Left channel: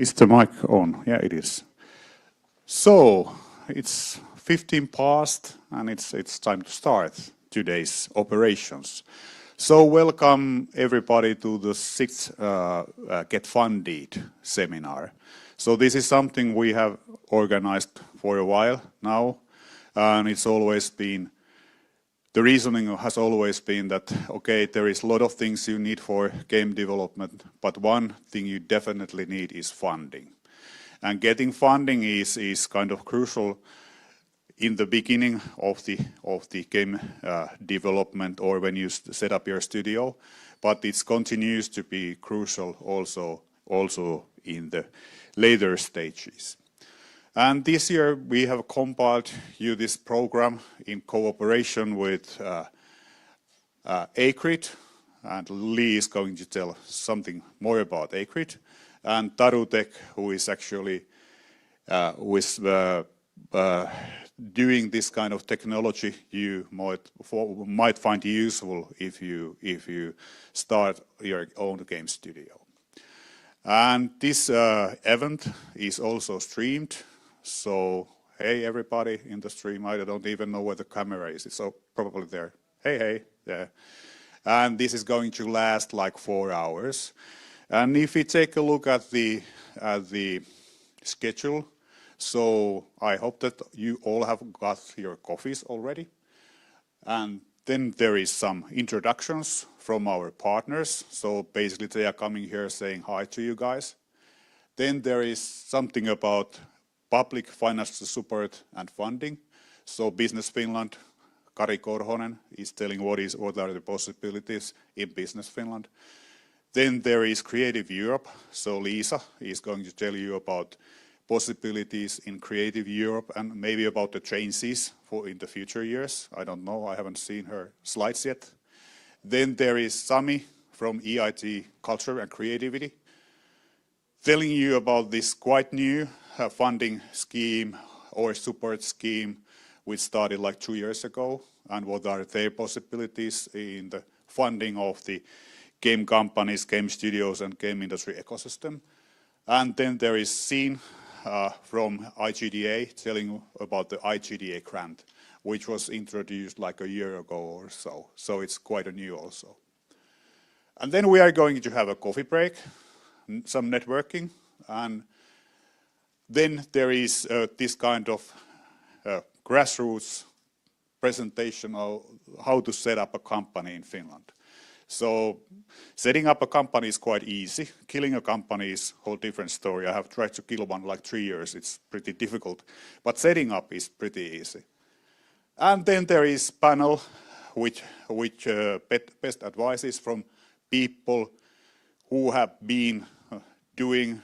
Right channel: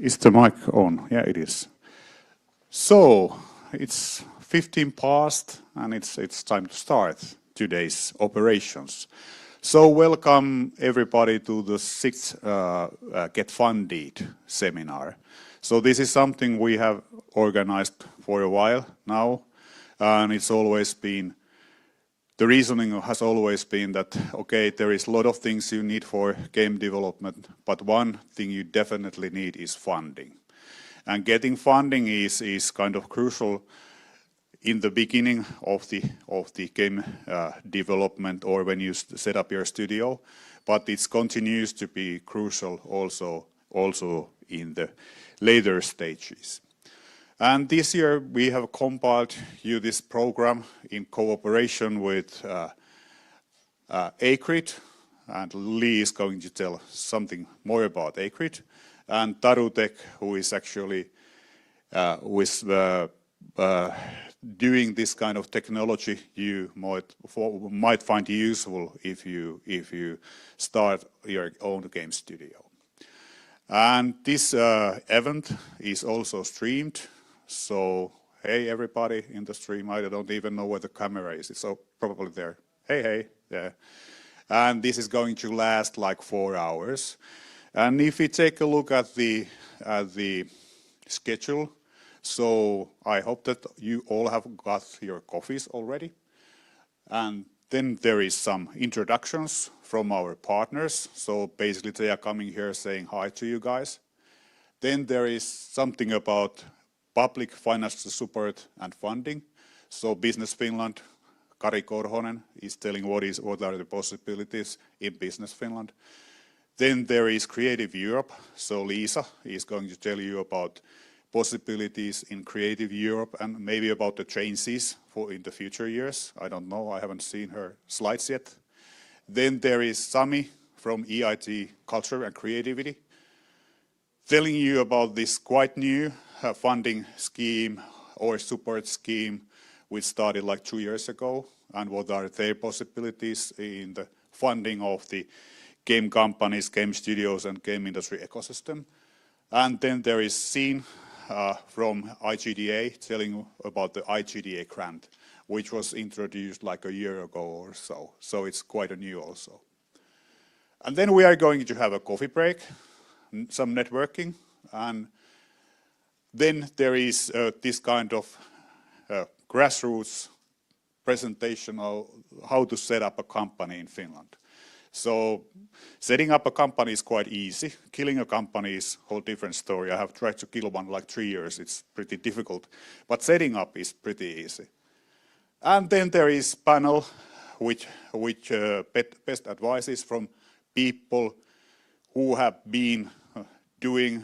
Is the mic on? Yeah, it is. So, it's 15 past and it's time to start today's operations. So, welcome everybody to the sixth Get Funded seminar. So, this is something we have organized for a while now, and it's always been the reasoning has always been that, okay, there is a lot of things you need for game development, but one thing you definitely need is funding. And getting funding is kind of crucial in the beginning of the game development or when you set up your studio, but it continues to be crucial also in the later stages. And this year we have compiled you this program in cooperation with Acrid, and Lee is going to tell something more about Acrid, and Tarutech, who is actually doing this kind of technology you might find useful if you start your own game studio. And this event is also streamed. So, hey everybody in the stream, I don't even know where the camera is, so probably there. Hey, there. And this is going to last like 4 hours. And if you take a look at the schedule, so I hope that you all have got your coffees already. And then there is some introductions from our partners. So basically they are coming here saying hi to you guys. Then there is something about public financial support and funding. So Business Finland, Kari Korhonen is telling what are the possibilities in Business Finland. Then there is Creative Europe. So Lisa is going to tell you about possibilities in Creative Europe and maybe about the changes in the future years. I don't know, I haven't seen her slides yet. Then there is Sami from EIT Culture and Creativity, telling you about this quite new funding scheme or support scheme which started like 2 years ago, and what are their possibilities in the funding of the game companies, game studios, and game industry ecosystem. And then there is Scene from IGDA telling about the IGDA grant, which was introduced like a year ago or so. So it's quite new also. And then we are going to have a coffee break, some networking, and then there is this kind of grassroots presentation of how to set up a company in Finland. So setting up a company is quite easy. Killing a company is a whole different story. I have tried to kill one like 3 years. It's pretty difficult. But setting up is pretty easy. And then there is panel which best advices from people who have been doing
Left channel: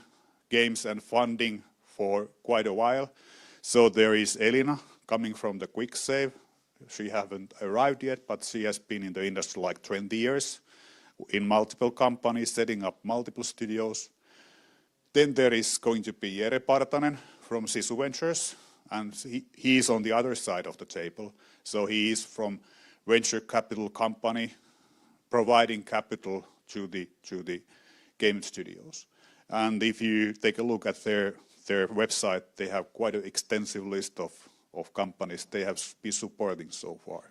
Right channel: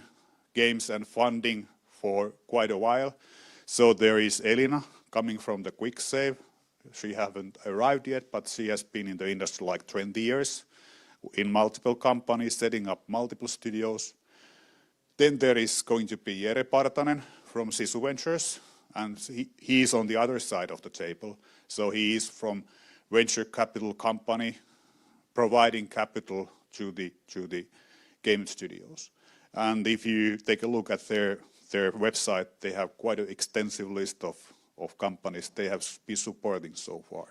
games and funding for quite a while. So there is Elina coming from the Quick Save. She hasn't arrived yet, but she has been in the industry like 20 years in multiple companies, setting up multiple studios. Then there is going to be Jere Partanen from Sisu Ventures, and he is on the other side of the table. So he is from venture capital company, providing capital to the game studios. And if you take a look at their website, they have quite an extensive list of companies they have been supporting so far.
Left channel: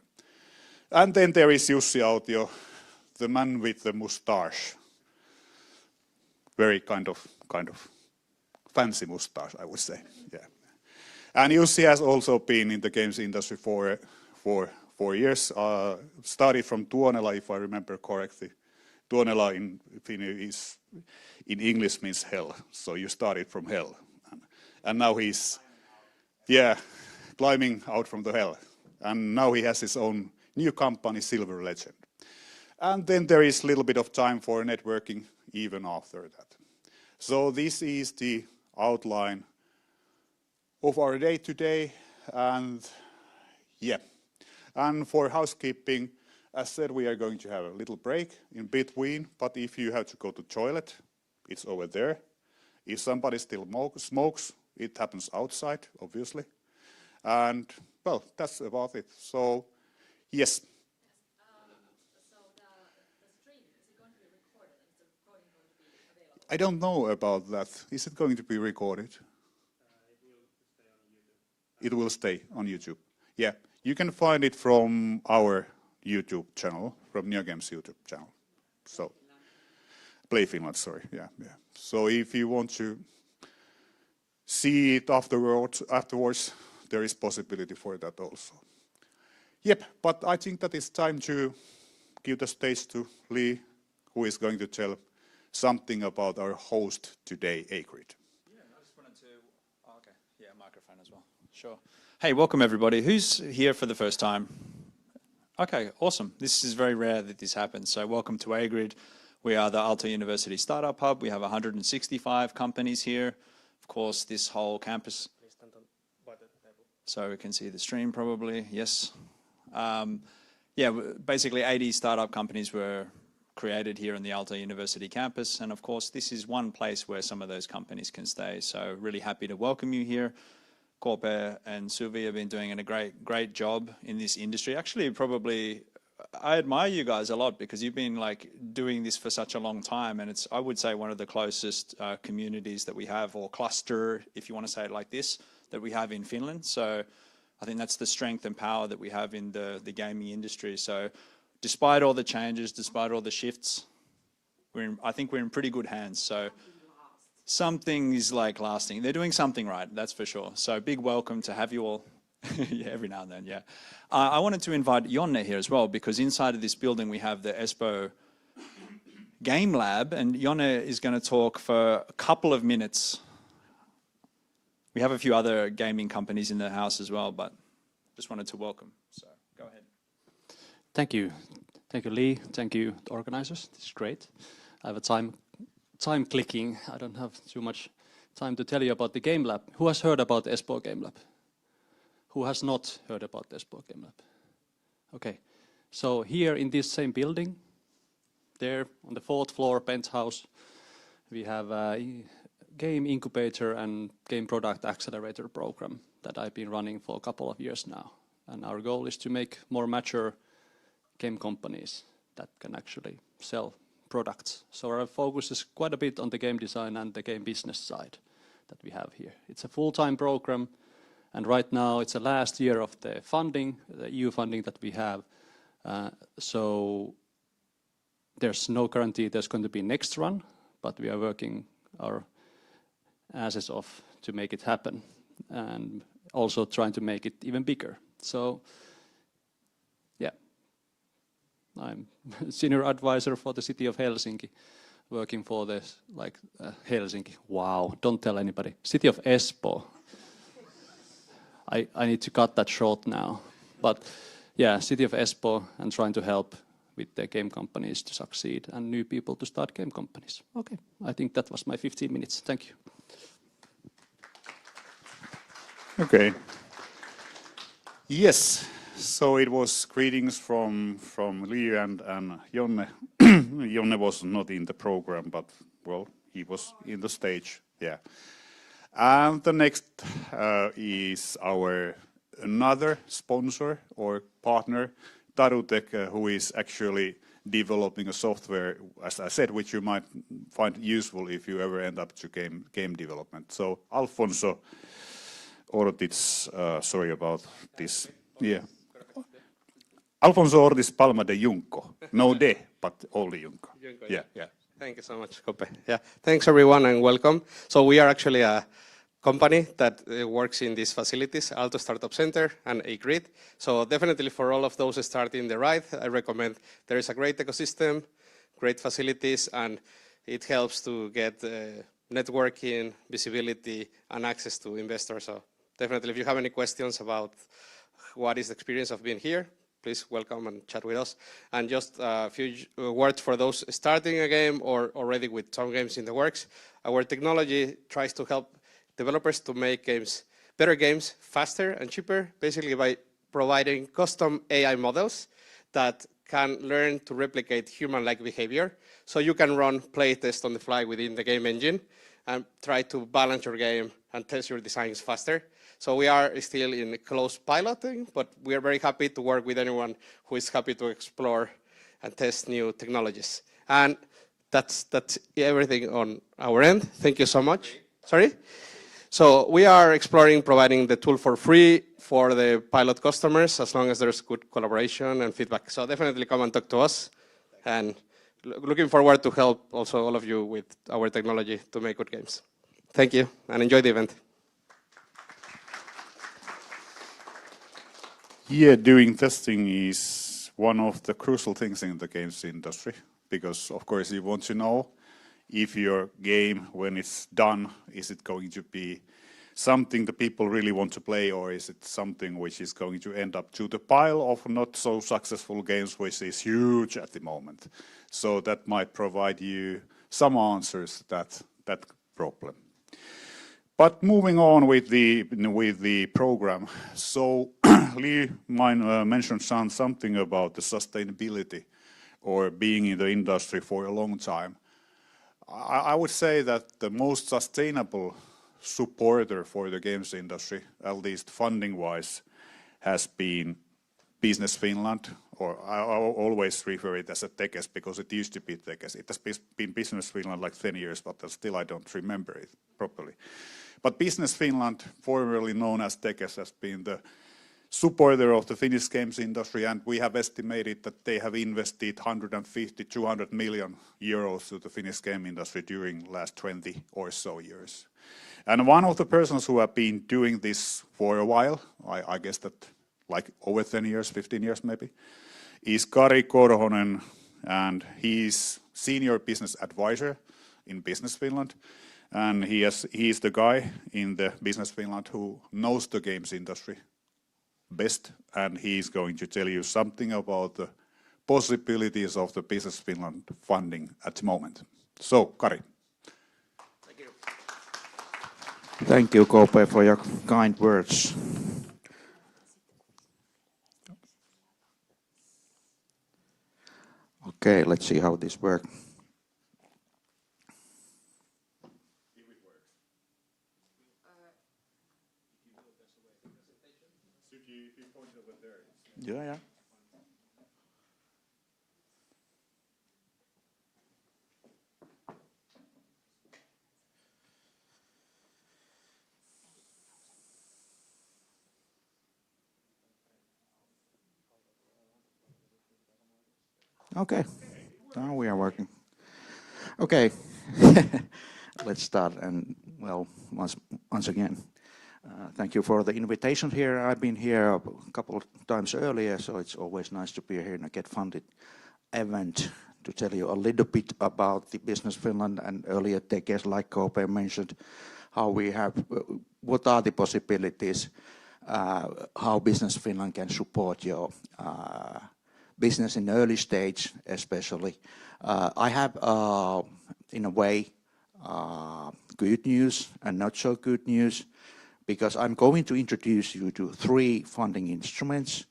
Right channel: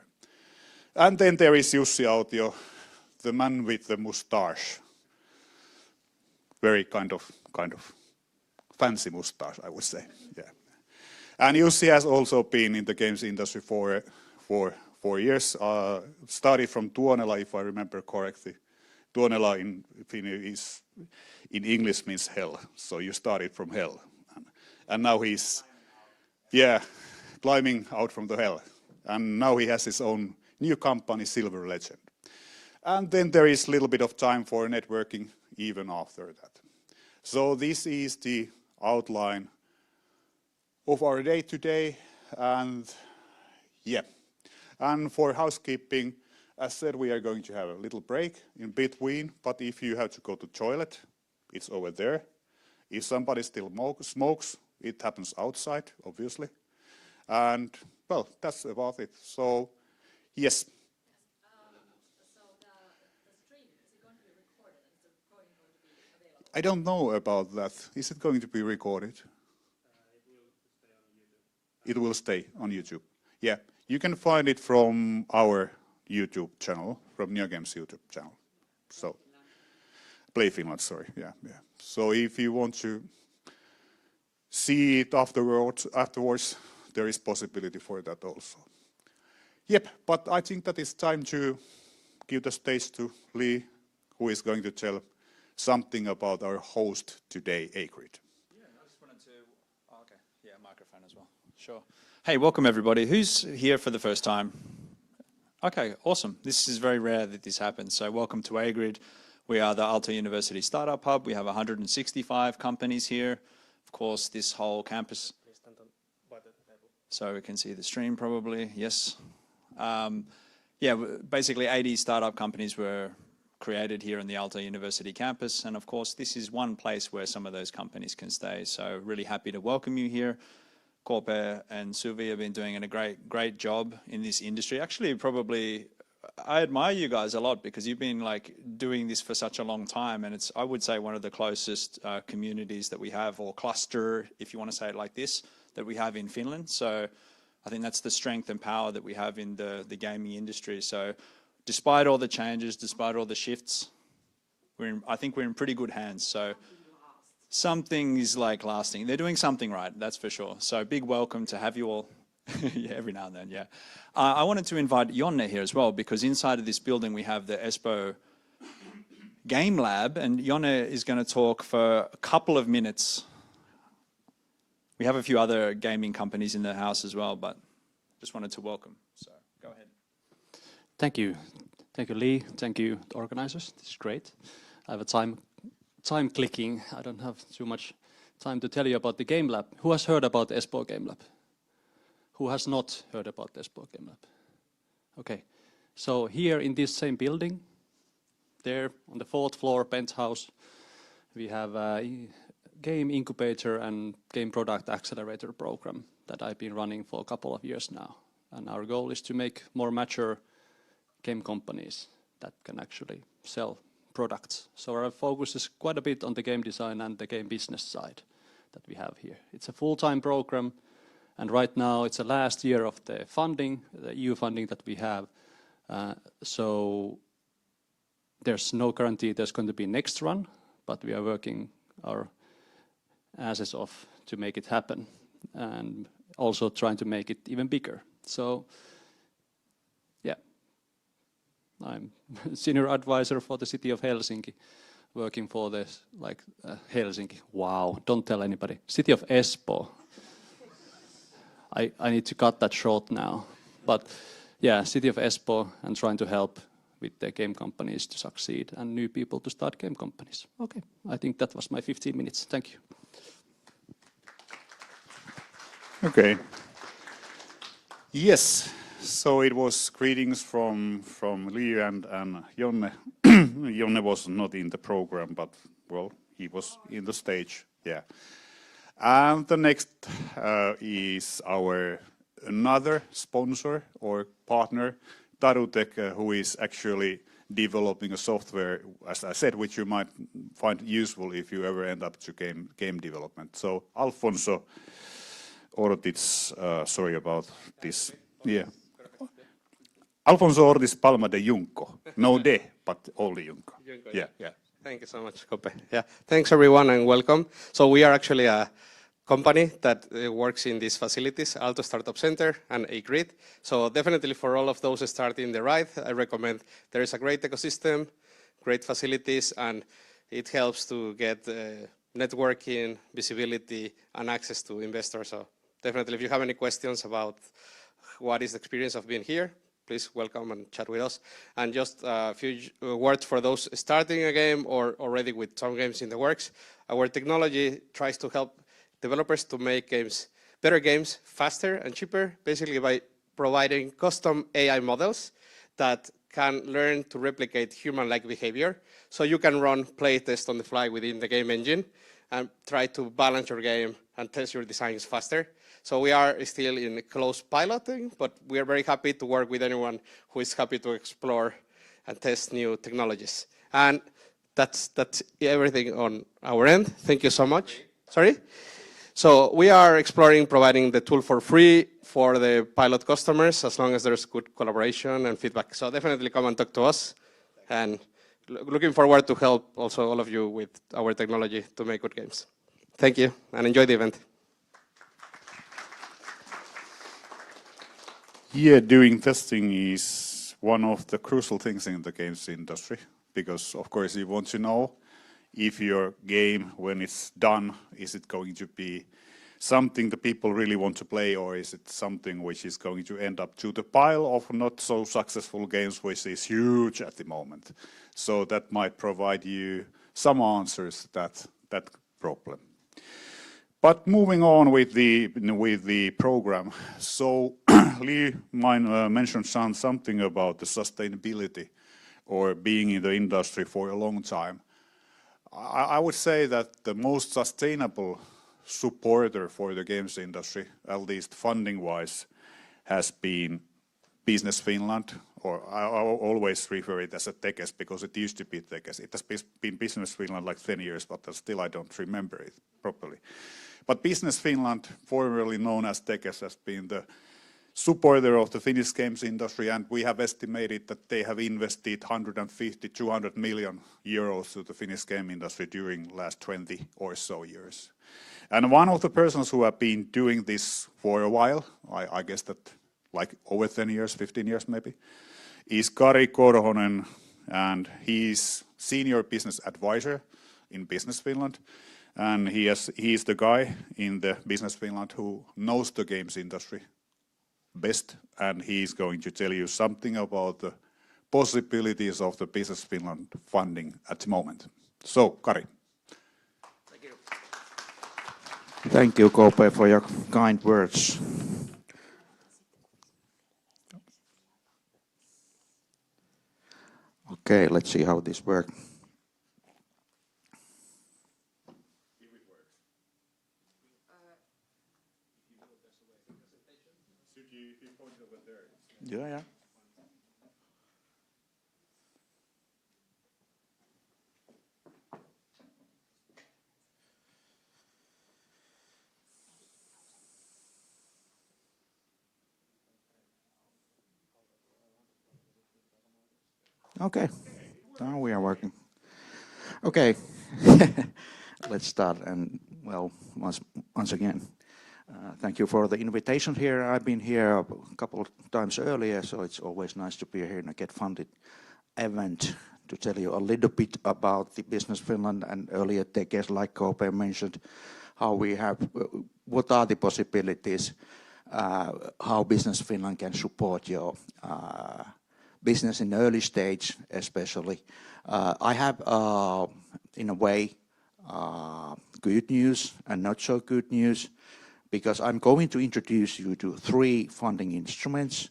And then there is Jussi Autio, the man with the mustache. Very kind of fancy mustache, I would say. Yeah. And Jussi has also been in the games industry for 4 years. Started from Tuonela, if I remember correctly. Tuonela in English means hell, so you started from hell. And now he's, climbing out from the hell. And now he has his own new company, Silver Legend. And then there is a little bit of time for networking even after that. So this is the outline of our day today. And and for housekeeping, as said, we are going to have a little break in between. But if you have to go to the toilet, it's over there. If somebody still smokes, it happens outside, obviously. And, well, that's about it. So, yes. I don't know about that. Is it going to be recorded? It will stay on YouTube. Yeah, you can find it from our YouTube channel, from NeoGames YouTube channel. So, Play Finland, sorry. Yeah, yeah. So if you want to see it afterwards, there is possibility for that also. Yep, but I think that it's time to give the stage to Lee, who is going to tell something about our host today, Agrid. Microphone as well. Sure. Hey, welcome everybody. Who's here for the first time? Okay, awesome. This is very rare that this happens. So welcome to Agrid. We are the Aalto University Startup Hub. We have 165 companies here. Of course, this whole campus. So we can see the stream probably, yes. Basically 80 startup companies were created here on the Aalto University campus. And of course, this is one place where some of those companies can stay. So really happy to welcome you here. Korpe and Suvi have been doing a great job in this industry. Actually, probably, I admire you guys a lot because you've been like doing this for such a long time, and it's, I would say, one of the closest communities that we have, or cluster, if you want to say it like this, that we have in Finland. So I think that's the strength and power that we have in the gaming industry. So despite all the changes, despite all the shifts, I think we're in pretty good hands. So something is like lasting. They're doing something right, that's for sure. So big welcome to have you all. Yeah, every now and then, yeah. I wanted to invite Jonne here as well, because inside of this building we have the Espoo Game Lab, and Jonne is going to talk for a couple of minutes. We have a few other gaming companies in the house as well, but just wanted to welcome. So go ahead. Thank you. Thank you, Lee. Thank you, the organizers. This is great. Time clicking. I don't have too much time to tell you about the Game Lab. Who has heard about Espoo Game Lab? Who has not heard about Espoo Game Lab? Okay. So here in this same building, there on the 4th floor penthouse, we have a game incubator and game product accelerator program that I've been running for a couple of years now. And our goal is to make more mature game companies that can actually sell products. So our focus is quite a bit on the game design and the game business side that we have here. It's a full-time program, and right now it's the last year of the funding, the EU funding that we have. So there's no guarantee there's going to be next run, but we are working our asses off to make it happen, and also trying to make it even bigger. So, yeah. I'm senior advisor for the city of Helsinki, working for this, Helsinki. Wow, don't tell anybody. City of Espoo. I need to cut that short now. But yeah, city of Espoo, and trying to help with the game companies to succeed and new people to start game companies. Okay, I think that was my 15 minutes. Thank you. Okay. Yes. So it was greetings from Lee and Jonne. Jonne was not in the program, but well, he was in the stage. Yeah. And the next is our another sponsor or partner, Tarutech, who is actually developing a software, as I said, which you might find useful if you ever end up to game development. So Alfonso Ortiz, sorry about this. Yeah. Alfonso Ortiz Palma de Junco. No de, but only Junco. Yeah, yeah. Thank you so much, Kope. Yeah, thanks everyone and welcome. So we are actually a company that works in these facilities, Aalto Startup Center and Agrid. So definitely for all of those starting the ride, I recommend there is a great ecosystem, great facilities, and it helps to get networking, visibility, and access to investors. So definitely if you have any questions about what is the experience of being here, please welcome and chat with us. And just a few words for those starting a game or already with some games in the works. Our technology tries to help developers to make better games faster and cheaper, basically by providing custom AI models that can learn to replicate human-like behavior. So you can run playtests on the fly within the game engine and try to balance your game and test your designs faster. So we are still in close piloting, but we are very happy to work with anyone who is happy to explore and test new technologies. And that's everything on our end. Thank you so much. Sorry? So we are exploring providing the tool for free for the pilot customers as long as there's good collaboration and feedback. So definitely come and talk to us. And looking forward to help also all of you with our technology to make good games. Thank you and enjoy the event. Yeah, doing testing is one of the crucial things in the games industry because, of course, you want to know if your game, when it's done, is it going to be something that people really want to play, or is it something which is going to end up to the pile of not so successful games, which is huge at the moment. So that might provide you some answers that problem. But moving on with the program, so Lee mentioned something about the sustainability or being in the industry for a long time. I would say that the most sustainable supporter for the games industry, at least funding-wise, has been Business Finland, or I always refer it as a Tekes because it used to be Tekes. It has been Business Finland like 10 years, but still I don't remember it properly. But Business Finland, formerly known as Tekes, has been the supporter of the Finnish games industry, and we have estimated that they have invested 150, 200 million euros to the Finnish game industry during the last 20 or so years. And one of the persons who have been doing this for a while, I guess that like over 10 years, 15 years maybe, is Kari Korhonen, and he's senior business advisor in Business Finland. And he's the guy in the Business Finland who knows the games industry best, and he's going to tell you something about the possibilities of the Business Finland funding at the moment. So, Kari. Thank you, Kope, for your kind words. Okay, let's see how this works. Yeah. Okay, now we are working. Okay, let's start. And well, once again, thank you for the invitation here. I've been here a couple of times earlier, so it's always nice to be here in a Get Funded event to tell you a little bit about the Business Finland and earlier Tekes, like Kope mentioned, how we have, what are the possibilities, how Business Finland can support your business in early stage, especially. I have, in a way, good news and not so good news, because I'm going to introduce you to 3 funding instruments,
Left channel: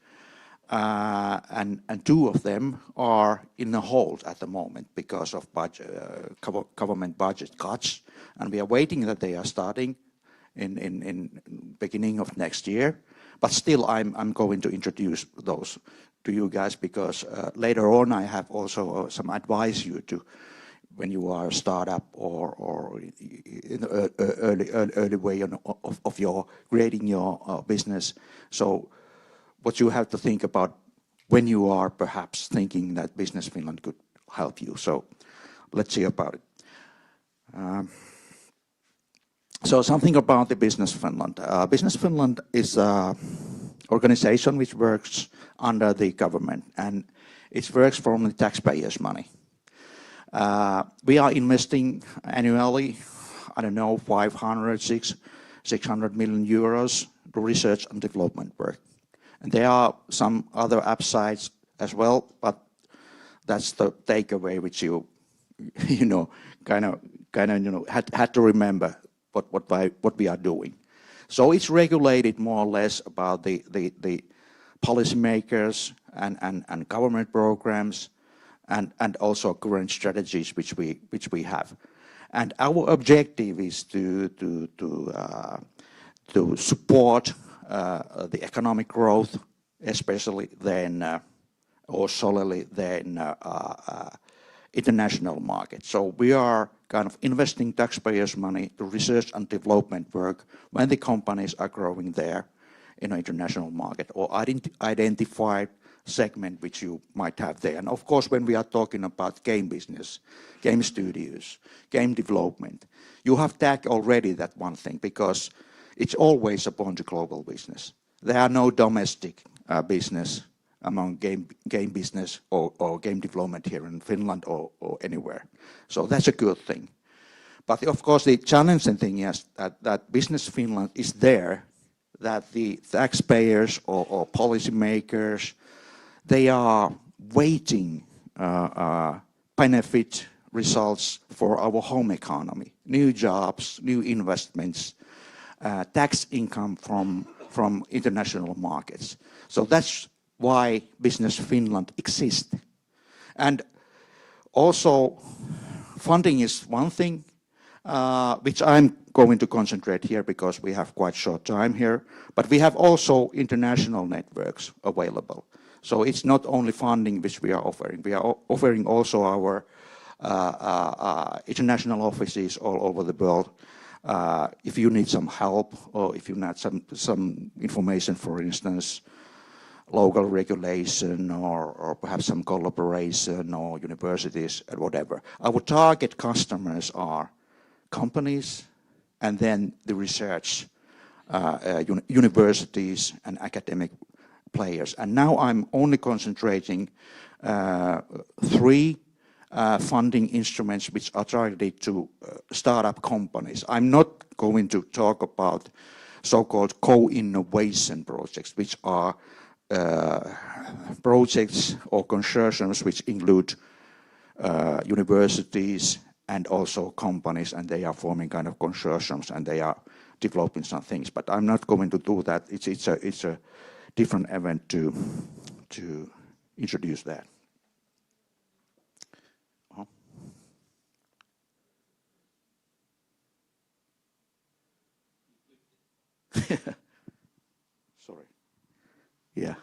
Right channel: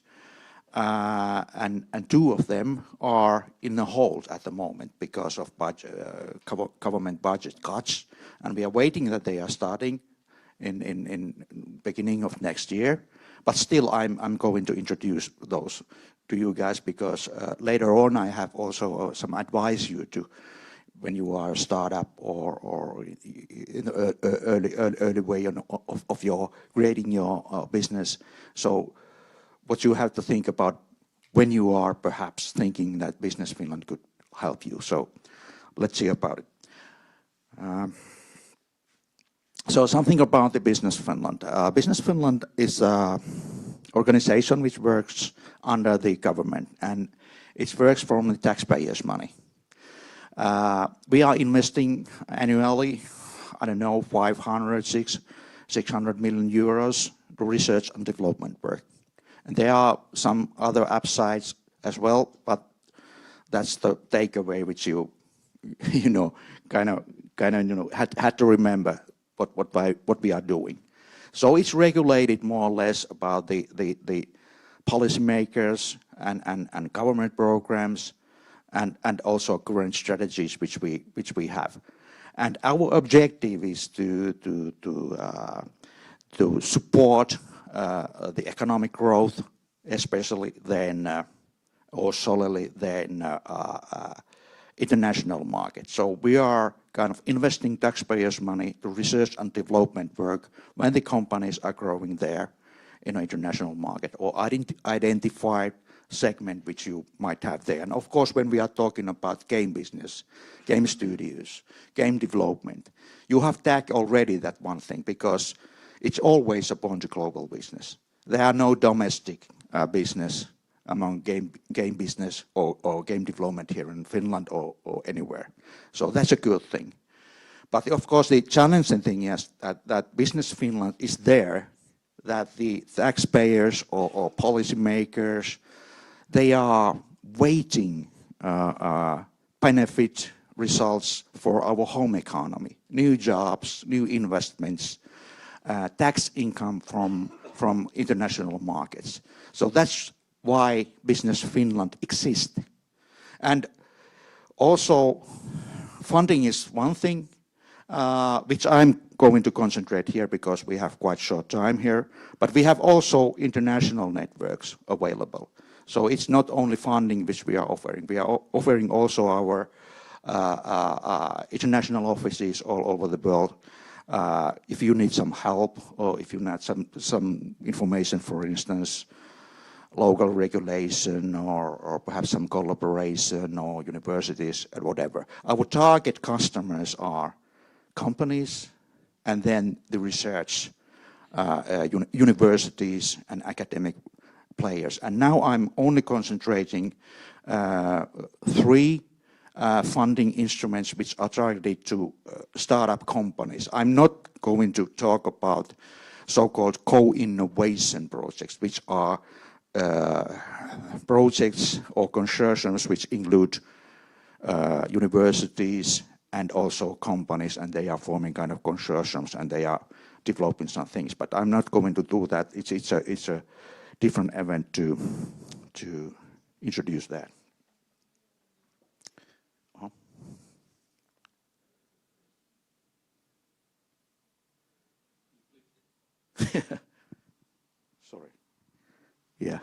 and 2 of them are in a hold at the moment because of government budget cuts, and we are waiting that they are starting in beginning of next year. But still, I'm going to introduce those to you guys, because later on I have also some advice you to when you are a startup or early way of your creating your business. So what you have to think about when you are perhaps thinking that Business Finland could help you. So let's see about it. So something about the Business Finland. Business Finland is an organization which works under the government, and it works from the taxpayers' money. We are investing annually, I don't know, 600 million euros to research and development work. And there are some other upsides as well, but that's the takeaway which you had to remember what we are doing. So it's regulated more or less about the policymakers and government programs, and also current strategies which we have. And our objective is to support the economic growth, especially then, or solely then international market. So we are kind of investing taxpayers' money to research and development work when the companies are growing there in an international market or identified segment which you might have there. And of course, when we are talking about game business, game studios, game development, you have tagged already that one thing because it's always a point to global business. There are no domestic business among game business or game development here in Finland or anywhere. So that's a good thing. But of course, the challenging thing is that Business Finland is there, that the taxpayers or policymakers, they are waiting benefit results for our home economy, new jobs, new investments, tax income from international markets. So that's why Business Finland exists. And also, funding is one thing, which I'm going to concentrate here because we have quite short time here, but we have also international networks available. So it's not only funding which we are offering also our international offices all over the world. If you need some help or if you need some information, for instance, local regulation or perhaps some collaboration or universities or whatever. Our target customers are companies and then the research, universities and academic players. And now I'm only concentrating 3 funding instruments which are targeted to startup companies. I'm not going to talk about so-called co-innovation projects, which are projects or consortiums which include universities and also companies, and they are forming kind of consortiums and they are developing some things. But I'm not going to do that. It's a different event to introduce that. Sorry. Yeah.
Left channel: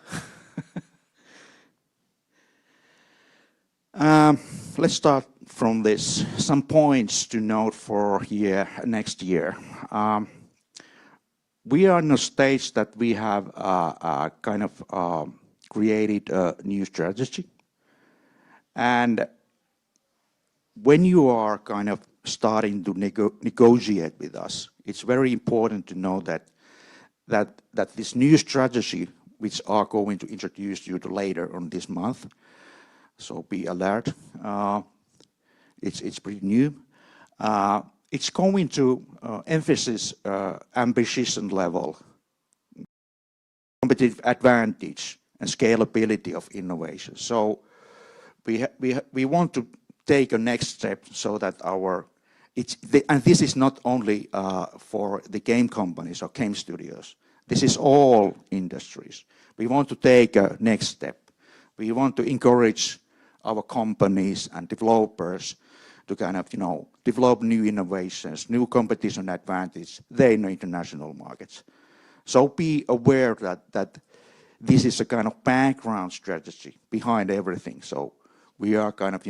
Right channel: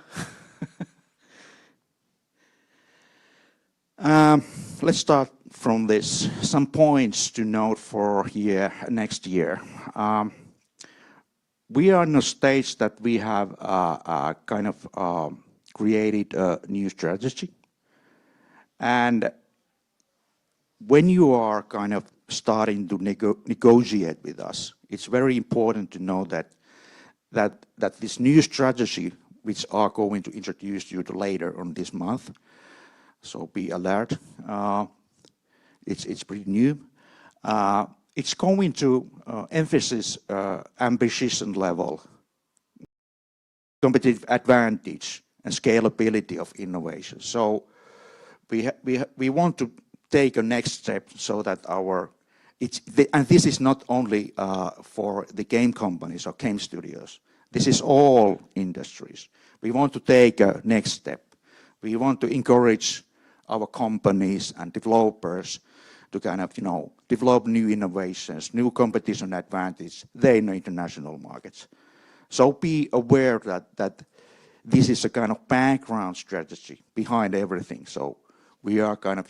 Let's start from this. Some points to note for next year. We are in a stage that we have kind of created a new strategy. And when you are kind of starting to negotiate with us, it's very important to know that this new strategy, which are going to introduce you later on this month, so be alert. It's pretty new. It's going to emphasize ambition level, competitive advantage, and scalability of innovation. So we want to take a next step so that and this is not only for the game companies or game studios. This is all industries. We want to take a next step. We want to encourage our companies and developers to kind of, develop new innovations, new competition advantage there in the international markets. So be aware that this is a kind of background strategy behind everything. So we are kind of,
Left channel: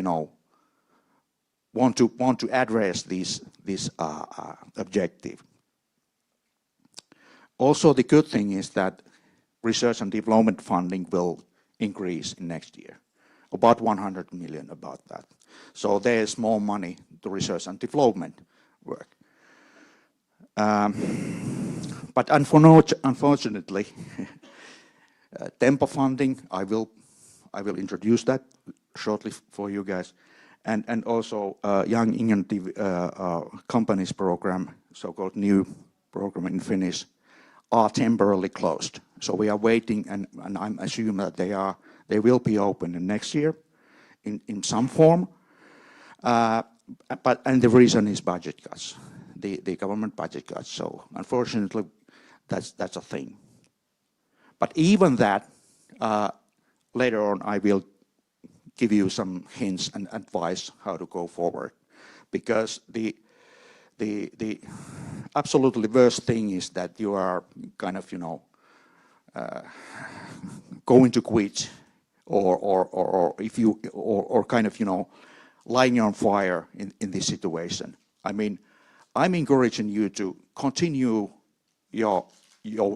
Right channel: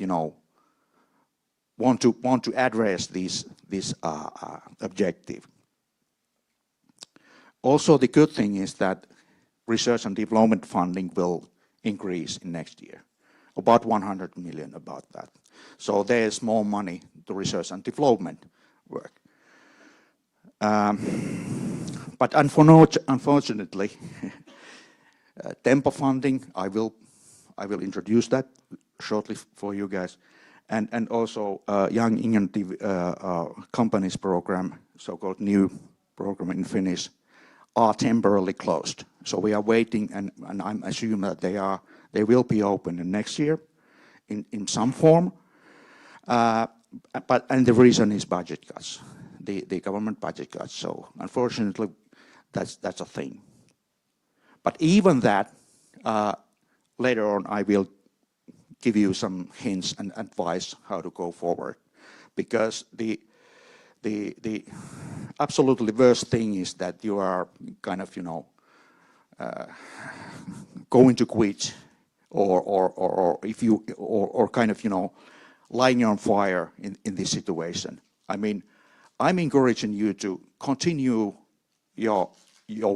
want to address this objective. Also, the good thing is that research and development funding will increase next year, about 100 million about that. So there is more money to research and development work. But unfortunately, tempo funding, I will introduce that shortly for you guys. And also Young Innovative Companies program, so-called new program in Finnish, are temporarily closed. So we are waiting, and I'm assuming that they will be open next year in some form. And the reason is budget cuts, the government budget cuts. So unfortunately, that's a thing. But even that, later on, I will give you some hints and advice how to go forward, because the absolutely worst thing is that you are kind of going to quit or if you or kind of lighting on fire in this situation. I mean, I'm encouraging you to continue your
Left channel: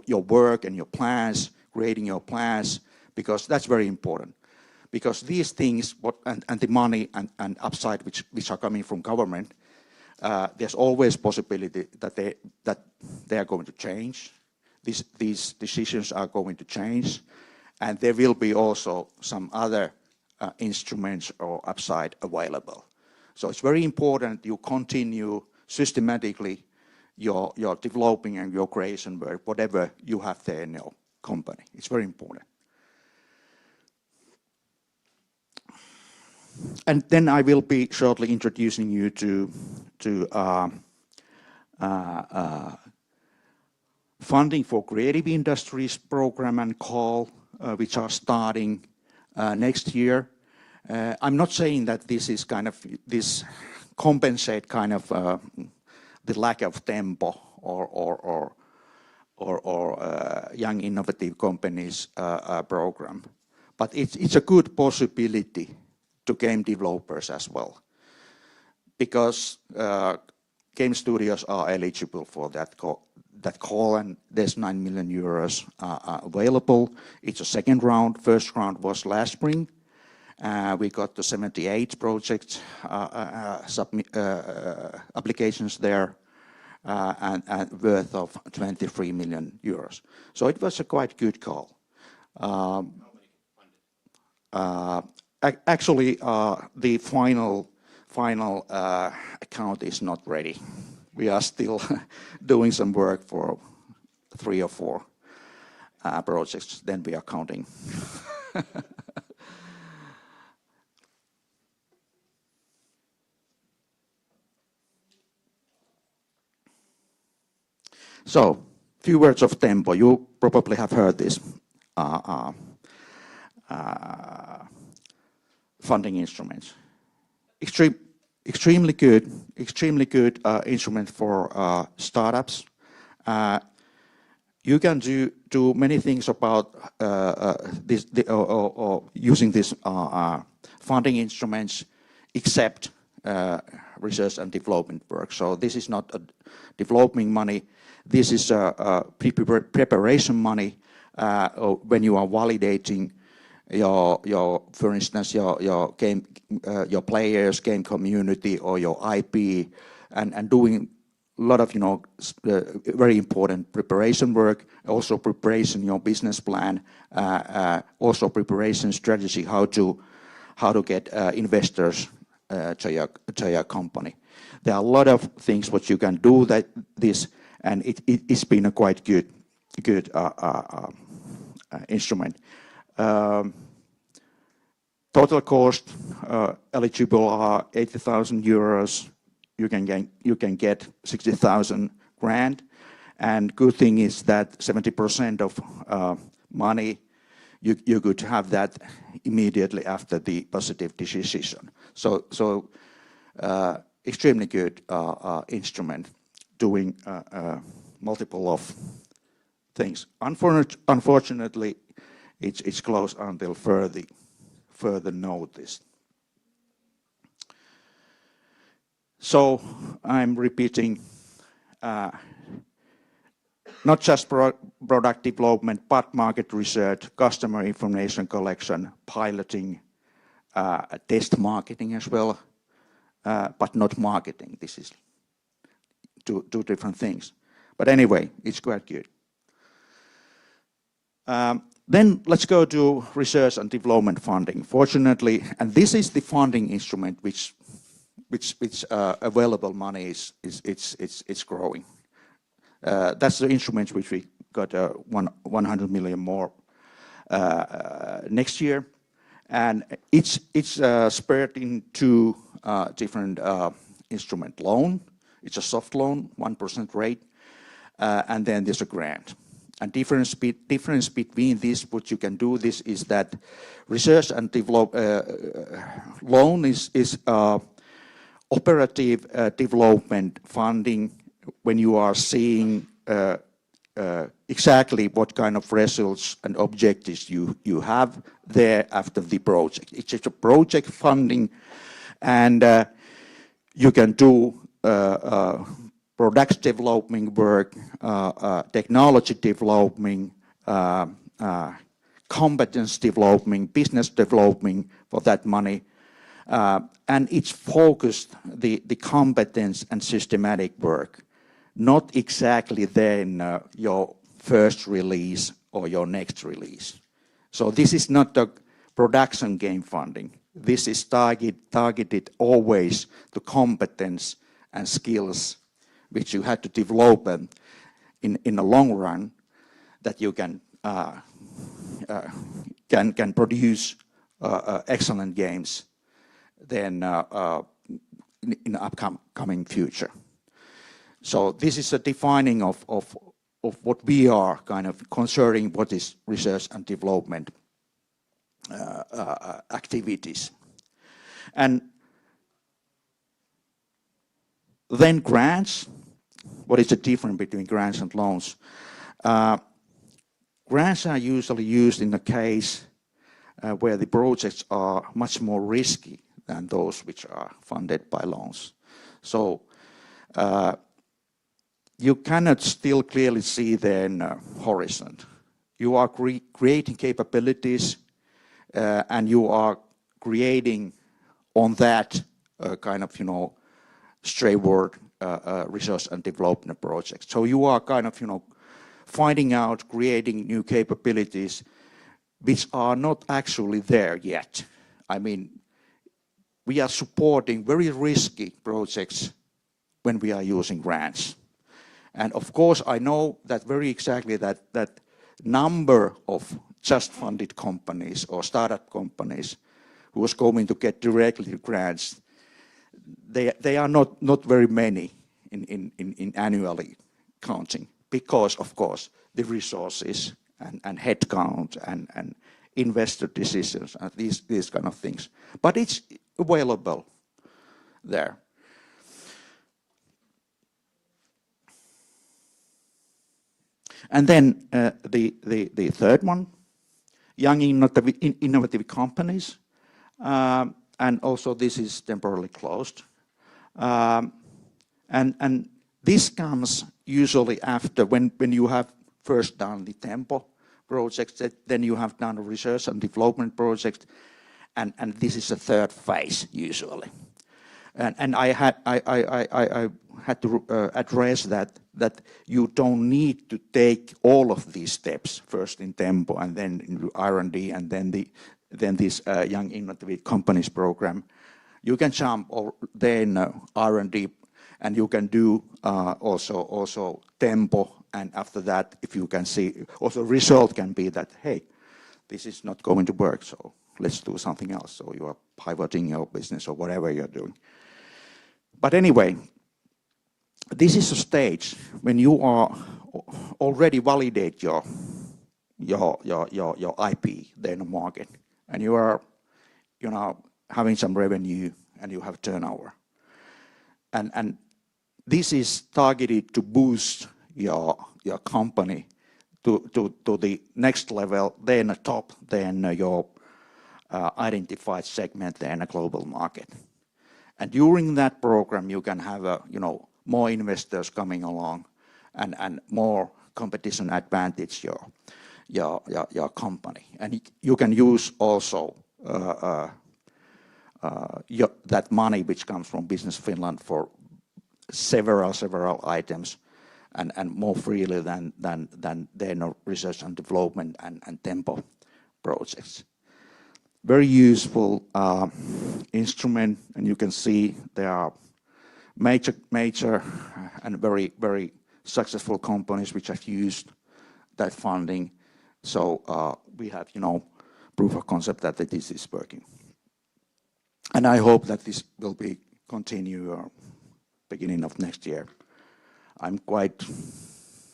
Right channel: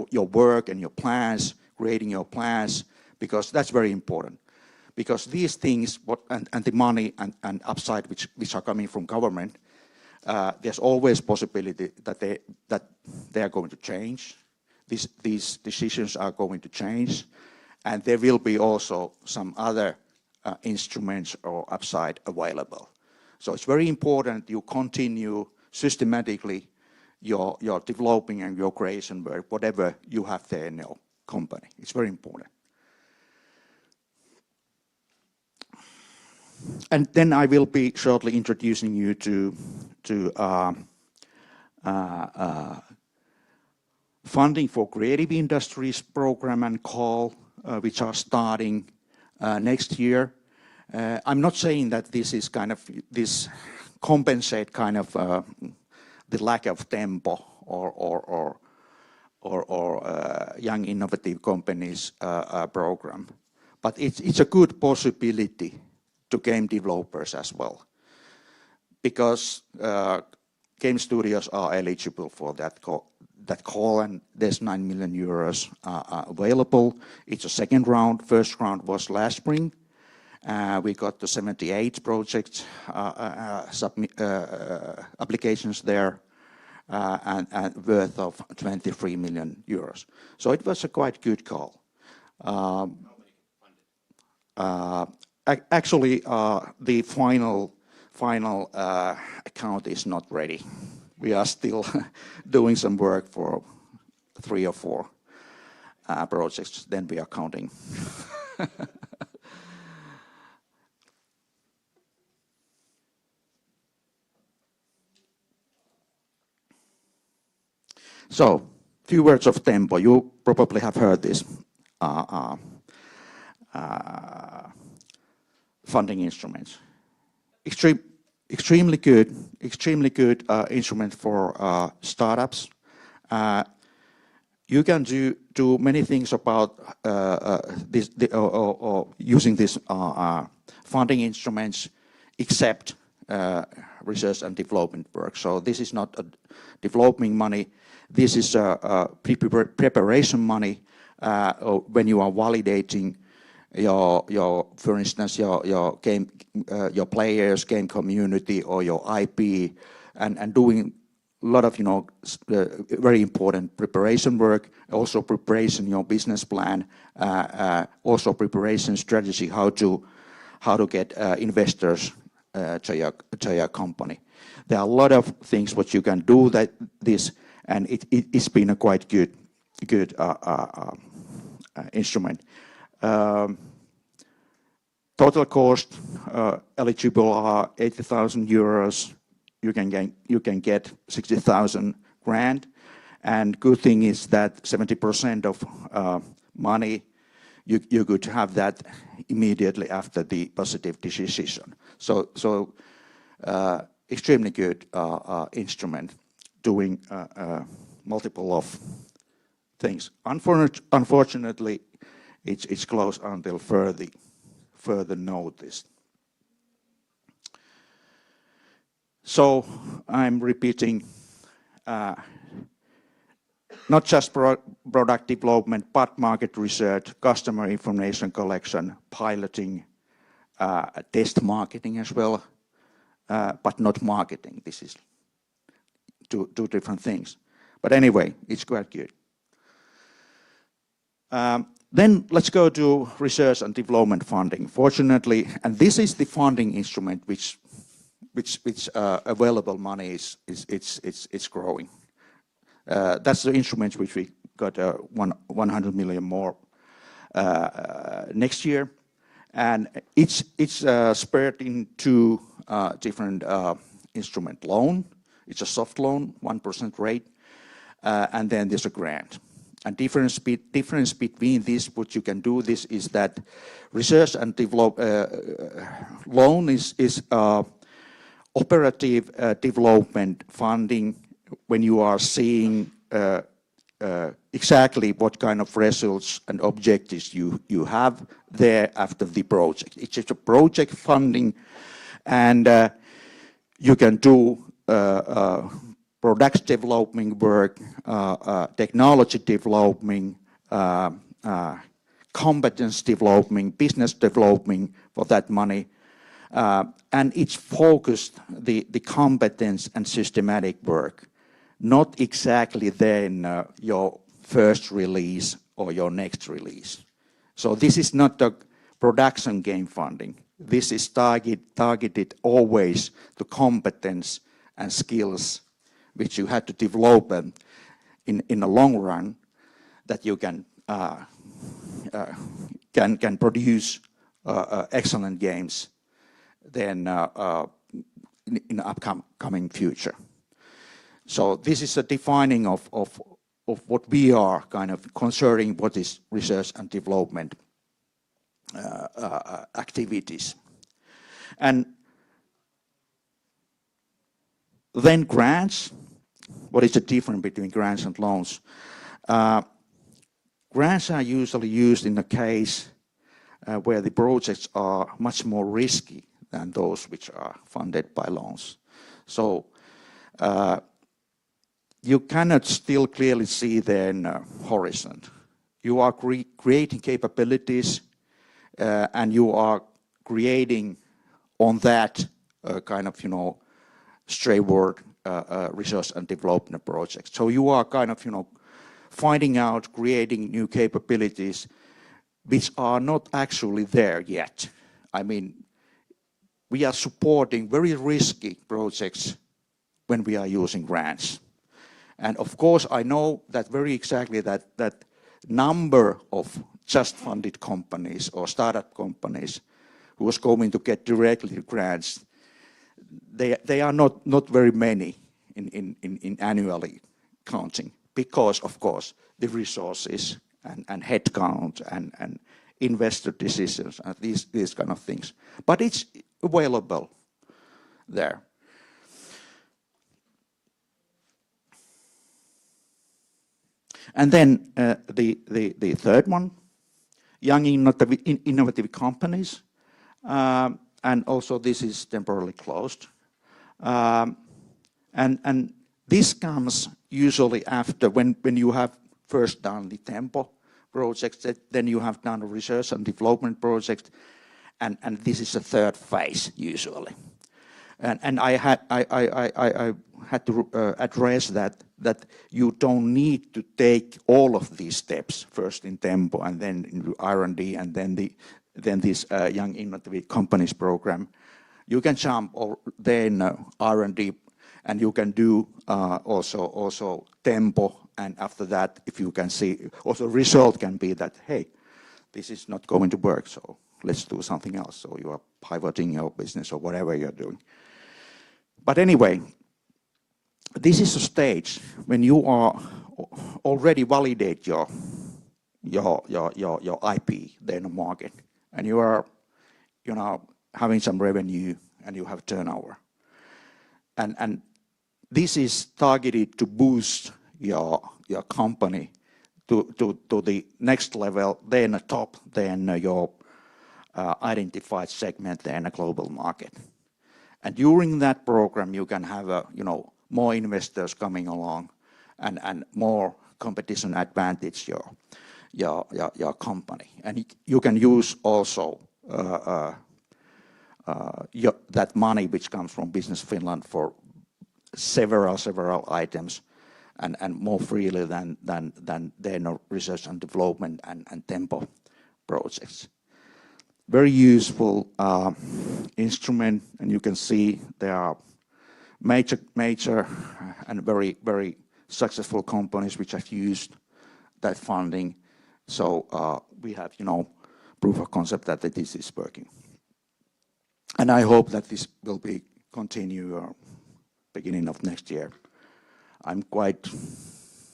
work and your plans, creating your plans, because that's very important. Because these things, and the money and upside which are coming from government, there's always possibility that they are going to change. These decisions are going to change, and there will be also some other instruments or upside available. So it's very important you continue systematically your developing and your creation work, whatever you have there in your company. It's very important. And then I will be shortly introducing you to funding for creative industries program and call, which are starting next year. I'm not saying that this is this compensate the lack of tempo or young innovative companies program, but it's a good possibility to game developers as well, because game studios are eligible for that call, and there's 9 million euros available. It's a second round. First round was last spring. We got the 78 project applications there, and worth of 23 million euros. So it was a quite good call. Actually, the final account is not ready. We are still doing some work for 3 or 4 projects. Then we are counting. So, few words of tempo. You probably have heard this. Funding instruments. Extremely good instrument for startups. You can do many things about using these funding instruments, except research and development work. So this is not a development money. This is preparation money when you are validating for instance, your game, your players, game community, or your IP, and doing a lot of very important preparation work. Also preparation your business plan. Also preparation strategy how to get investors to your company. There are a lot of things what you can do and it's been a quite good instrument. Total cost eligible are 80,000 euros. You can get 60,000 grand, and good thing is that 70% of money you could have that immediately after the positive decision. So extremely good instrument doing multiple of things. Unfortunately, it's closed until further notice. So I'm repeating, not just product development, but market research, customer information collection, piloting, test marketing as well, but not marketing. This is two different things. But anyway, it's quite good. Then let's go to research and development funding. Fortunately, and this is the funding instrument which available money is growing. That's the instrument which we got 100 million more next year, and it's spread into different instrument. Loan, it's a soft loan, 1% rate, and then there's a grant. And difference between these, what you can do this is that research and develop loan is operative development funding when you are seeing exactly what kind of results and objectives you have there after the project. It's a project funding And you can do product development work, technology development, competence development, business development for that money. And it's focused the competence and systematic work, not exactly then your first release or your next release. So this is not a production game funding. This is targeted always to competence and skills which you have to develop in a long run, that you can produce excellent games then in the upcoming future. So this is a defining of what we are kind of concerning what is research and development activities. And then grants. What is the difference between grants and loans? Grants are usually used in a case where the projects are much more risky than those which are funded by loans. So you cannot still clearly see the horizon. You are creating capabilities and you are creating on that kind of, straightforward research and development project. So you are kind of, finding out, creating new capabilities which are not actually there yet. I mean, we are supporting very risky projects when we are using grants. And of course, I know that very exactly that number of just funded companies or startup companies who is going to get directly grants, they are not very many in annually counting, because of course the resources and headcount and investor decisions and these kind of things. But it's available there. And then the third one, young innovative companies, and also this is temporarily closed. And this comes usually after when you have first done the Tempo project, then you have done a research and development project, and this is the third phase usually. And I had to address that you don't need to take all of these steps first in Tempo and then in R&D and then this young innovative companies program. You can jump or then R&D, and you can do also Tempo, and after that, if you can see, also result can be that, hey, this is not going to work, so let's do something else. So you are pivoting your business or whatever you're doing. But anyway, this is a stage when you are already validate your IP there in the market, and you are having some revenue and you have turnover, and this is targeted to boost your company to the next level, then a top, then your identified segment, then a global market. And during that program, you can have more investors coming along, and more competition advantage your company. And you can use also that money which comes from Business Finland for several items, and more freely than research and development and Tempo projects. Very useful instrument, and you can see there are major and very successful companies which have used that funding. So we have proof of concept that this is working, and I hope that this will be continue beginning of next year. I'm quite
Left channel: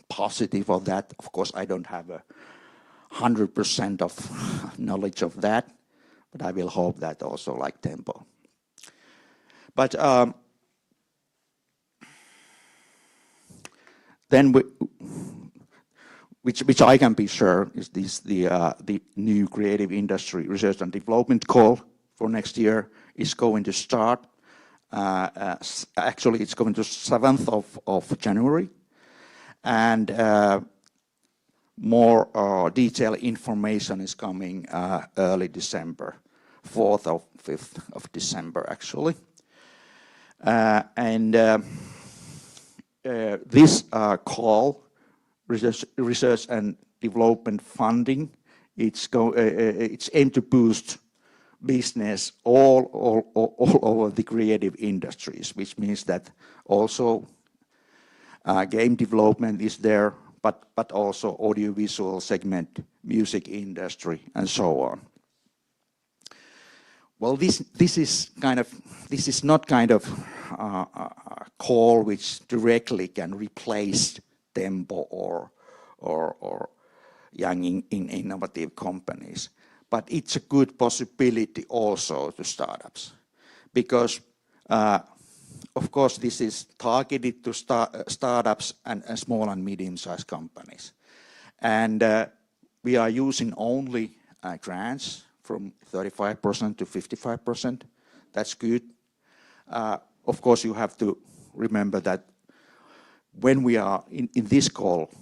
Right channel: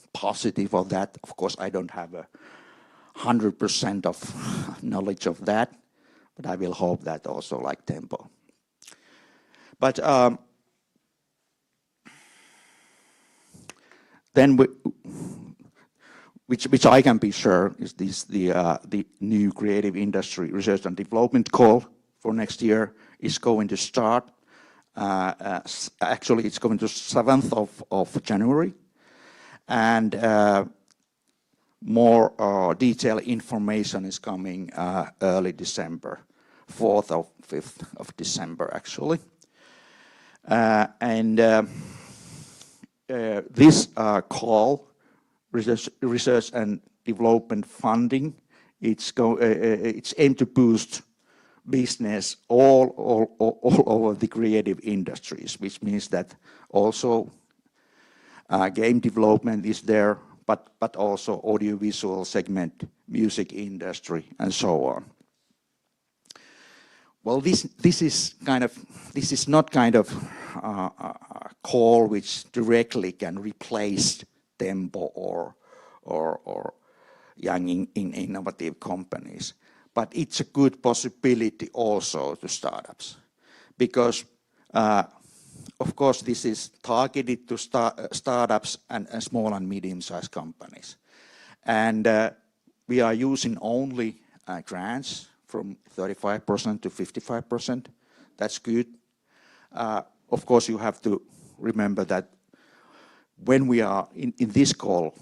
positive of that. Of course, I don't have 100% of knowledge of that, but I will hope that also like Tempo. But then which I can be sure is this the new creative industry research and development call for next year is going to start. Actually, it's going to 7th of January. And more detailed information is coming early December, 4th or 5th of December, actually. This call, research and development funding, it's aimed to boost business all over the creative industries, which means that also game development is there, but also audiovisual segment, music industry, and so on. Well, this is not kind of a call which directly can replace Tempo or young innovative companies, but it's a good possibility also to startups, because of course this is targeted to startups and small and medium-sized companies, and we are using only grants from 35% to 55%. That's good. Of course, you have to remember that when we are in this call,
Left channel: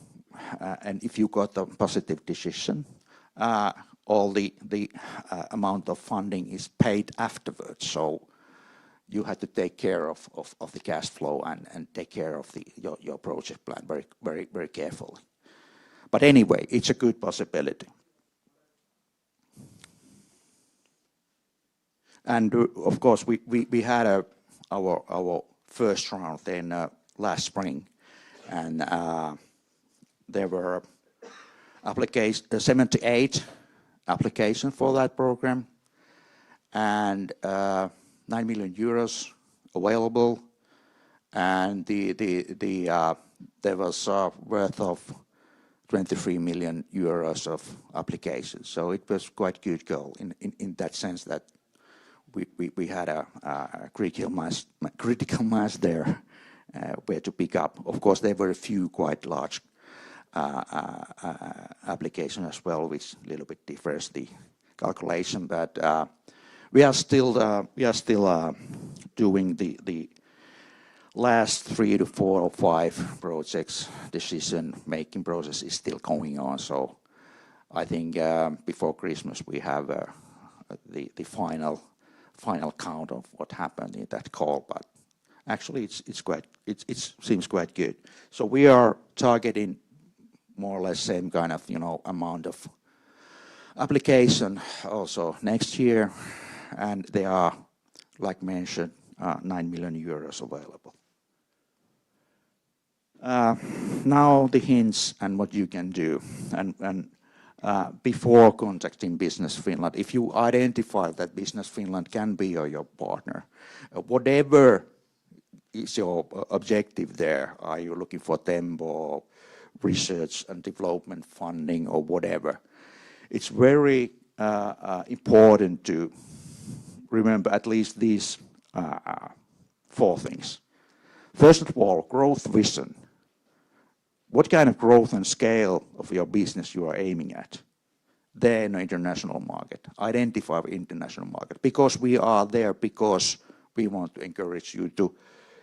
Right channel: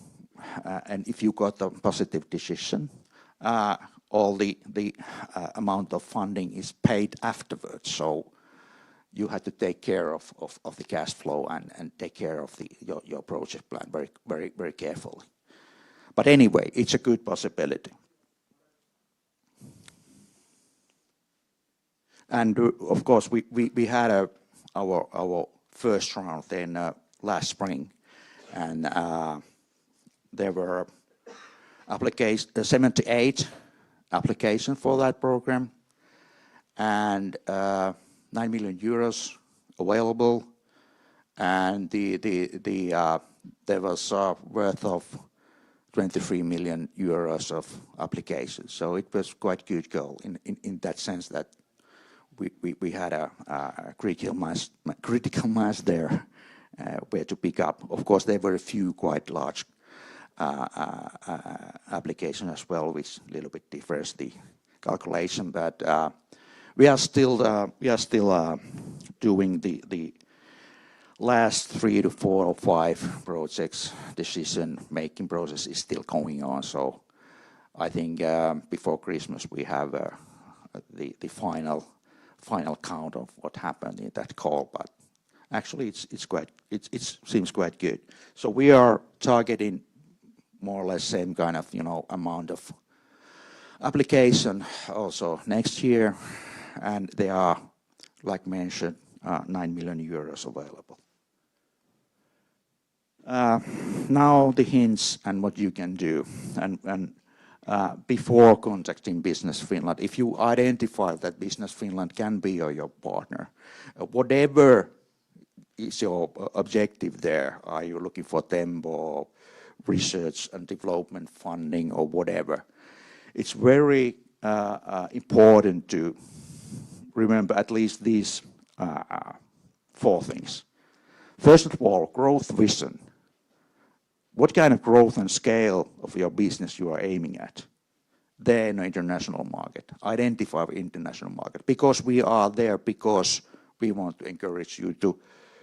and if you got a positive decision, all the amount of funding is paid afterwards. So you have to take care of the cash flow and take care of your project plan very carefully. But anyway, it's a good possibility. And of course, we had our first round in last spring, and there were 7 to 8 applications for that program, and 9 million euros available, and there was worth of 23 million euros of applications. So it was quite good goal in that sense that we had a critical mass there where to pick up. Of course, there were a few quite large applications as well, which a little bit differs the calculation. But we are still doing the last 3 to 4 or 5 projects. Decision-making process is still going on. So I think before Christmas we have the final count of what happened in that call, but actually it seems quite good. So we are targeting more or less same kind of amount of application also next year, and there are, like mentioned, 9 million euros available. Now the hints and what you can do, and before contacting Business Finland, if you identify that Business Finland can be your partner, whatever is your objective there, are you looking for them or research and development funding or whatever, it's very important to remember at least these 4 things. First of all, growth vision. What kind of growth and scale of your business you are aiming at? Then international market. Identify international market. Because we are there, because we want to encourage you to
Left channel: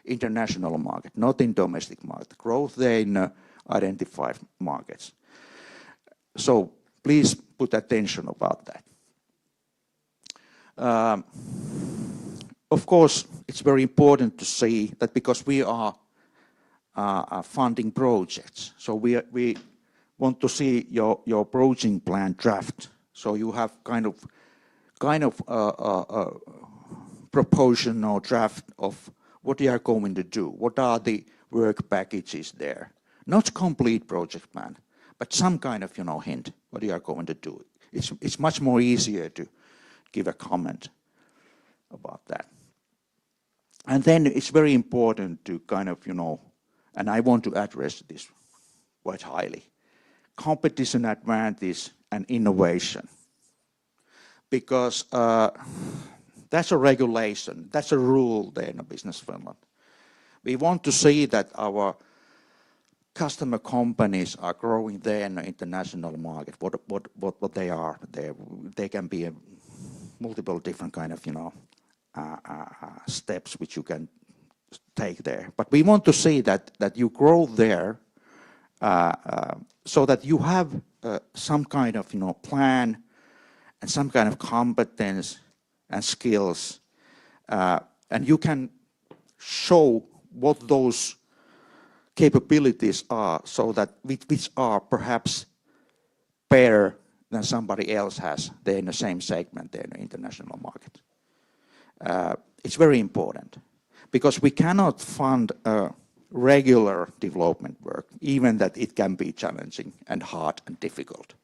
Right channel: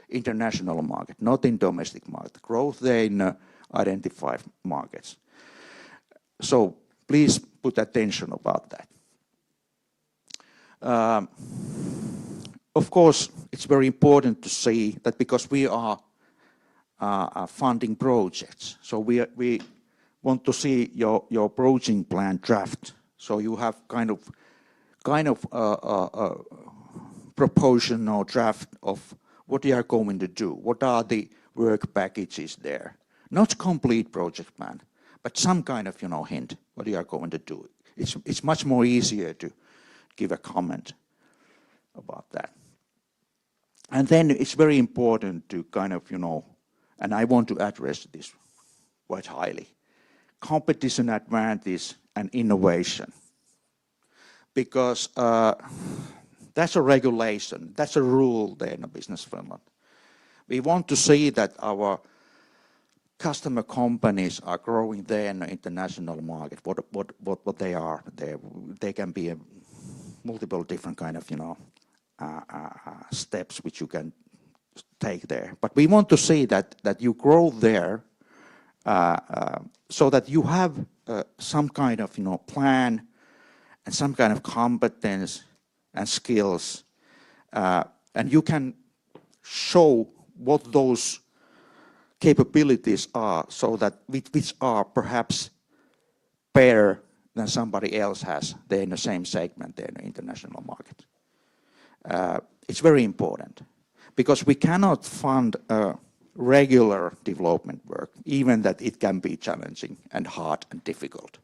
international market, not in domestic market. Growth there in identified markets. So please put attention about that. Of course, it's very important to see that because we are funding projects, so we want to see your project plan draft. So you have kind of proportional draft of what you are going to do. What are the work packages there? Not complete project plan, but some kind of hint what you are going to do. It's much more easier to give a comment about that. And then it's very important to kind of and I want to address this quite highly, competition advantage and innovation, because that's a regulation, that's a rule there in a business Finland. We want to see that our customer companies are growing there in the international market. What they are, they can be multiple different kind of, steps which you can take there. But we want to see that you grow there so that you have some kind of, plan and some kind of competence and skills, and you can show what those capabilities are, so that which are perhaps better than somebody else has there in the same segment there in the international market. It's very important because we cannot fund regular development work, even that it can be challenging and hard and difficult.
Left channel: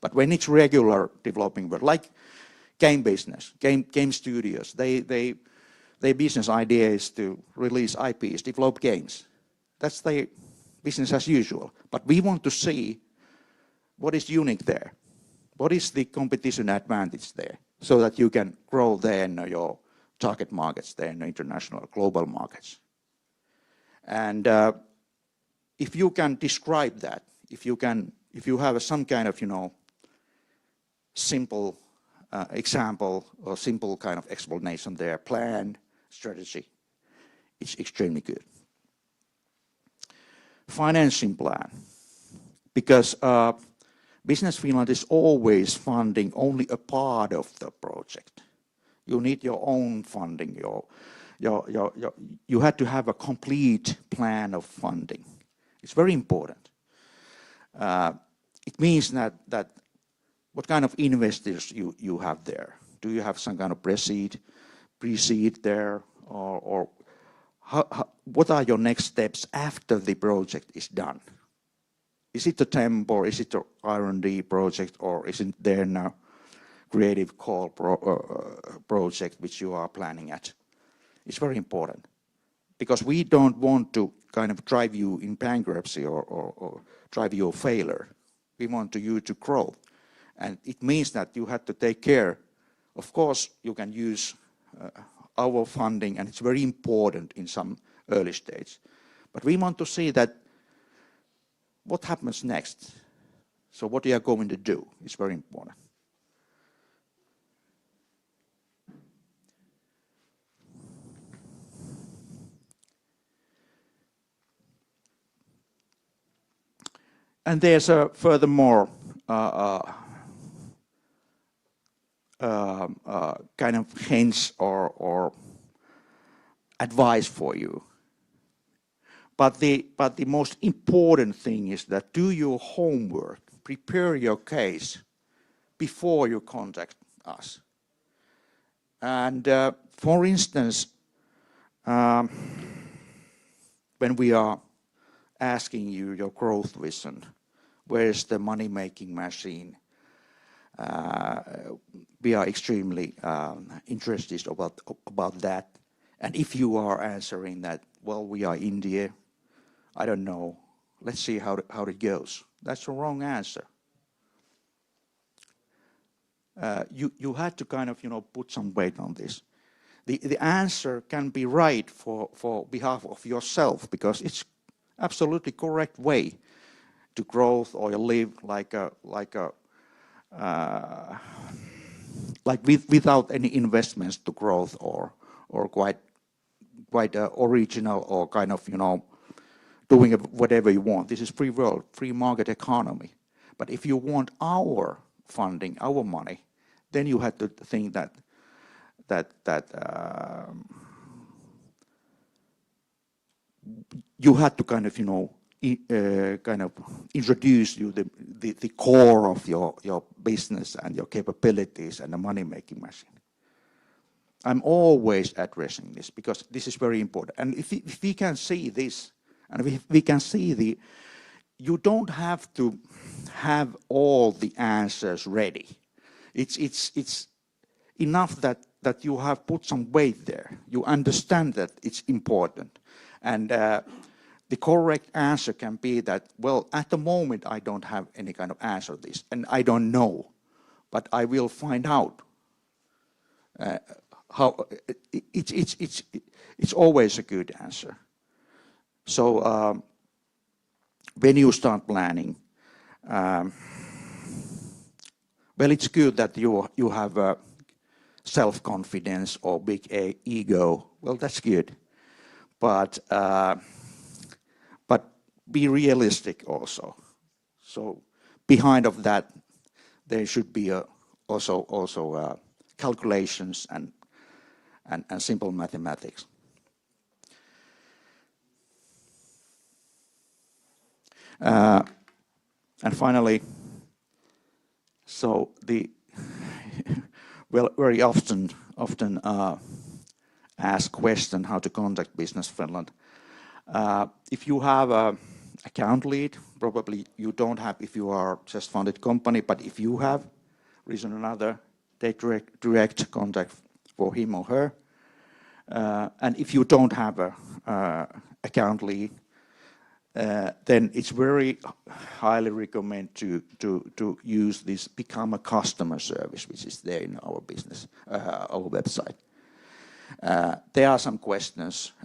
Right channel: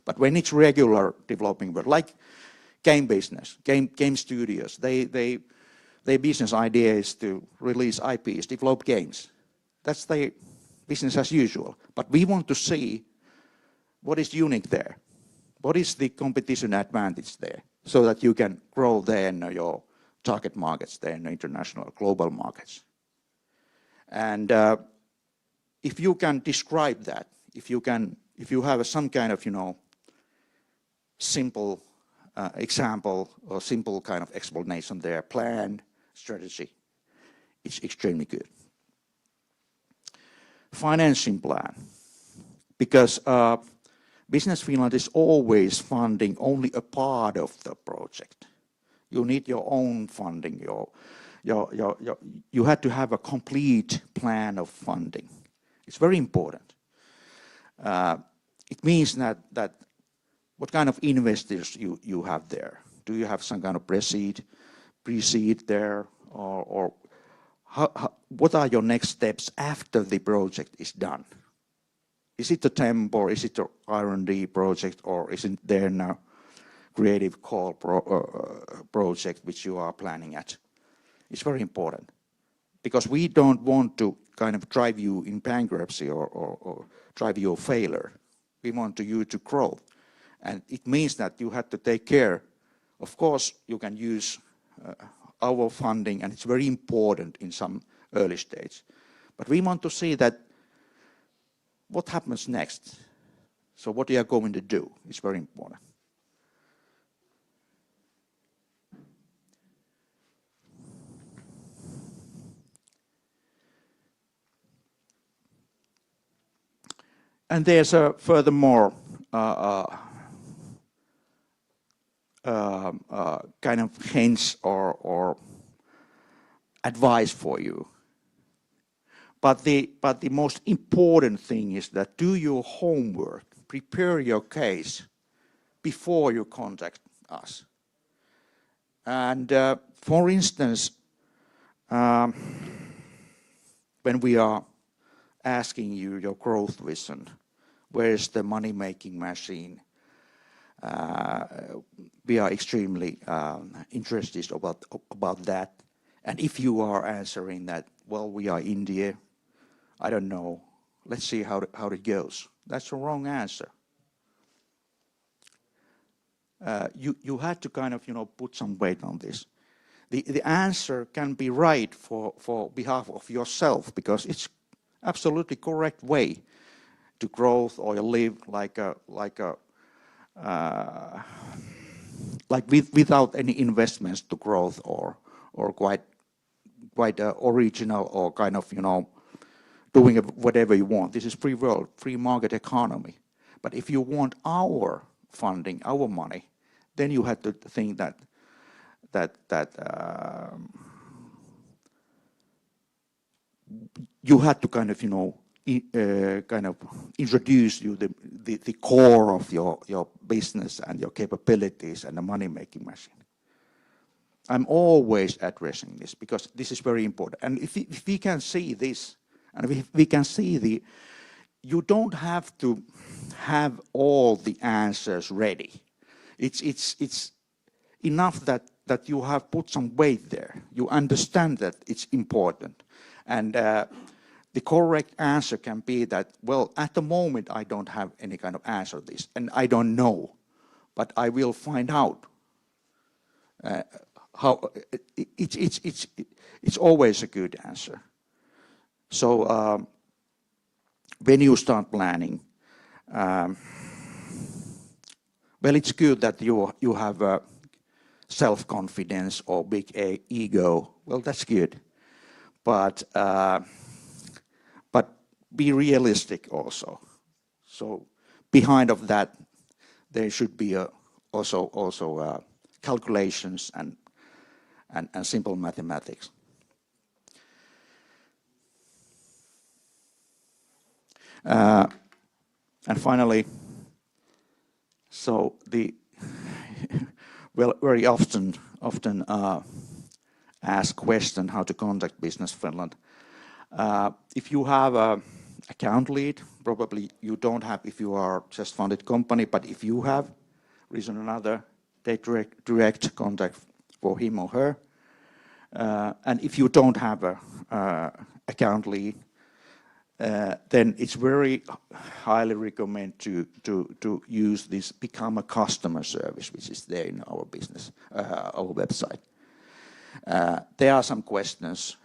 But when it's regular developing work, like game business, game studios, their business idea is to release IPs, develop games. That's the business as usual. But we want to see what is unique there. What is the competition advantage there, so that you can grow there in your target markets, there in the international, global markets. And if you can describe that, if you have some kind of, simple example or simple kind of explanation there, plan, strategy, it's extremely good. Financing plan, because Business Finland is always funding only a part of the project. You need your own funding. You have to have a complete plan of funding. It's very important. It means that what kind of investors you have there. Do you have some kind of pre-seed there, or what are your next steps after the project is done? Is it a temp, or is it an R&D project, or is it there now creative core project which you are planning at? It's very important, because we don't want to kind of drive you in bankruptcy or drive you a failure. We want you to grow, and it means that you have to take care. Of course, you can use our funding, and it's very important in some early stage. But we want to see that what happens next. So what you are going to do is very important. And there's a furthermore kind of hints or advice for you. But the most important thing is that do your homework, prepare your case before you contact us. And for instance, when we are asking you your growth vision, where is the money-making machine? We are extremely interested about that. And if you are answering that, well, we are India, I don't know, let's see how it goes. That's the wrong answer. You had to kind of, put some weight on this. The answer can be right for behalf of yourself, because it's absolutely correct way to growth or live without any investments to growth or quite original or kind of, doing whatever you want. This is free world, free market economy. But if you want our funding, our money, then you have to think that you have to kind of, introduce you the core of your business and your capabilities and a money-making machine. I'm always addressing this because this is very important. And if we can see this, and if we can see you don't have to have all the answers ready. It's enough that you have put some weight there. You understand that it's important. And the correct answer can be that, well, at the moment I don't have any kind of answer to this, and I don't know, but I will find out. How it's always a good answer. So when you start planning, well, it's good that you have self-confidence or big ego, well, that's good. But be realistic also. So behind of that, there should be also calculations and simple mathematics. And finally, so very often asked question how to contact Business Finland. If you have a account lead, probably you don't have if you are just founded company, but if you have reason or another, take direct contact for him or her. And if you don't have a account lead, then it's very highly recommend to use this become a customer service, which is there in our business, our website. There are some questions,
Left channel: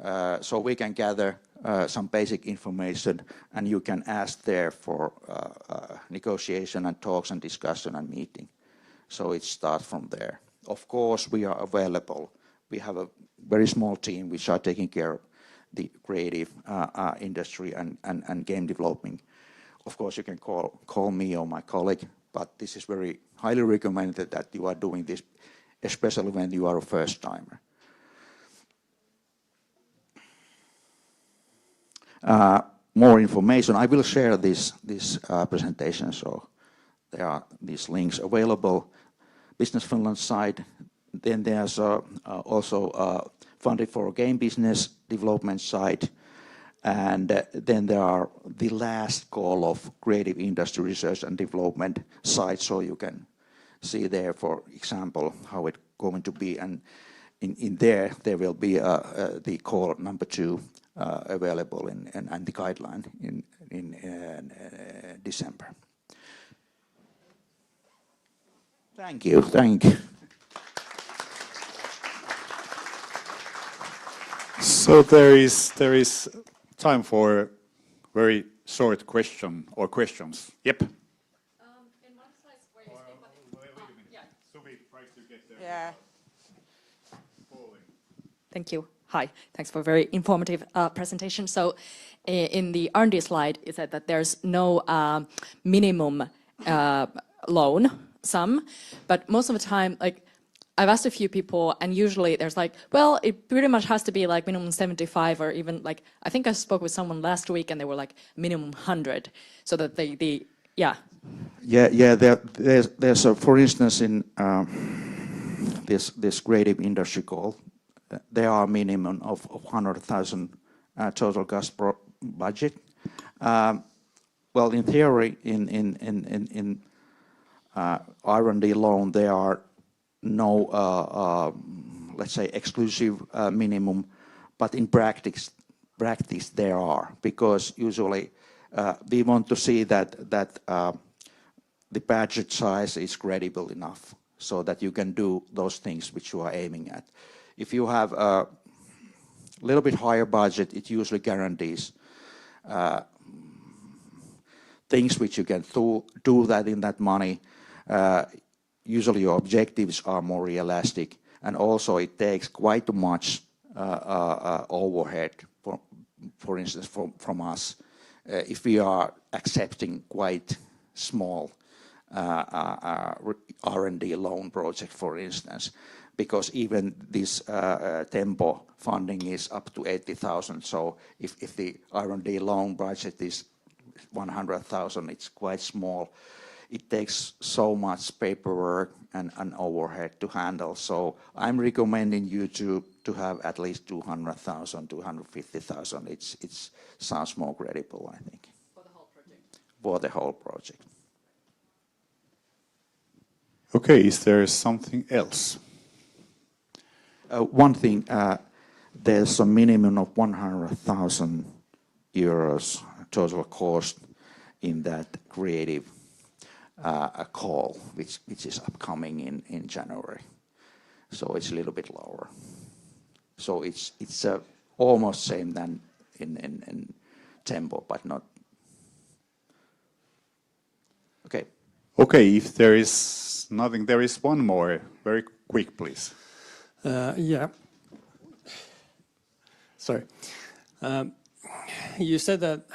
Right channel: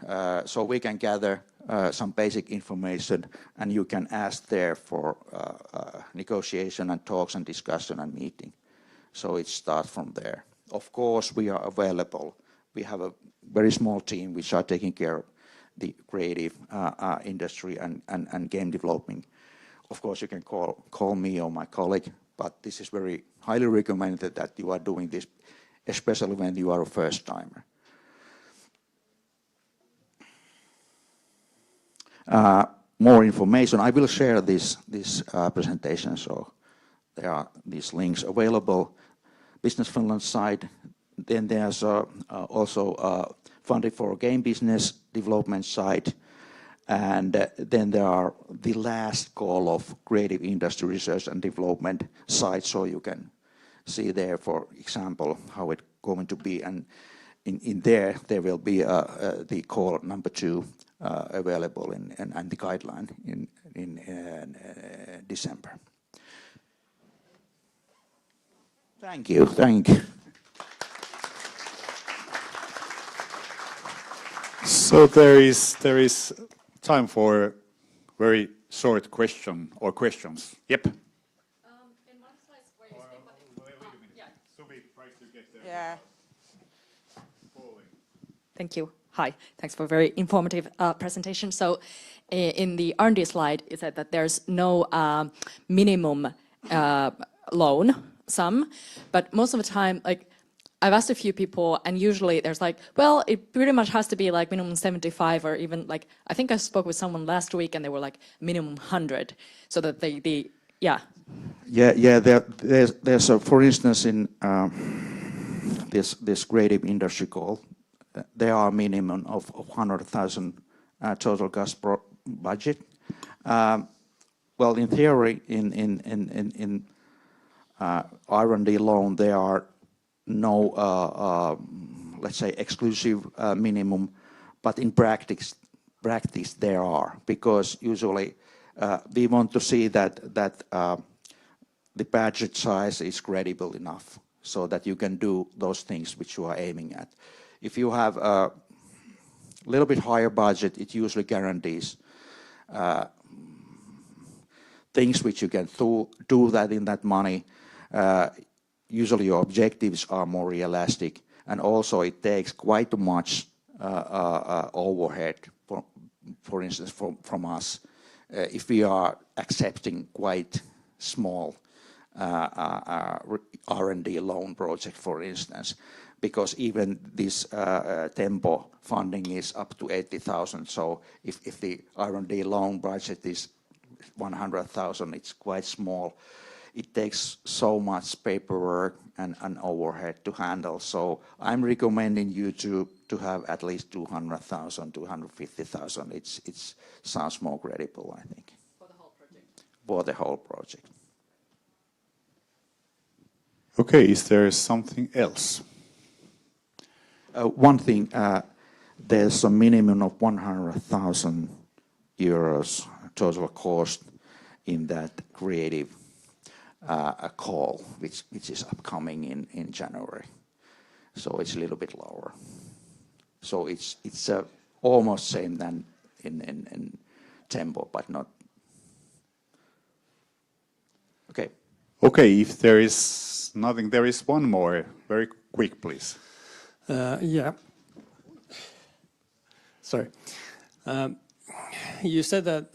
so we can gather some basic information, and you can ask there for negotiation and talks and discussion and meeting. So it starts from there. Of course, we are available. We have a very small team which are taking care of the creative industry and game developing. Of course, you can call me or my colleague, but this is very highly recommended that you are doing this, especially when you are a first timer. More information, I will share this presentation, so there are these links available. Business Finland side, then there's also funding for game business development side, and then there are the last call of creative industry research and development side, so you can see there, for example, how it's going to be, and in there will be the call number 2 available and the guideline in December. Thank you. So there is time for a very short question or questions. Yep. Yeah. Thank you. Hi. Thanks for a very informative presentation. So, in the R&D slide, you said that there's no minimum loan sum, but most of the time, like, I've asked a few people, and usually there's like, well, it pretty much has to be like minimum 75, or even like, I think I spoke with someone last week, and they were like minimum 100, so that yeah. There's for instance in this creative industry call, there are a minimum of 100,000 total cost budget. Well, in theory, in R&D loan, there are no, let's say, exclusive minimum, but in practice there are, because usually we want to see that the budget size is credible enough, so that you can do those things which you are aiming at. If you have a little bit higher budget, it usually guarantees things which you can do that in that money. Usually your objectives are more realistic, and also it takes quite much overhead, for instance, from us, if we are accepting quite small R&D loan project, for instance, because even this Tempo funding is up to 80,000. So if the R&D loan budget is 100,000, it's quite small. It takes so much paperwork and overhead to handle. So I'm recommending you to have at least 200,000, 250,000. It sounds more credible, I think. For the whole project. Okay, is there something else? One thing, there's a minimum of 100,000 euros total cost in that creative call, which is upcoming in January. So it's a little bit lower. So it's almost same than in Tempo, but not. Okay. Okay, if there is is nothing. There is one more. Very quick, please. Yeah. Sorry. You said that,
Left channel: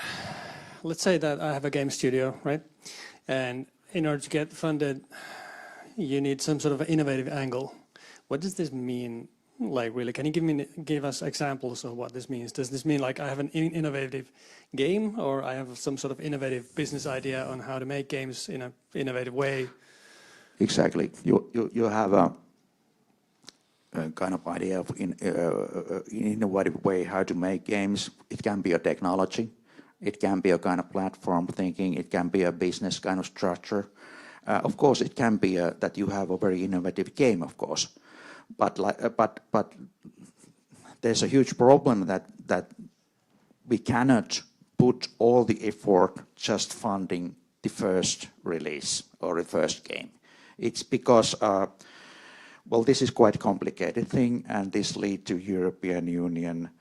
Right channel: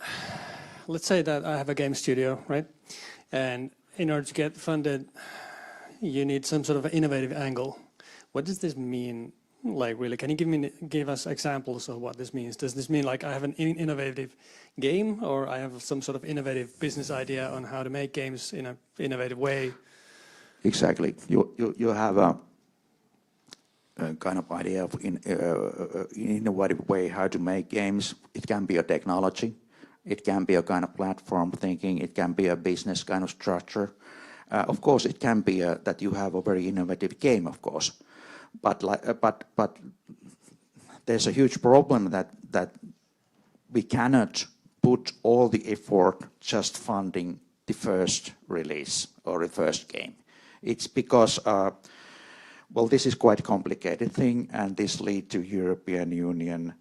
let's say that I have a game studio, right? And in order to get funded, you need some sort of innovative angle. What does this mean? Like, really, can you give us examples of what this means? Does this mean like I have an innovative game, or I have some sort of innovative business idea on how to make games in an innovative way? Exactly. You have a kind of idea of in innovative way how to make games. It can be a technology. It can be a kind of platform thinking. It can be a business kind of structure. Of course, it can be that you have a very innovative game, of course. But there's a huge problem that we cannot put all the effort just funding the first release or the first game. It's because, well, this is quite complicated thing, and this lead to European Union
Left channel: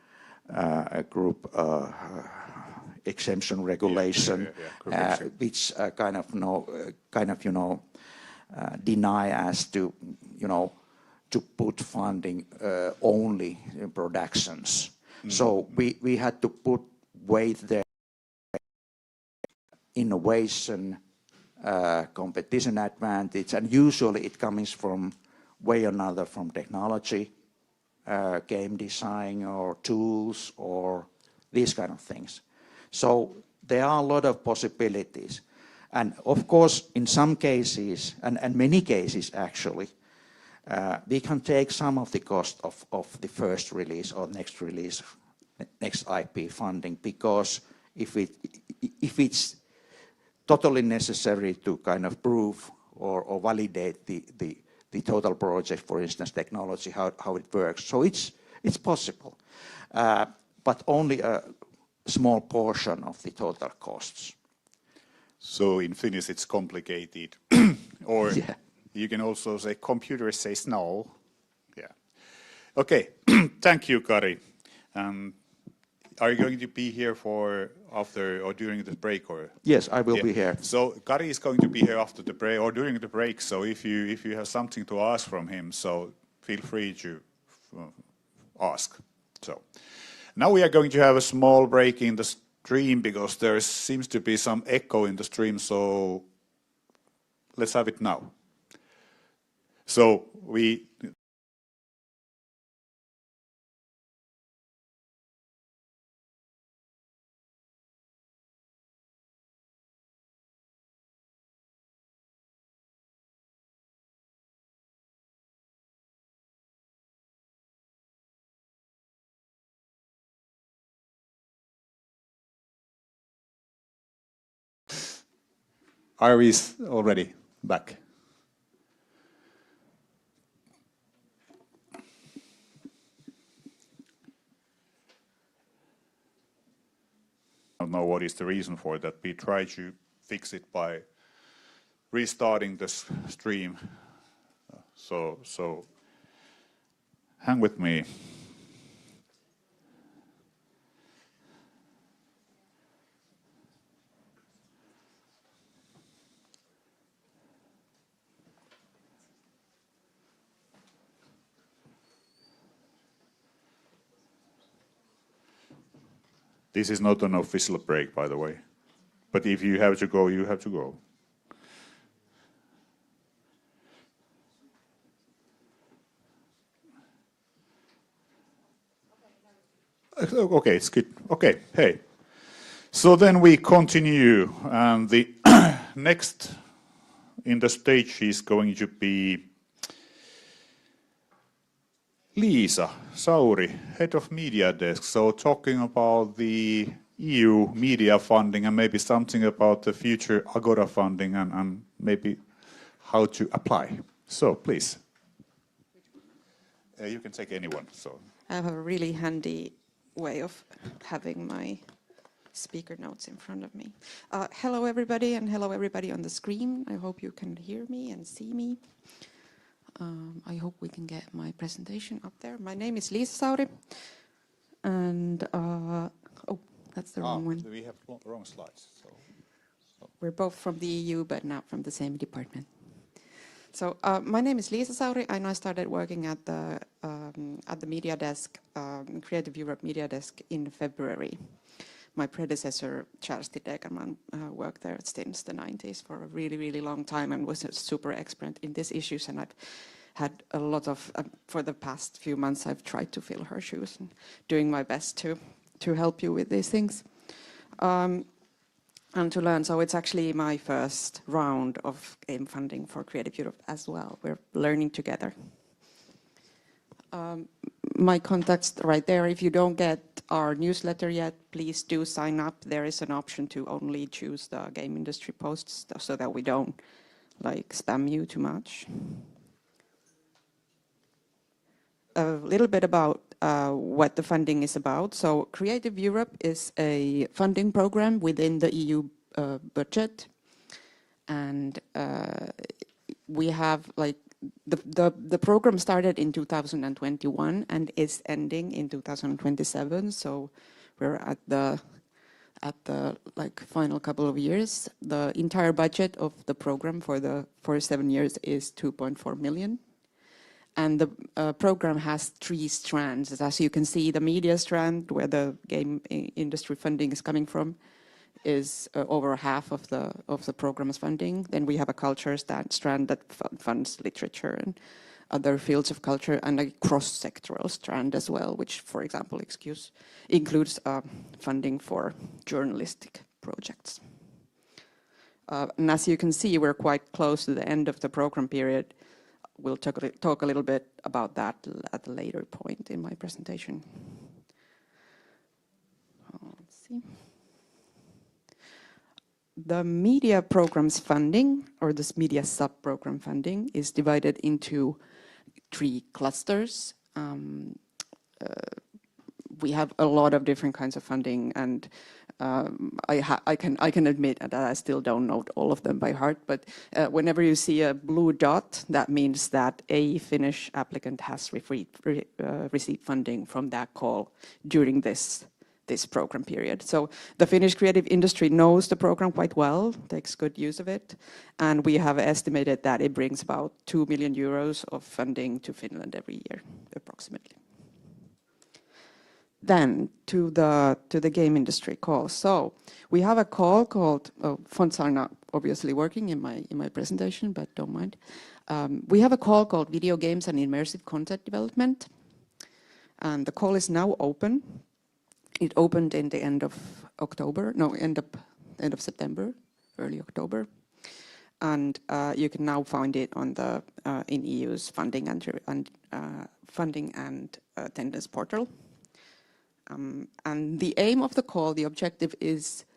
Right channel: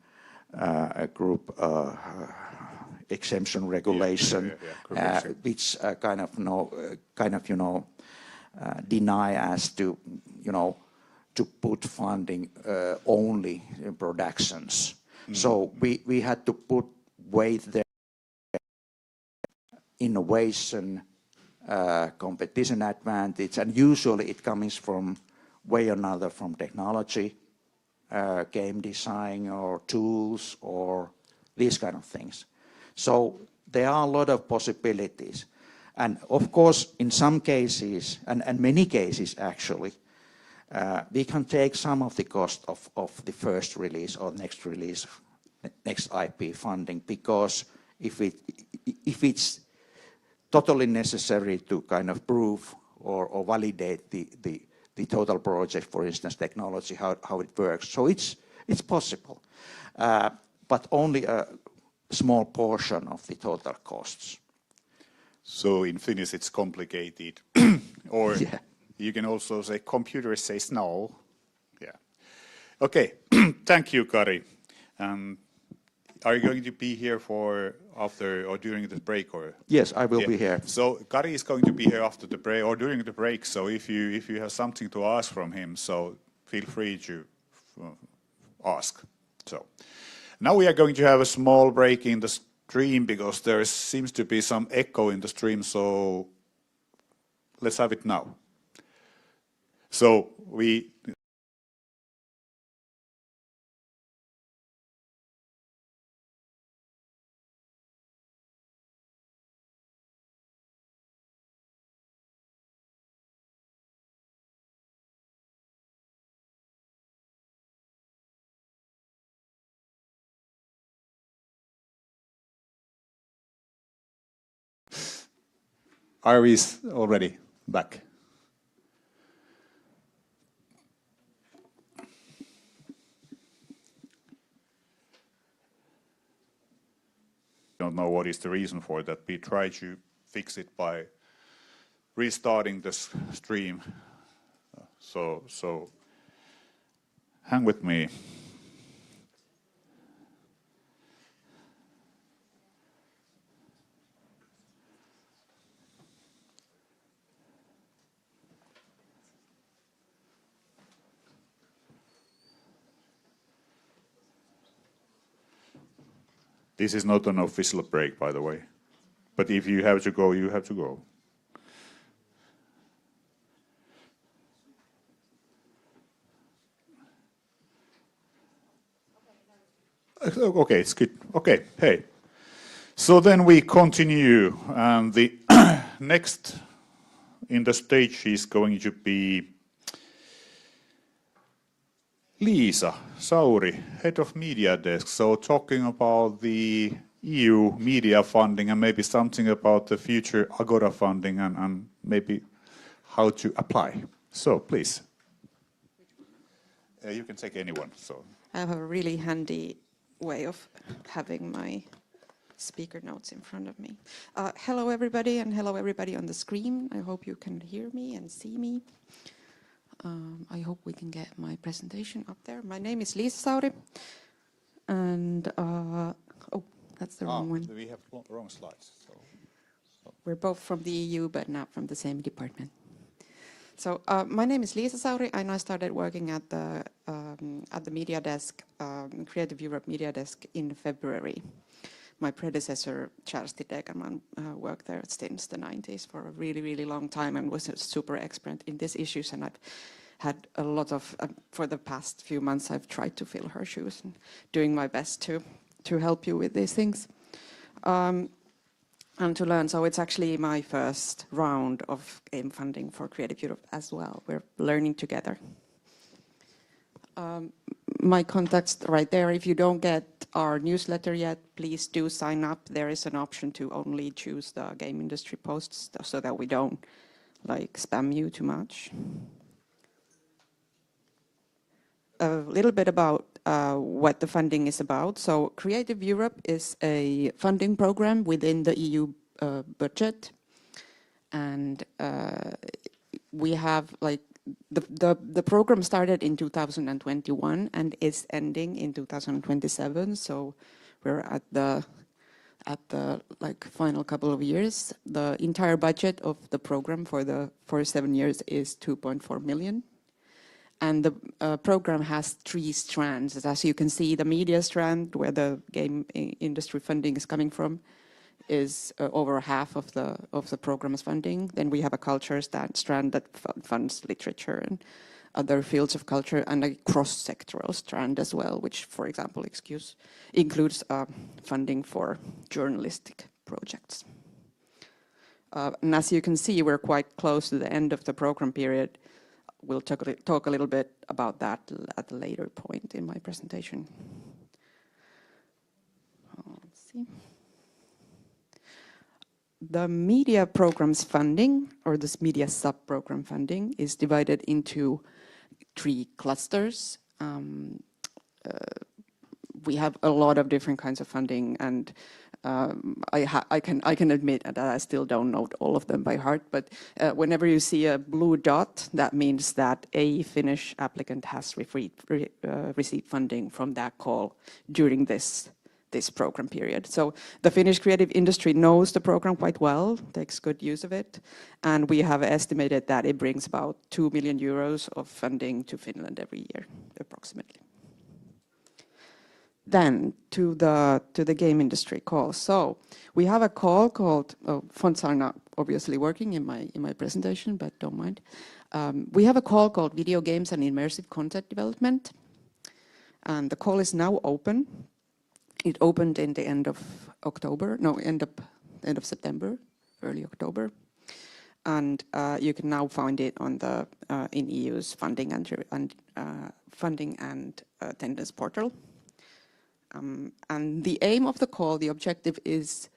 group exemption regulation, which deny us to, to put funding only in productions. So we had to put weight there, innovation, competition advantage, and usually it comes from way or another from technology, game design or tools or these kind of things. So there are a lot of possibilities. And of course, in some cases, and many cases actually, we can take some of the cost of the first release or next release, next IP funding, because if it's totally necessary to kind of prove or validate the total project, for instance, technology, how it works. So it's possible, but only a small portion of the total costs. So in Finnish it's complicated. Or you can also say computer says no. Yeah. Okay, thank you, Kari. Are you going to be here for after or during the break, or? Yes, I will be here. So Kari is going to be here after the break or during the break. So if you have something to ask from him, so feel free to ask. So now we are going to have a small break in the stream because there seems to be some echo in the stream. So let's have it now. So we. Iris already back. I don't know what is the reason for that. We try to fix it by restarting this stream. So hang with me. This is not an official break, by the way. But if you have to go, you have to go. Okay, it's good. Okay, hey. So then we continue, and the next in the stage is going to be Liisa Sauri, Head of Media Desk, so talking about the EU media funding and maybe something about the future Agora funding and maybe how to apply. So please. You can take anyone. So I have a really handy way of having my speaker notes in front of me. Hello everybody, and hello everybody on the screen. I hope you can hear me and see me. I hope we can get my presentation up there. My name is Liisa Sauri, and oh, that's the wrong one. We have wrong slides. We're both from the EU, but not from the same department. So my name is Lisa Sauri, and I started working at the media desk, Creative Europe media desk in February. My predecessor, Charles Dedekerman, worked there since the 90s for a really, really long time and was a super expert in these issues. And I've had a lot of, for the past few months, I've tried to fill her shoes and doing my best to help you with these things. And to learn, so it's actually my first round of game funding for Creative Europe as well. We're learning together. My contacts right there. If you don't get our newsletter yet, please do sign up. There is an option to only choose the game industry posts so that we don't like spam you too much. A little bit about what the funding is about. So Creative Europe is a funding program within the EU budget, and we have like the program started in 2021 and is ending in 2027. So we're at the like final couple of years. The entire budget of the program for 7 years is 2.4 million. And the program has 3 strands. As you can see, the media strand, where the game industry funding is coming from, is over half of the program's funding. Then we have a culture strand that funds literature and other fields of culture, and a cross-sectoral strand as well, which, for example, includes funding for journalistic projects. And as you can see, we're quite close to the end of the program period. We'll talk a little bit about that at a later point in my presentation. Let's see. The media programs funding, or this media sub-program funding, is divided into 3 clusters. We have a lot of different kinds of funding, and I can admit that I still don't know all of them by heart, but whenever you see a blue dot, that means that a Finnish applicant has received funding from that call during this program period. So the Finnish creative industry knows the program quite well, takes good use of it, and we have estimated that it brings about 2 million euros of funding to Finland every year, approximately. Then to the game industry call. So we have a call called fonts are not obviously working in my presentation, but don't mind. We have a call called NeoGames and Immersive Content Development, and the call is now open. It opened in the end of September, early October, and you can now find it on the in EU's funding and attendance portal. And the aim of the call, the objective is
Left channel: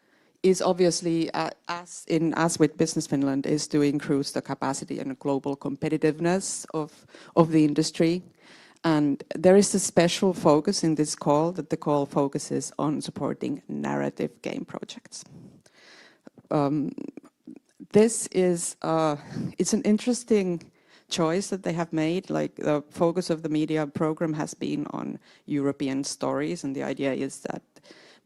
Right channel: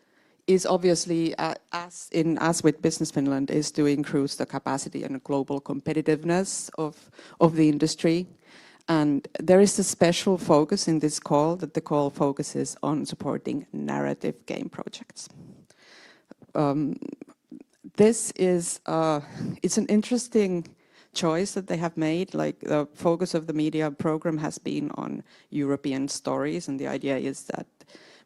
obviously, as with Business Finland, is to increase the capacity and global competitiveness of the industry. And there is a special focus in this call, that the call focuses on supporting narrative game projects. This is it's an interesting choice that they have made. Like, the focus of the media program has been on European stories, and the idea is that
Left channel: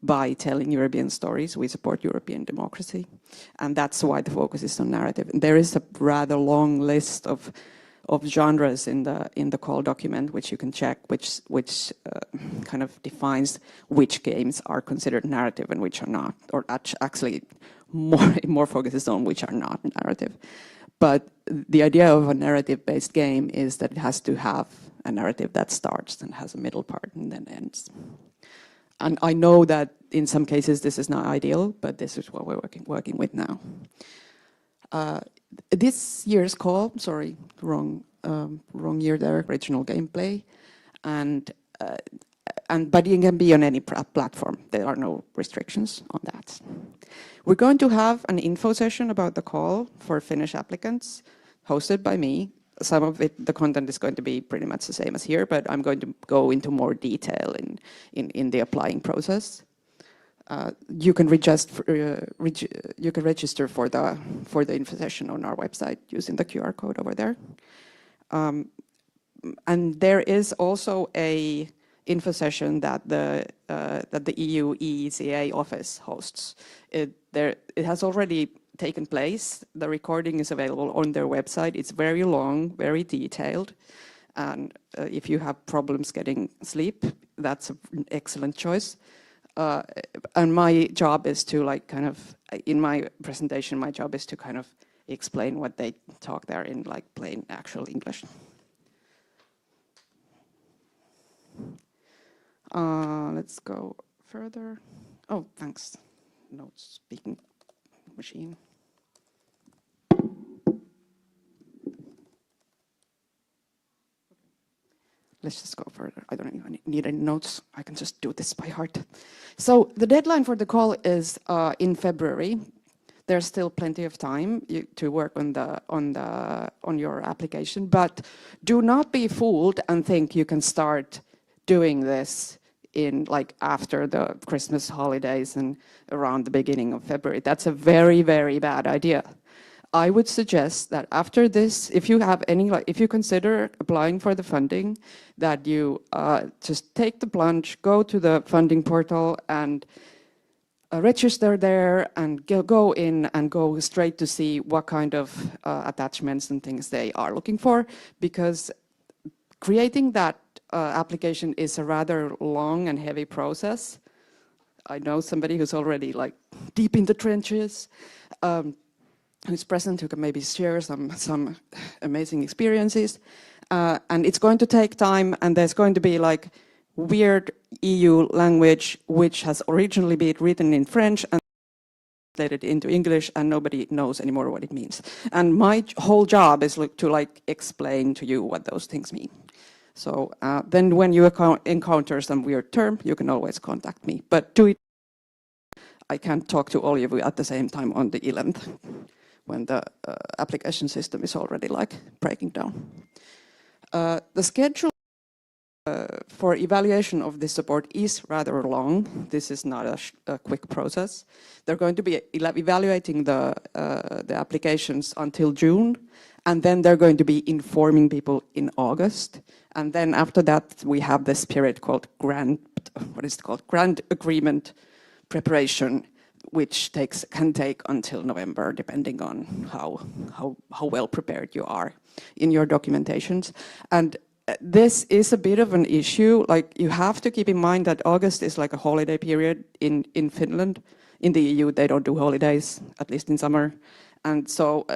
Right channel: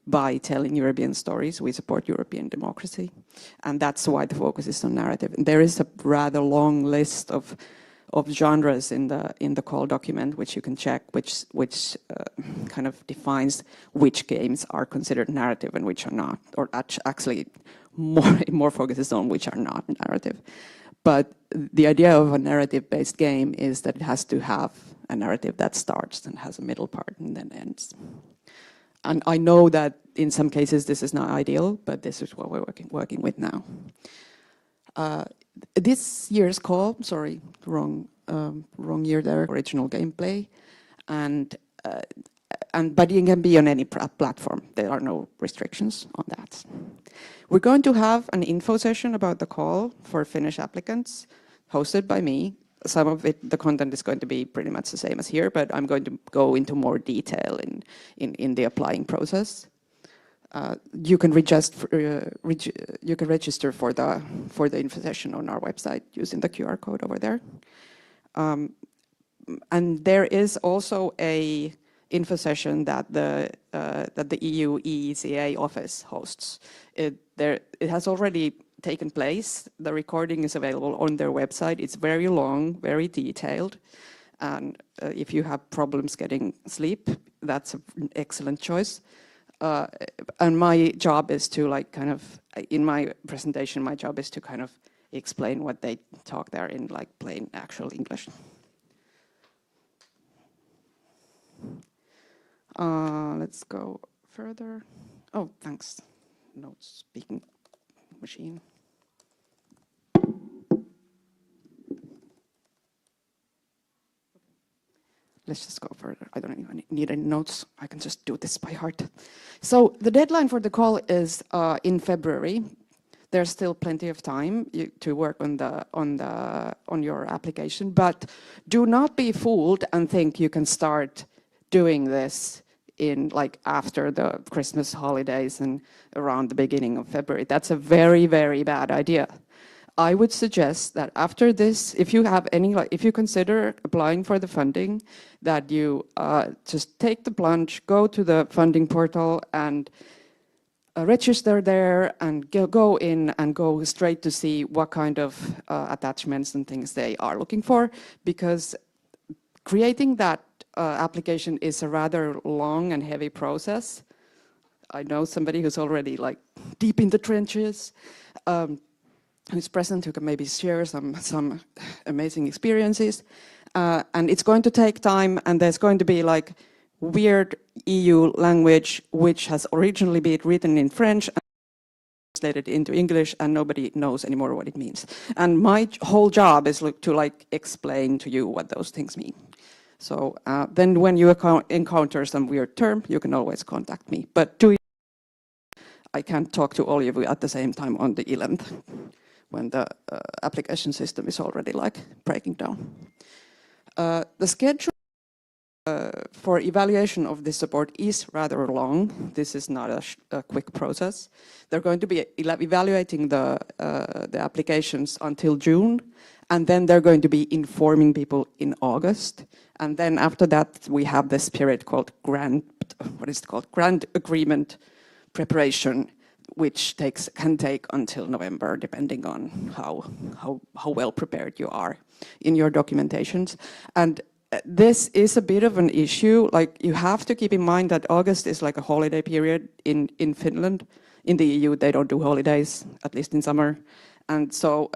by telling European stories, we support European democracy, and that's why the focus is on narrative. And there is a rather long list of genres in the call document, which you can check, which kind of defines which games are considered narrative and which are not, or actually more focuses on which are not narrative. But the idea of a narrative-based game is that it has to have a narrative that starts and has a middle part and then ends. And I know that in some cases this is not ideal, but this is what we're working with now. This year's call, sorry, wrong year there, original gameplay, but it can be on any platform. There are no restrictions on that. We're going to have an info session about the call for Finnish applicants, hosted by me. Some of it, the content is going to be pretty much the same as here, but I'm going to go into more detail in the applying process. You can you can register for the info session on our website using the QR code over there. And there is also a info session that the EU EECA office hosts. It has already taken place. The recording is available on their website. It's very long, very detailed. And if you have problems getting sleep, that's an excellent choice. And my job is to in my presentation, my job is to kind of explain what they talk there in like plain actual English. Let's go further. Oh, thanks. No speaking machine. Let's just go further. I don't need any notes. I can just do this by heart. So the deadline for the call is in February. There's still plenty of time to work on your application, but do not be fooled and think you can start doing this in like after the Christmas holidays and around the beginning of February. That's a very, very bad idea. I would suggest that after this, if you consider applying for the funding, that you just take the plunge, go to the funding portal and register there and go in and go straight to see what kind of attachments and things they are looking for, because creating that application is a rather long and heavy process. I know somebody who's already like deep in the trenches, who's present, who can maybe share some amazing experiences. And it's going to take time, and there's going to be like weird EU language which has originally been written in French and translated into English, and nobody knows anymore what it means. And my whole job is to like explain to you what those things mean. So then when you encounter some weird term, you can always contact me. But I can't talk to all of you at the same time on the 11th when the application system is already like breaking down. The schedule for evaluation of this support is rather long. This is not a quick process. They're going to be evaluating the applications until June, and then they're going to be informing people in August. And then after that, we have this period called grant agreement preparation, which can take until November, depending on how well prepared you are in your documentations. And this is a bit of an issue. Like, you have to keep in mind that August is like a holiday period in Finland. In the EU, they don't do holidays, at least in summer. And so,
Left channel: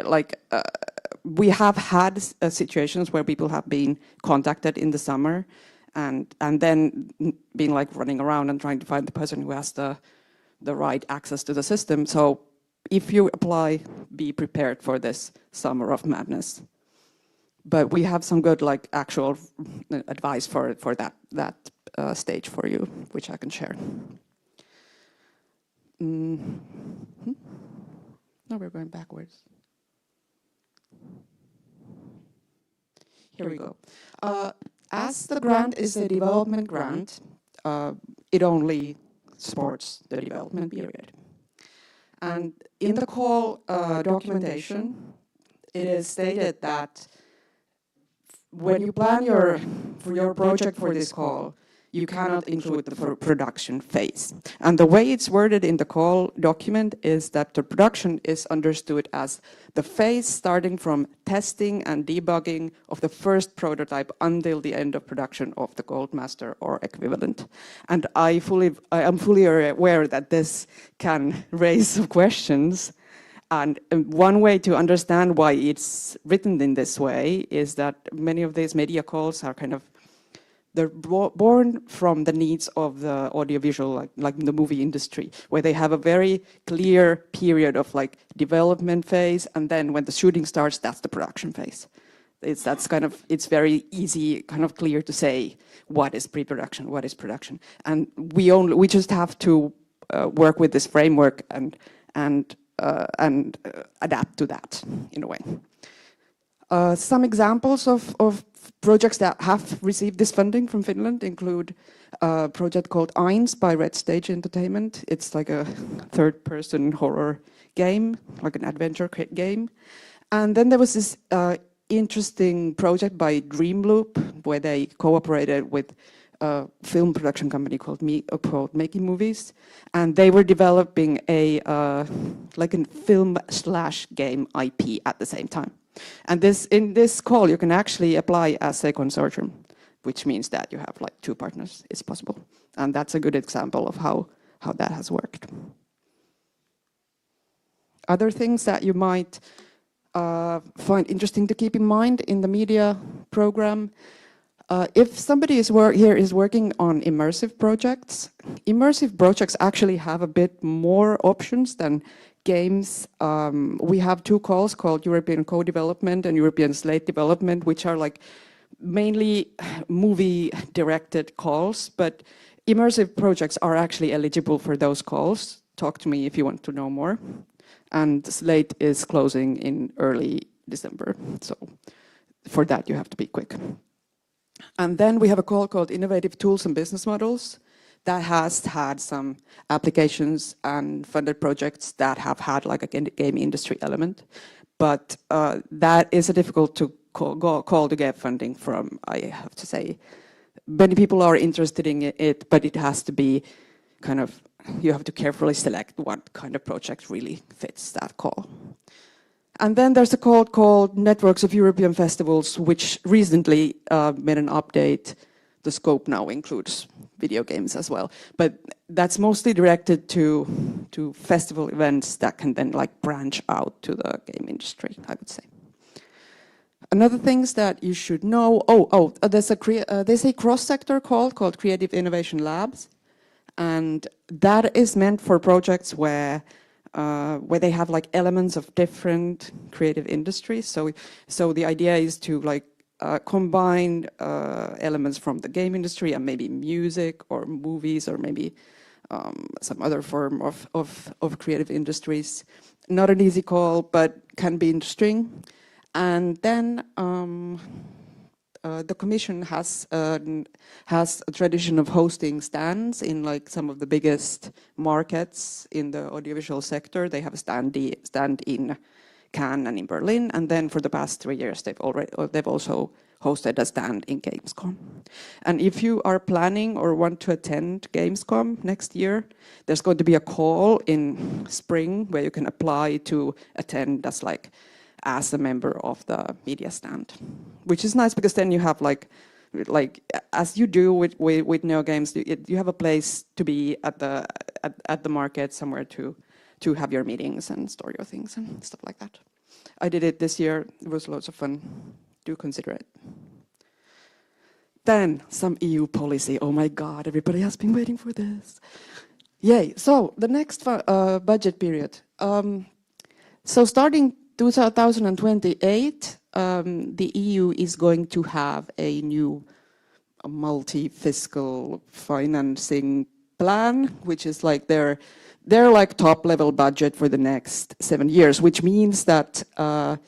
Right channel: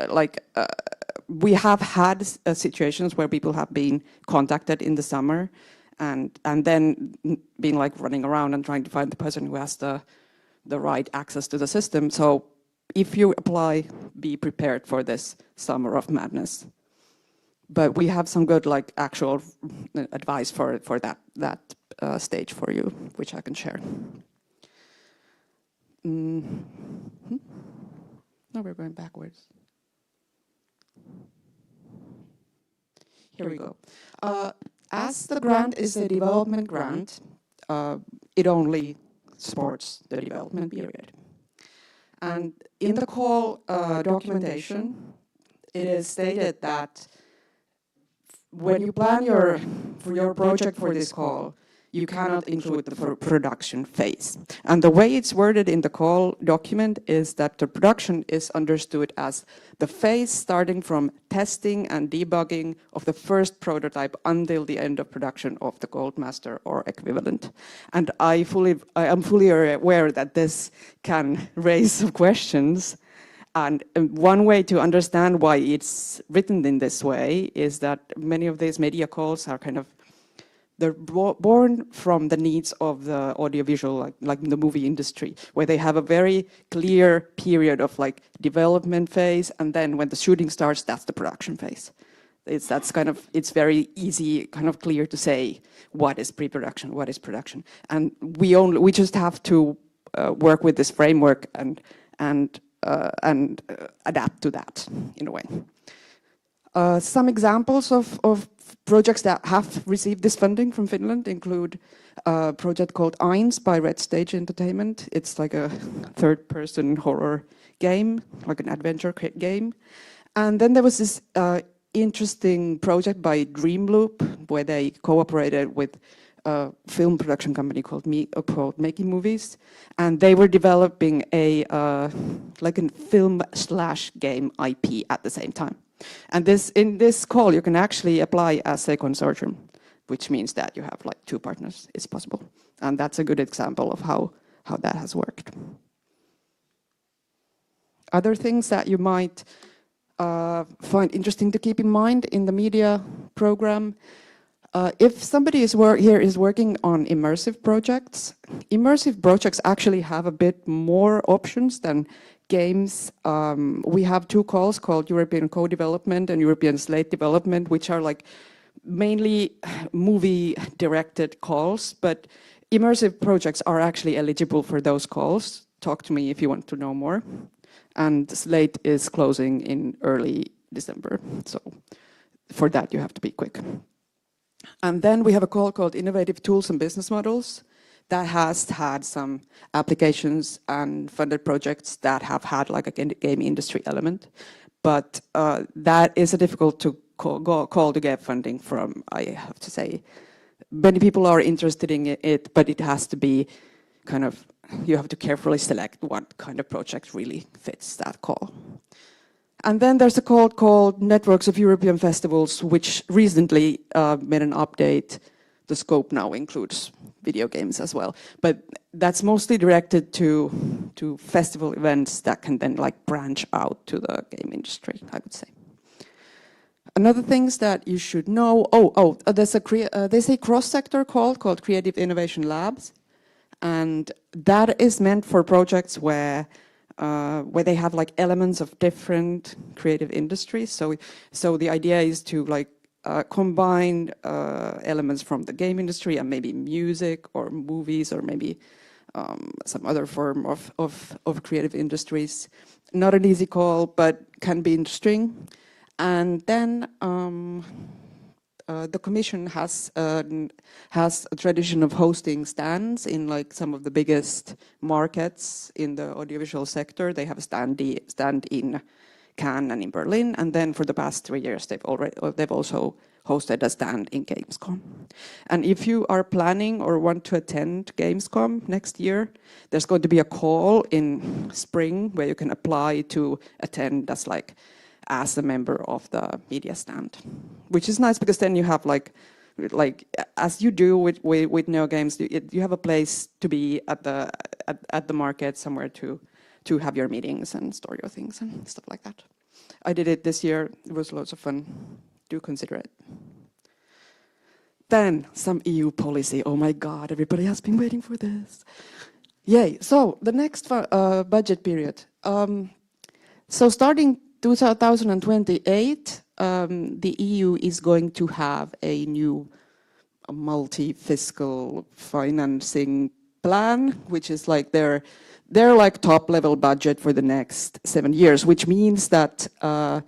we have had situations where people have been contacted in the summer and then been like running around and trying to find the person who has the right access to the system. So if you apply, be prepared for this summer of madness. But we have some good like actual advice for that stage for you, which I can share. No, we're going backwards. Here we go. As the grant is a development grant, it only supports the development period. And in the call documentation, it is stated that when you plan for your project for this call, you cannot include the production phase. And the way it's worded in the call document is that the production is understood as the phase starting from testing and debugging of the first prototype until the end of production of the Goldmaster or equivalent. And I am fully aware that this can raise some questions. And one way to understand why it's written in this way is that many of these media calls are they're born from the needs of the audiovisual, like the movie industry, where they have a very clear period of like development phase, and then when the shooting starts, that's the production phase. It's very easy, kind of clear to say what is pre-production, what is production, and we just have to work with this framework and adapt to that in a way. Some examples of projects that have received this funding from Finland include a project called Eins by Red Stage Entertainment. It's like a third-person horror game, like an adventure game. And then there was this interesting project by Dreamloop, where they cooperated with film production company called Making Movies, and they were developing a like a film/game IP at the same time. And in this call, you can actually apply as a consortium, which means that you have like 2 partners. It's possible, and that's a good example of how that has worked. Other things that you might find interesting to keep in mind in the media program. If somebody is working on immersive projects actually have a bit more options than games. We have 2 calls called European Co-Development and European Slate Development, which are like mainly movie-directed calls, but immersive projects are actually eligible for those calls. Talk to me if you want to know more. And Slate is closing in early December, so for that you have to be quick. And then we have a call called Innovative Tools and Business Models that has had some applications and funded projects that have had like a game industry element. But that is difficult to call to get funding from, I have to say. Many people are interested in it, but it has to be kind of, you have to carefully select what kind of project really fits that call. And then there's a call called Networks of European Festivals, which recently made an update. The scope now includes video games as well. But that's mostly directed to festival events that can then like branch out to the game industry, I would say. Another things that you should know, there's a cross-sector call called Creative Innovation Labs. And that is meant for projects where they have like elements of different creative industries. So the idea is to like combine elements from the game industry and maybe music or movies or maybe some other form of creative industries. Not an easy call, but can be interesting. And then the Commission has a tradition of hosting stands in like some of the biggest markets in the audiovisual sector. They have stand in Cannes and in Berlin, and then for the past 3 years they've also hosted a stand in Gamescom. And if you are planning or want to attend Gamescom next year, there's going to be a call in spring where you can apply to attend as a member of the media stand, which is nice because then you have like as you do with NeoGames, you have a place to be at the market, somewhere to have your meetings and store your things and stuff like that. I did it this year. It was lots of fun. Do consider it. Then some EU policy. Oh my God, everybody has been waiting for this. Yay! So the next budget period. So starting 2028, the EU is going to have a new multi-fiscal financing plan, which is like their like top-level budget for the next 7 years, which means that all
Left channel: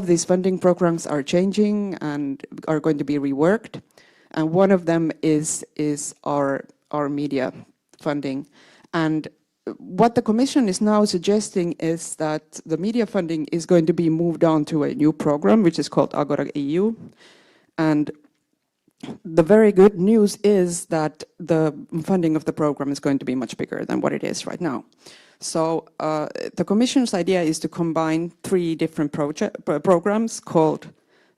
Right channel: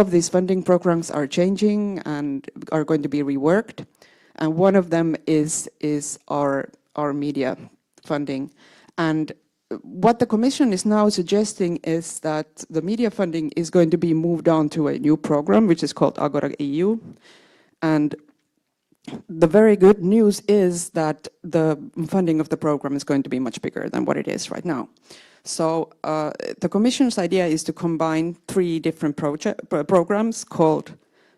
of these funding programs are changing and are going to be reworked. And one of them is our media funding. And what the Commission is now suggesting is that the media funding is going to be moved on to a new program, which is called Agora EU. And the very good news is that the funding of the program is going to be much bigger than what it is right now. So the Commission's idea is to combine 3 different programs called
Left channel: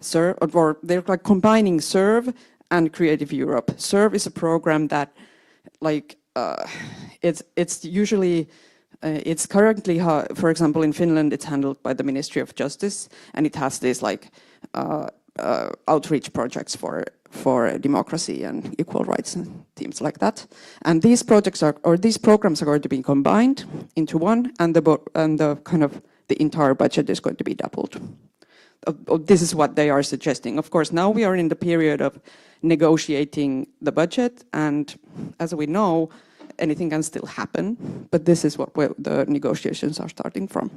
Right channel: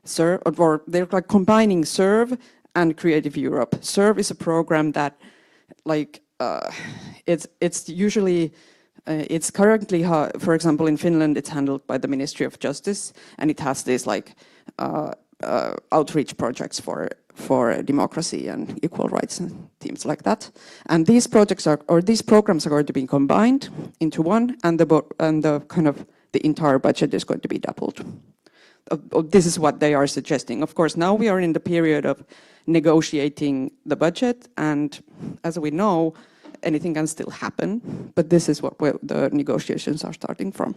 SERV, or they're like combining SERV and Creative Europe. SERV is a program that it's usually, it's currently, for example, in Finland, it's handled by the Ministry of Justice, and it has these outreach projects for democracy and equal rights and things like that. And these projects these programs are going to be combined into one, and the entire budget is going to be doubled. This is what they are suggesting. Of course, now we are in the period of negotiating the budget, and as we know, anything can still happen, but this is where the negotiations are starting from.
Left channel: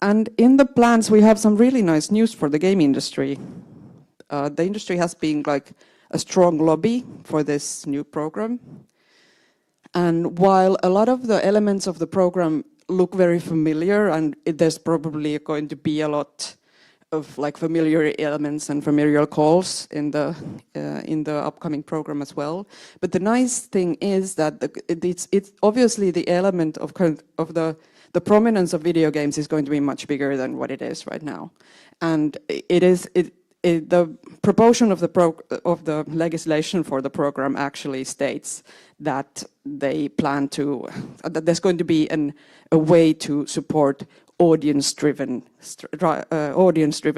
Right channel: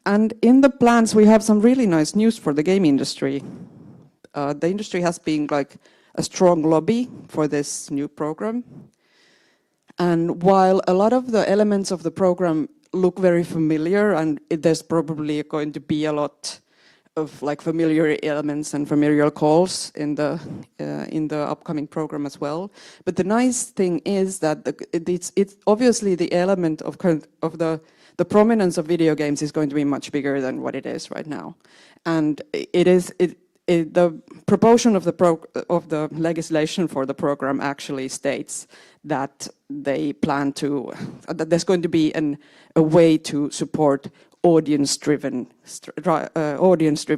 And in the plans, we have some really nice news for the game industry. The industry has been like a strong lobby for this new program. And while a lot of the elements of the program look very familiar, and there's probably going to be a lot of like familiar elements and familiar calls in the upcoming program as well. But the nice thing is that it's obviously the element of the prominence of video games is going to be much bigger than what it is right now, and the proportion of the legislation for the program actually states that they plan to that there's going to be a way to support audience-driven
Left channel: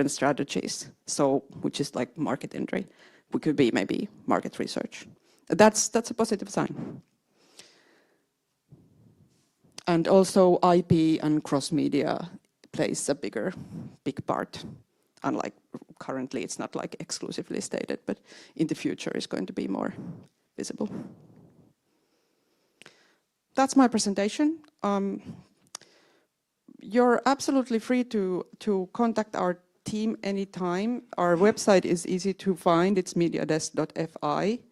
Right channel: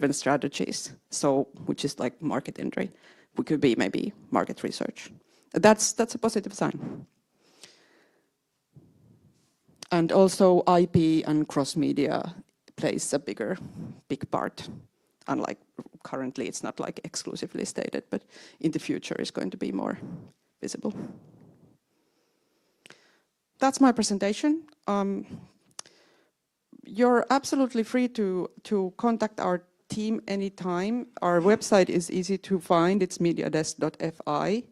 strategies. So, which is like market entry, it could be maybe market research. That's a positive sign. And also IP and cross-media plays a big part. Unlike currently, it's not like exclusively stated, but in the future, it's going to be more visible. That's my presentation. You're absolutely free to contact our team anytime. Our website is easy to find. It's mediadesk.fi.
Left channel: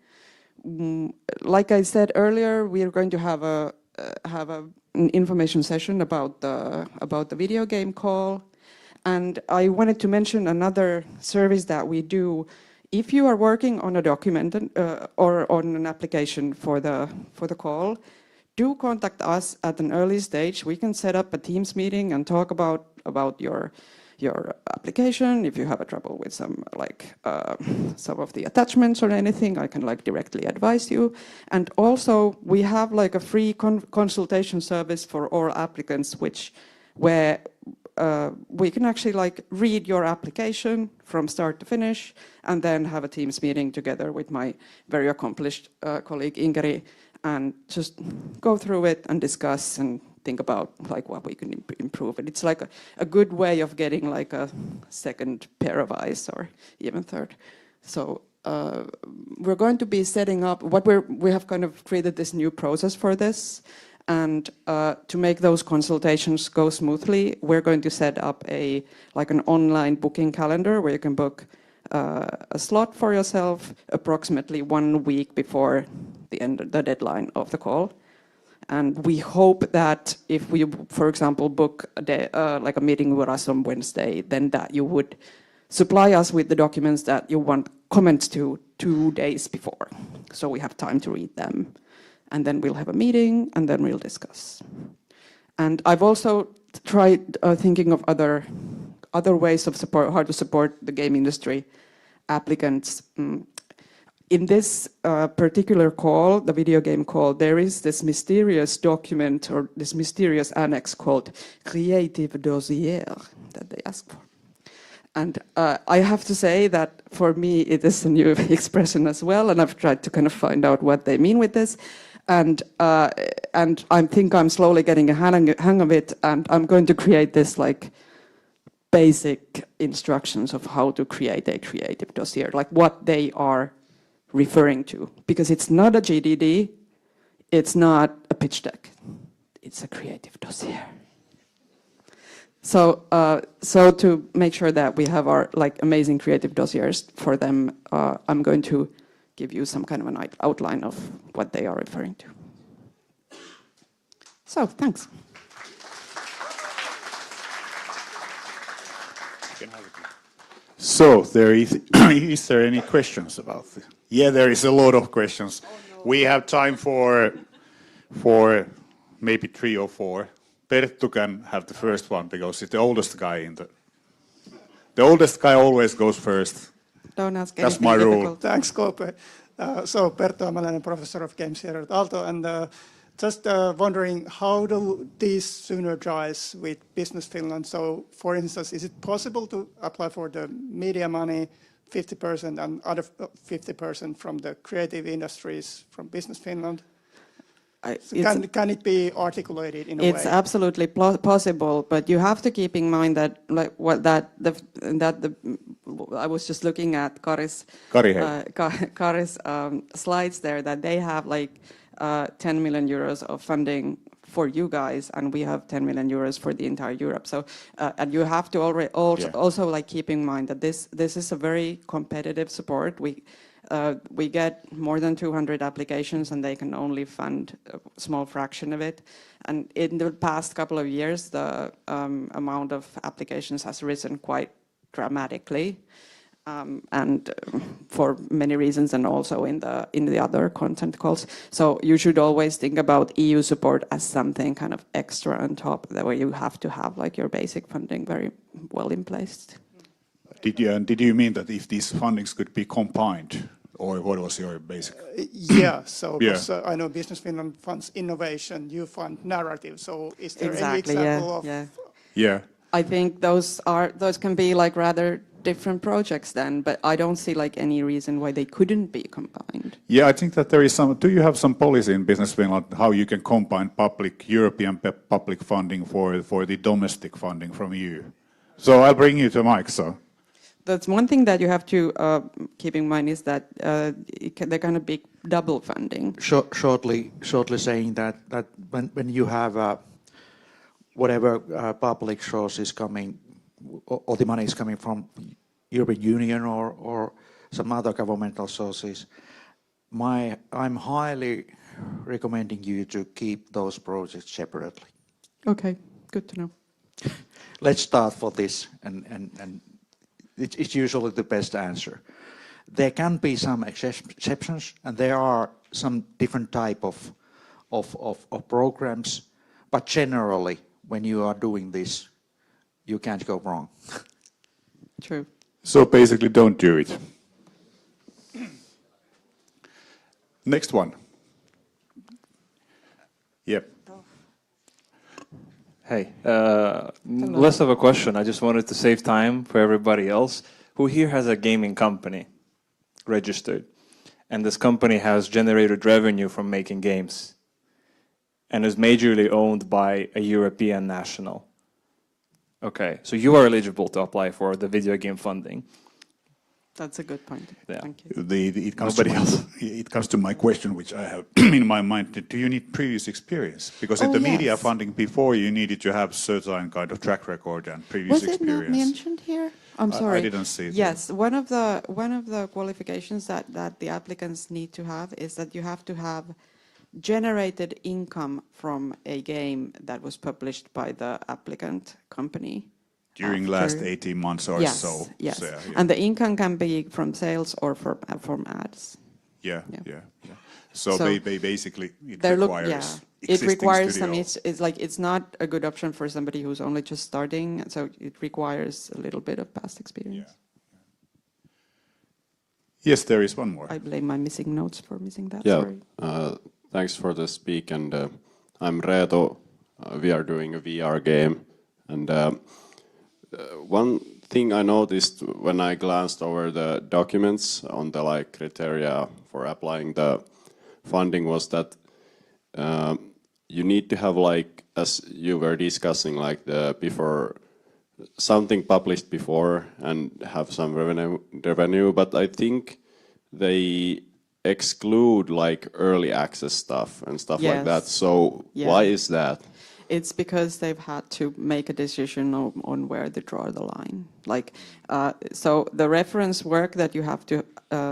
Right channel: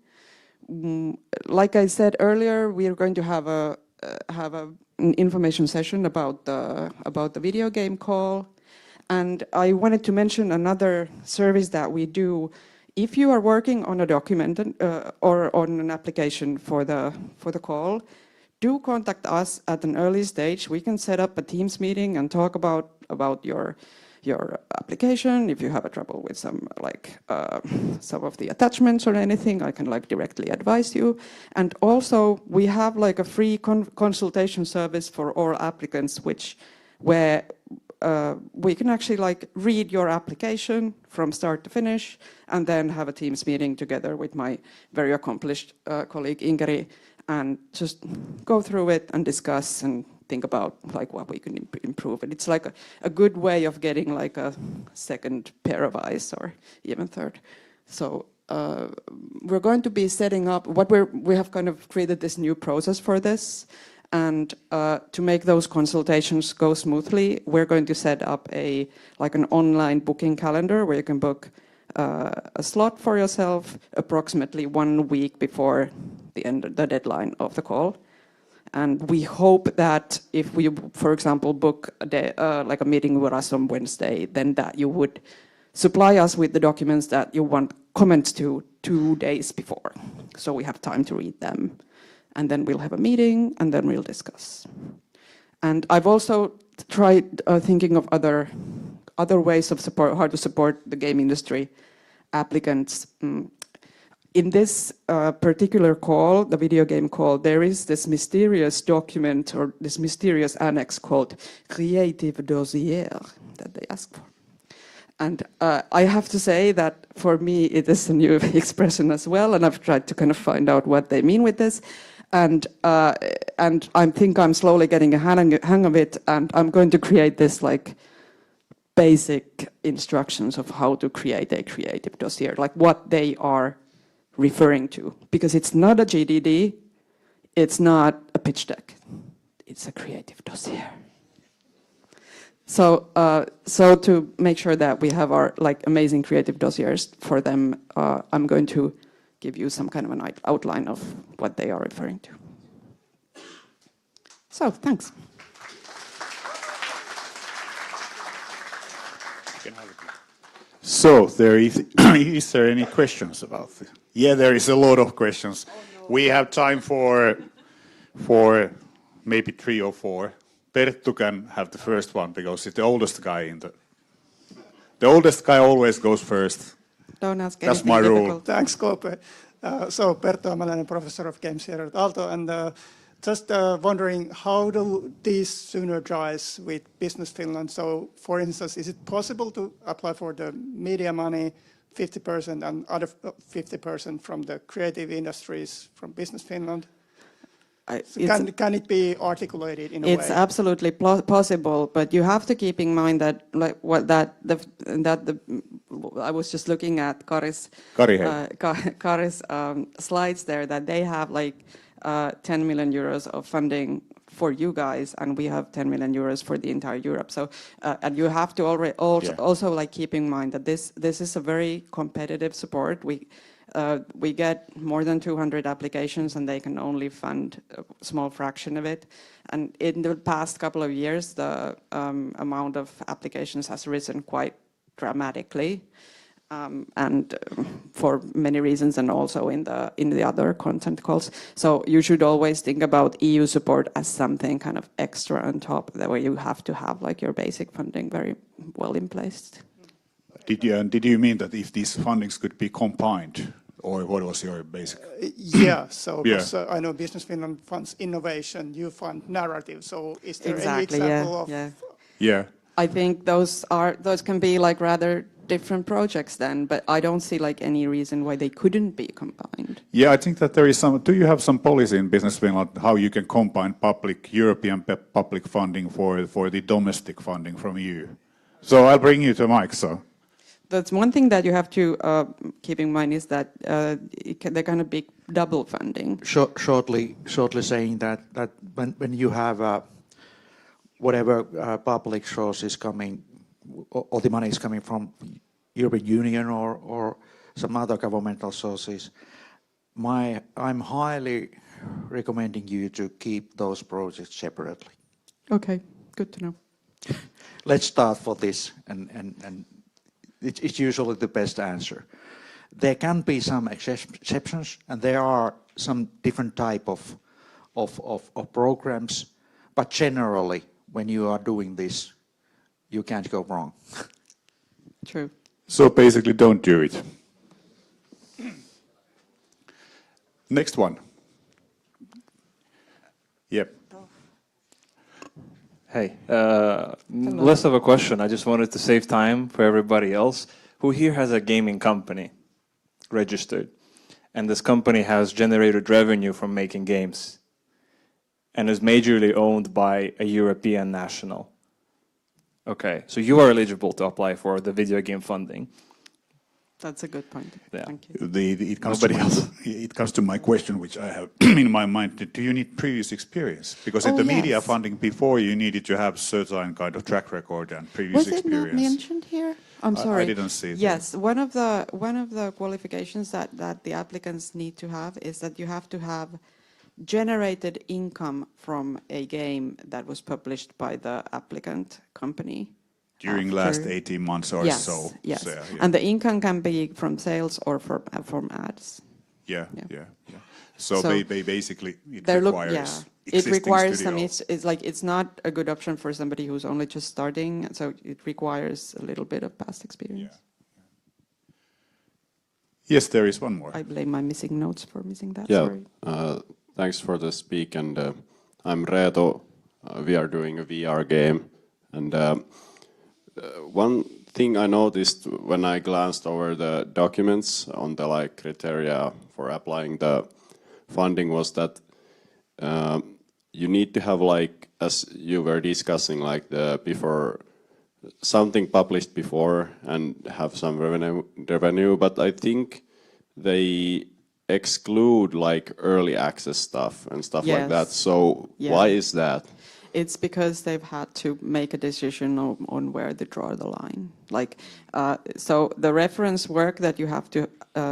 Like I said earlier, we are going to have an information session about the video game call. And I wanted to mention another service that we do. If you are working on a document or on an application for the call, do contact us at an early stage. We can set up a Teams meeting and talk about your application. If you have trouble with some of the attachments or anything, I can directly advise you. And also, we have a free consultation service for all applicants, where we can actually read your application from start to finish, and then have a Teams meeting together with my very accomplished colleague Ingari, and just go through it and discuss and think about what we can improve. And it's a good way of getting a second pair of eyes, or even third. So we're going to be setting up we have kind of created this new process for this. And to make those consultations go smoothly, we're going to set up an online booking calendar where you can book a slot for yourself approximately 1 week before the deadline of the call. And we hope that if we, for example, book a meeting with us on Wednesday, then that you would supply us with the documents that you want comments to 2 days before, so we have time to read them. And then we'll have a meeting, and then we'll discuss. And I've also tried thinking of other ways of support, how to support the game industry applicants. In this particular call, the video game call, there is this mysterious document or this mysterious annex called Creative Dossier that they ask for. And I have to say that for me it is a new expression as well, and I've tried to kind of find out what they mean with this. And I think I'm slowly getting a hang of it, and I'm going to create this basic instructions of how to create a creative dossier, what they are referring to, because it's not a GDD, it's not a pitch deck, it's a creative dossier. So to make sure that we have our amazing creative dossiers for them, I'm going to give you some kind of outline of what they are referring to. So, thanks. So, is there any questions about it? Yeah, there is a lot of questions. We have time for maybe 3 or 4. Perttu can have the first one because he's the oldest guy the oldest guy always goes first. Don't ask That's my rule. Thanks, Kope. So, Perttu, I'm a professor of games here at Aalto, and just wondering, how do these synergize with Business Finland? So, for instance, is it possible to apply for the media money 50% and other 50% from the creative industries from Business Finland? Can it be articulated in a way? It's absolutely possible, but you have to keep in mind that I was just looking at Kari's slides there, that they have 10 million euros of funding for you guys, and we have 10 million euros for the entire Europe. So, and you have to also keep in mind that this is a very competitive support. We get more than 200 applications, and they can only fund a small fraction of it. And in the past couple of years, the amount of applications has risen quite dramatically. For many reasons, and also in the other content calls. So you should always think about EU support as something kind of extra on top, where you have to have like your basic funding very well in place. Did you mean that if these fundings could be combined, or what was your basic? Yeah, so Yeah. I know Business Finland funds innovation, you fund narrative. So is there any Exactly. example of? Yeah. I think those can be like rather different projects then, but I don't see like any reason why they couldn't be combined. Yeah, I think that there is some. Do you have some policy in Business Finland how you can combine European public funding for the domestic funding from EU? So I'll bring you to Mike. So That's one thing that you have to keep in mind is that they're going to be double funding. Shortly saying that when you have whatever public source is coming, all the money is coming from European Union or some other governmental sources, I'm highly recommending you to keep those projects separately. Okay, good to know. Let's start for this, and it's usually the best answer. There can be some exceptions, and there are some different type of programs, but generally, when you are doing this, you can't go wrong. True. So basically, don't do it. Next one. Yep. Hey, less of a question. I just wanted to save time for everybody else. Who here has a gaming company registered? And this company has generated revenue from making games and is majorly owned by a European national. Okay, so you are eligible to apply for the video game funding. That's a good point. Yeah. Thank you. It comes to my question, which I have in my mind. Do you need previous experience? Because in the media funding before, you needed to have certain kind of track record and previous Was it not experience. mentioned here? I'm sorry. I didn't see it. Yes, one of the qualifications that the applicants need to have is that you have to have generated income from a game that was published by the applicant company. During last 18 months or so. Yes, So, and the income can be from sales or from ads. yeah. So So they basically it They look, requires it existing requires some. studios. It's like it's not a good option for somebody who's only just starting. So it requires a little bit of past experience. Yes, there is one more. I blame my missing notes for missing that. Yeah, Sorry. thanks for the speak, and I'm Reto. We are doing a VR game, and one thing I noticed when I glanced over the documents on the criteria for applying the funding was that you need to have as you were discussing before something published before and have some revenue, but I think they exclude early access stuff and stuff like that. So why is that? It's because they've had to make a decision on where they draw the line. So the reference work that you have to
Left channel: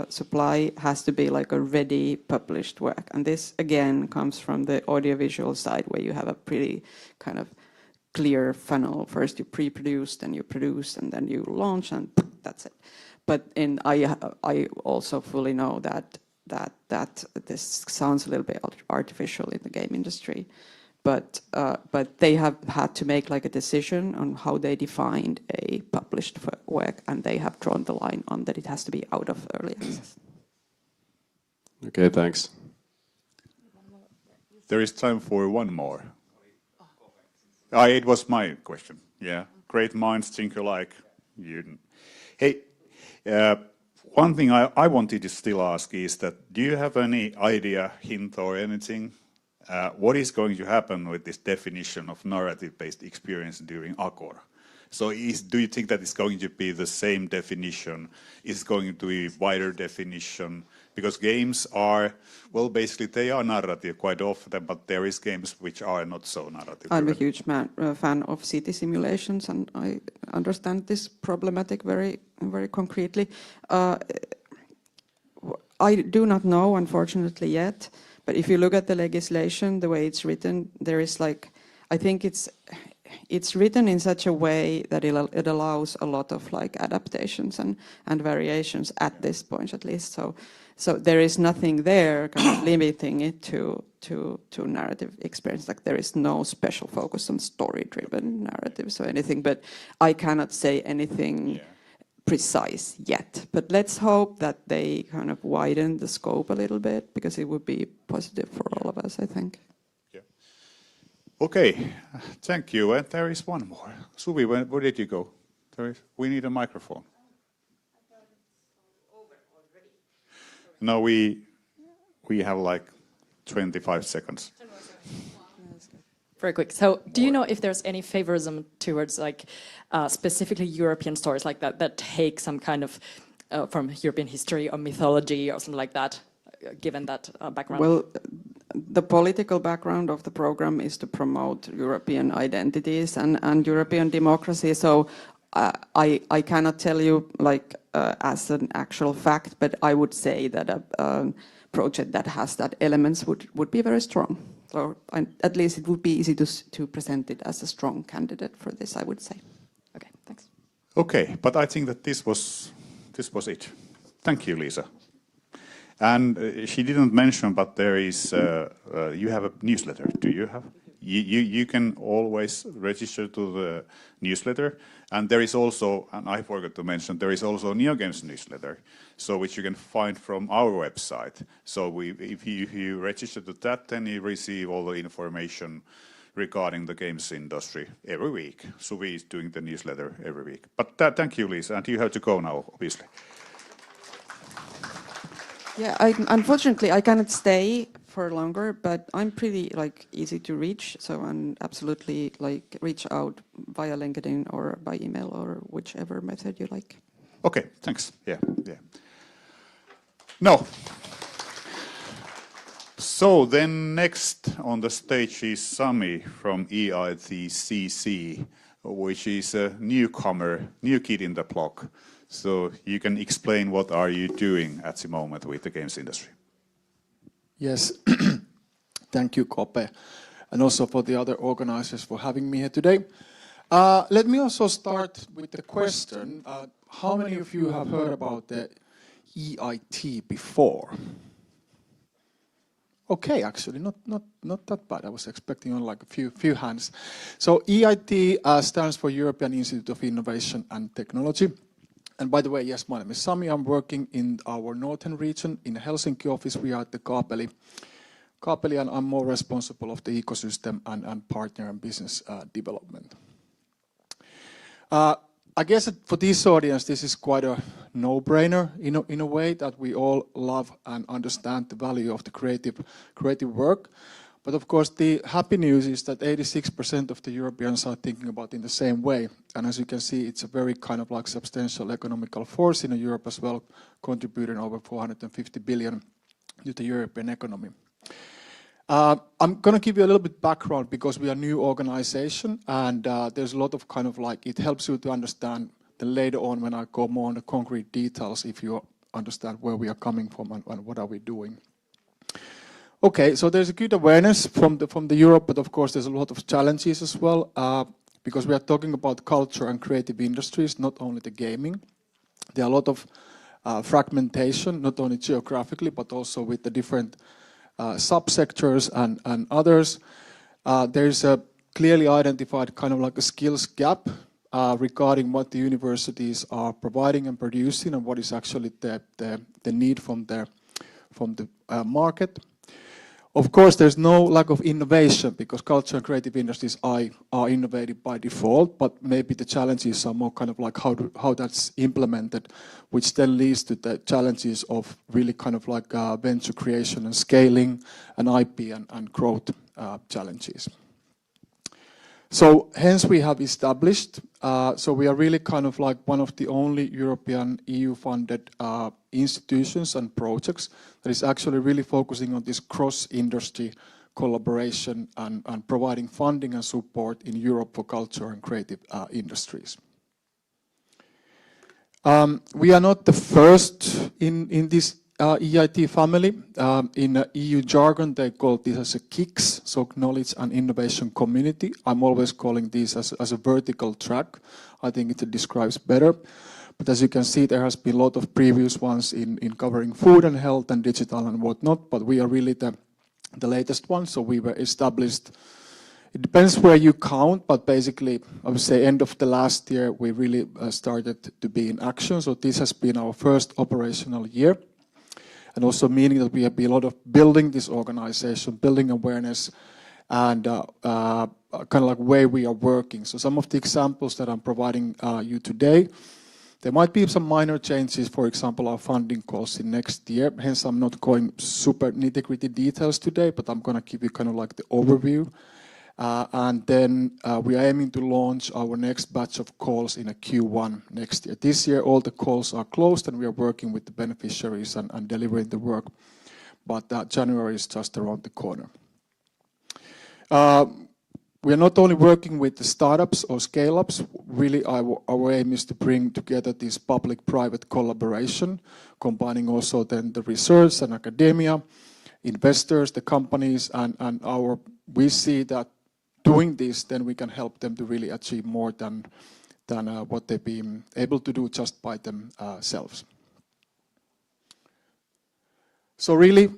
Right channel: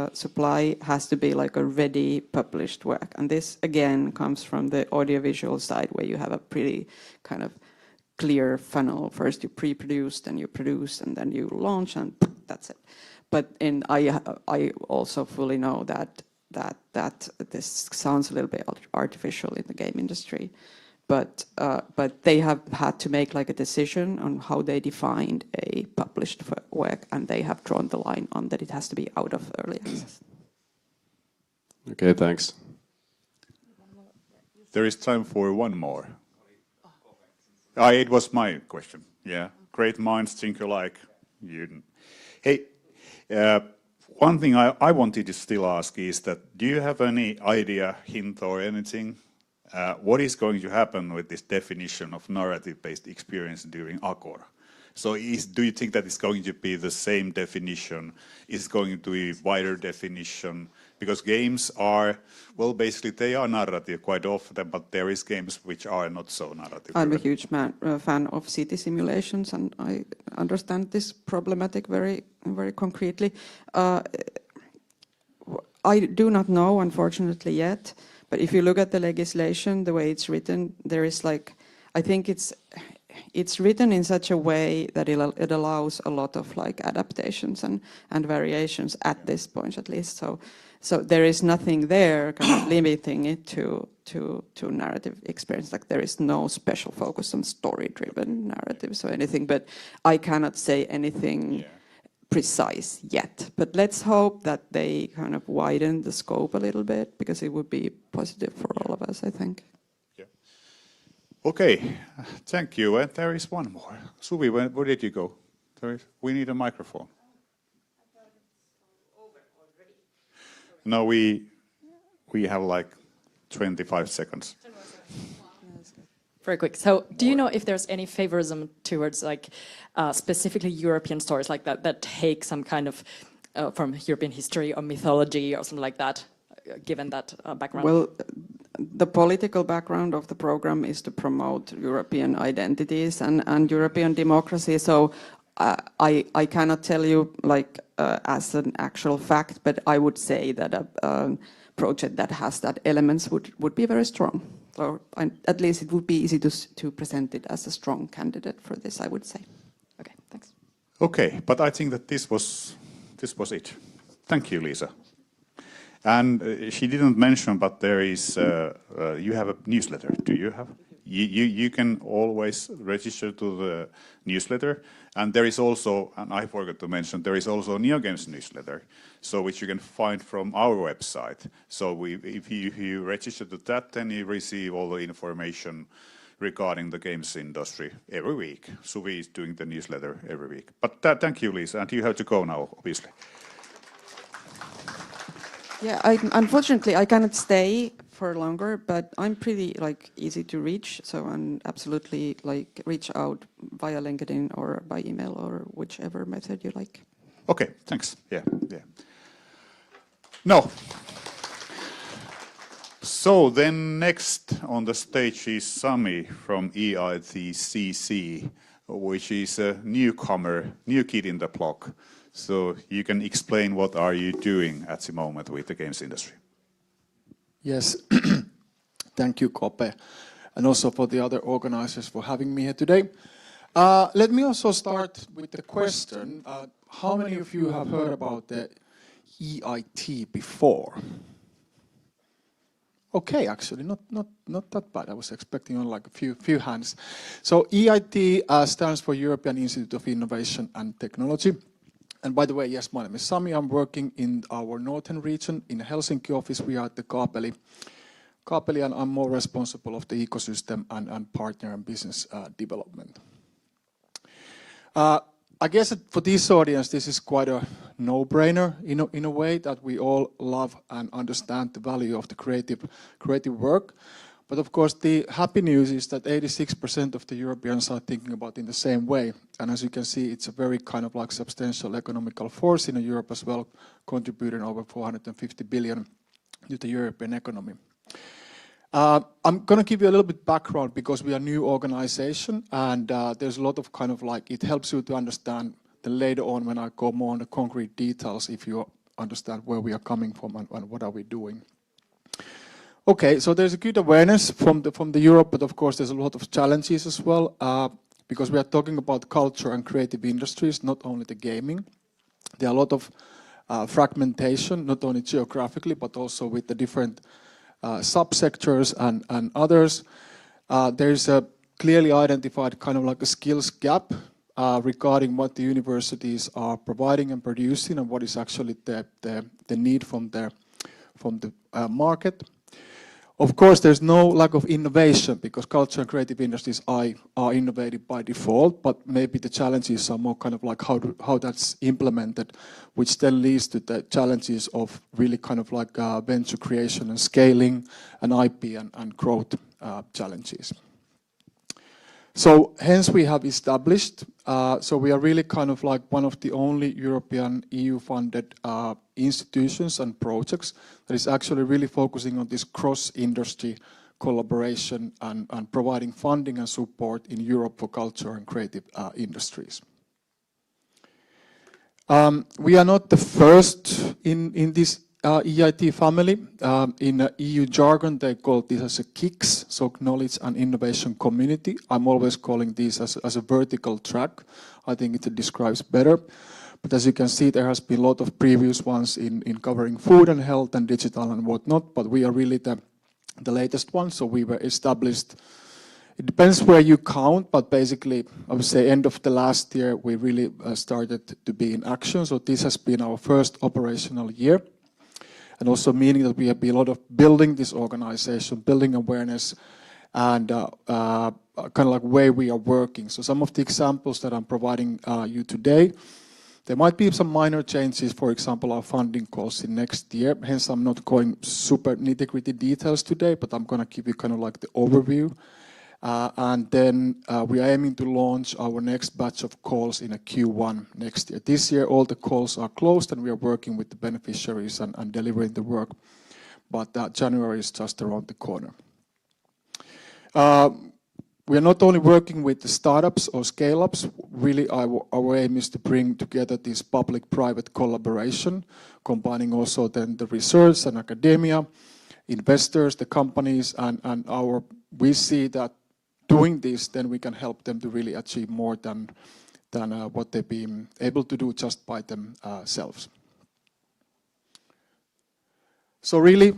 supply has to be a ready published work. And this, again, comes from the audiovisual side where you have a pretty kind of clear funnel. First you pre-produce, then you produce, and then you launch, and that's it. But I also fully know that this sounds a little bit artificial in the game industry. But they have had to make a decision on how they defined a published work, and they have drawn the line on that it has to be out of early access. Okay, thanks. There is time for one more. It was my question. Yeah, great minds think alike. Hey, one thing I wanted to still ask is that do you have any idea, hint, or anything? What is going to happen with this definition of narrative-based experience during Agora? So do you think that it's going to be the same definition? Is it going to be wider definition? Because games are, well, basically they are narrative quite often, but there is games which are not so narrative. I'm a huge fan of city simulations, and I understand this problematic very, very concretely. I do not know, unfortunately, yet. But if you look at the legislation, the way it's written, there is I think it's written in such a way that it allows a lot of like adaptations and variations at this point at least. So there is nothing there kind of limiting it to narrative experience. Like there is no special focus on story-driven narratives or anything. But I cannot say anything precise yet. But let's hope that they kind of widen the scope a little bit, because it would be positive for all of us, I think. Okay, thank you. And there is one more. Suvi, where did you go? We need a microphone. No, we have like 25 seconds. Very quick. So, do you know if there's any favorism towards like specifically European stories like that take some kind of from European history or mythology or something like that, given that background? Well, the political background of the program is to promote European identities and European democracy. So I cannot tell you like as an actual fact, but I would say that a project that has that elements would be very strong. So at least it would be easy to present it as a strong candidate for this, I would say. Okay, thanks. Okay, but I think that this was it. Thank you, Lisa. And she didn't mention, but there is you have a newsletter. Do you have? You can always register to the newsletter, and there is also, and I forgot to mention, there is also a NeoGames newsletter, so which you can find from our website. So if you register to that, then you receive all the information regarding the games industry every week. Suvi is doing the newsletter every week. But thank you, Lisa, and you have to go now, Lisa. Yeah, unfortunately I cannot stay for longer, but I'm pretty like easy to reach, so I'm absolutely like reach out via LinkedIn or by email or whichever method you like. Okay, thanks. Yeah. No. So then next on the stage is Sami from EITCC, which is a newcomer, new kid in the block. So you can explain what are you doing at the moment with the games industry. Yes, thank you, Kope, and also for the other organizers for having me here today. Let me also start with the question, how many of you have heard about the EIT before? Okay, actually, not that bad. I was expecting like a few hands. So EIT stands for European Institute of Innovation and Technology. And by the way, yes, my name is Sami. I'm working in our northern region. In a Helsinki office, we are at the Kaapeli, and I'm more responsible of the ecosystem and partner and business development. I guess that for this audience, this is quite a no-brainer in a way that we all love and understand the value of the creative work. But of course, the happy news is that 86% of the Europeans are thinking about it in the same way. And as you can see, it's a very kind of like substantial economical force in Europe as well, contributing over 450 billion to the European economy. I'm going to give you a little bit background because we are a new organization, and there's a lot of kind of like, it helps you to understand then later on when I go more on the concrete details, if you understand where we are coming from and what are we doing. Okay, so there's a good awareness from the Europe, but of course there's a lot of challenges as well, because we are talking about culture and creative industries, not only the gaming. There are a lot of fragmentation, not only geographically, but also with the different subsectors and others. There is a clearly identified kind of like a skills gap regarding what the universities are providing and producing and what is actually the need from the market. Of course, there's no lack of innovation because culture and creative industries are innovative by default, but maybe the challenges are more kind of like how that's implemented, which then leads to the challenges of really kind of like venture creation and scaling and IP and growth challenges. So hence we have established, so we are really kind of like one of the only European EU-funded institutions and projects that is actually really focusing on this cross-industry collaboration and providing funding and support in Europe for culture and creative industries. We are not the first in this EIT family. In EU jargon, they call this as a KICS, so Knowledge and Innovation Community. I'm always calling this as a vertical track. I think it describes better. But as you can see, there has been a lot of previous ones in covering food and health and digital and whatnot, but we are really the latest one, so we were established. It depends where you count, but basically, I would say end of the last year, we really started to be in action. So this has been our first operational year, and also meaning that we have been a lot of building this organization, building awareness, and kind of like where we are working. So some of the examples that I'm providing you today, there might be some minor changes, for example, our funding costs in next year. Hence, I'm not going super nitty-gritty details today, but I'm going to give you kind of like the overview. And then we are aiming to launch our next batch of calls in a Q1 next year. This year, all the calls are closed, and we are working with the beneficiaries and delivering the work. But January is just around the corner. We are not only working with the startups or scale-ups. Really, our aim is to bring together this public-private collaboration, combining also then the research and academia, investors, the companies, and we see that doing this, then we can help them to really achieve more than what they've been able to do just by themselves. So really,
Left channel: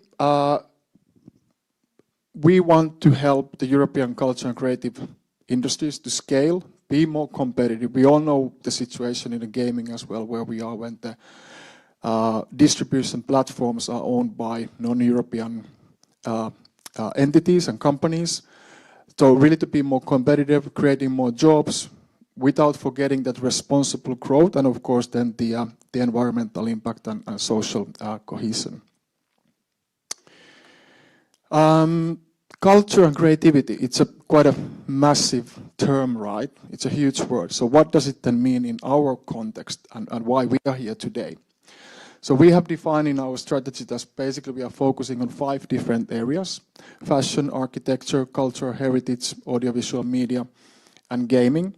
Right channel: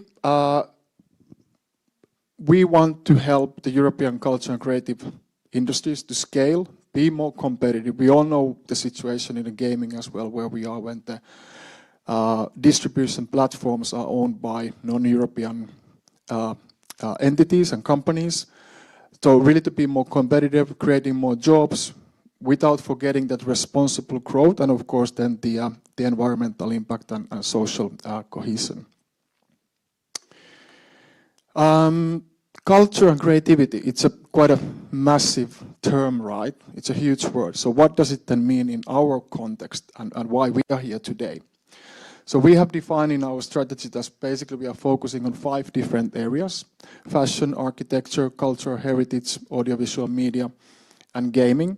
we want to help the European culture and creative industries to scale, be more competitive. We all know the situation in the gaming as well, where we are when the distribution platforms are owned by non-European entities and companies. So really to be more competitive, creating more jobs, without forgetting that responsible growth, and of course then the environmental impact and social cohesion. Culture and creativity, it's quite a massive term, right? It's a huge word. So what does it then mean in our context and why we are here today? So we have defined in our strategy that basically we are focusing on 5 different areas: fashion, architecture, culture, heritage, audiovisual media, and gaming.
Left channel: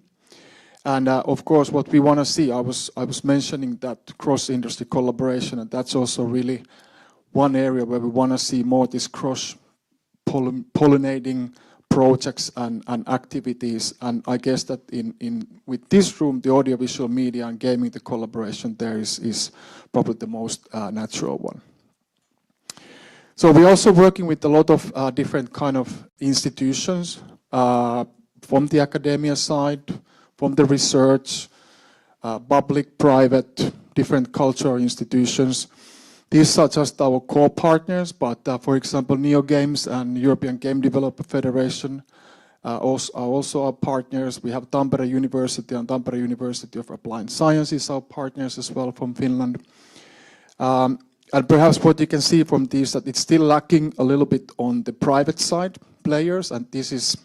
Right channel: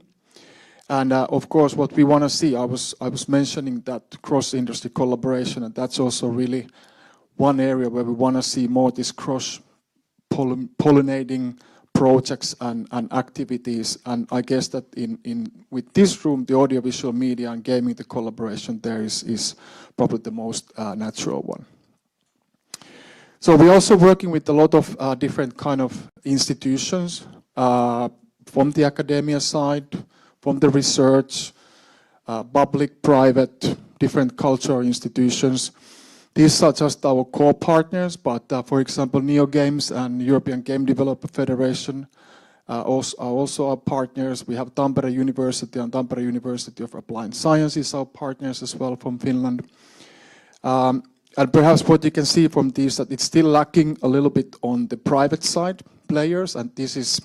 And of course, what we want to see, I was mentioning that cross-industry collaboration, and that's also really one area where we want to see more this cross-pollinating projects and activities. And I guess that with this room, the audiovisual media and gaming, the collaboration there is probably the most natural one. So we're also working with a lot of different kind of institutions from the academia side, from the research, public, private, different cultural institutions. These are just our core partners, but for example, NeoGames and European Game Developer Federation are also our partners. We have Tampere University and Tampere University of Applied Sciences, our partners as well from Finland. And perhaps what you can see from these that it's still lacking a little bit on the private side players, and this is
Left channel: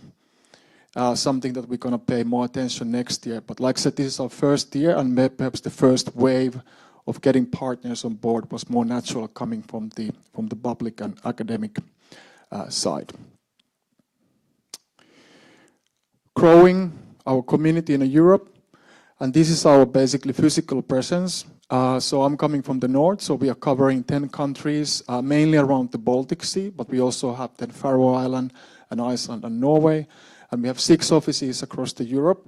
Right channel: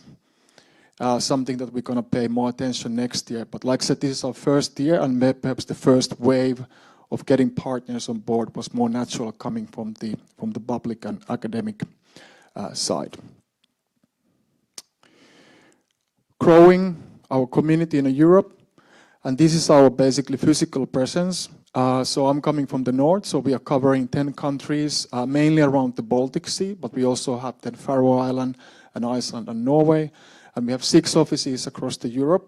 something that we're going to pay more attention next year. But like I said, this is our first year, and perhaps the first wave of getting partners on board was more natural coming from the public and academic side. Growing our community in Europe, and this is our basically physical presence. So I'm coming from the north, so we are covering 10 countries, mainly around the Baltic Sea, but we also have the Faroe Island and Iceland and Norway. And we have 6 offices across the Europe,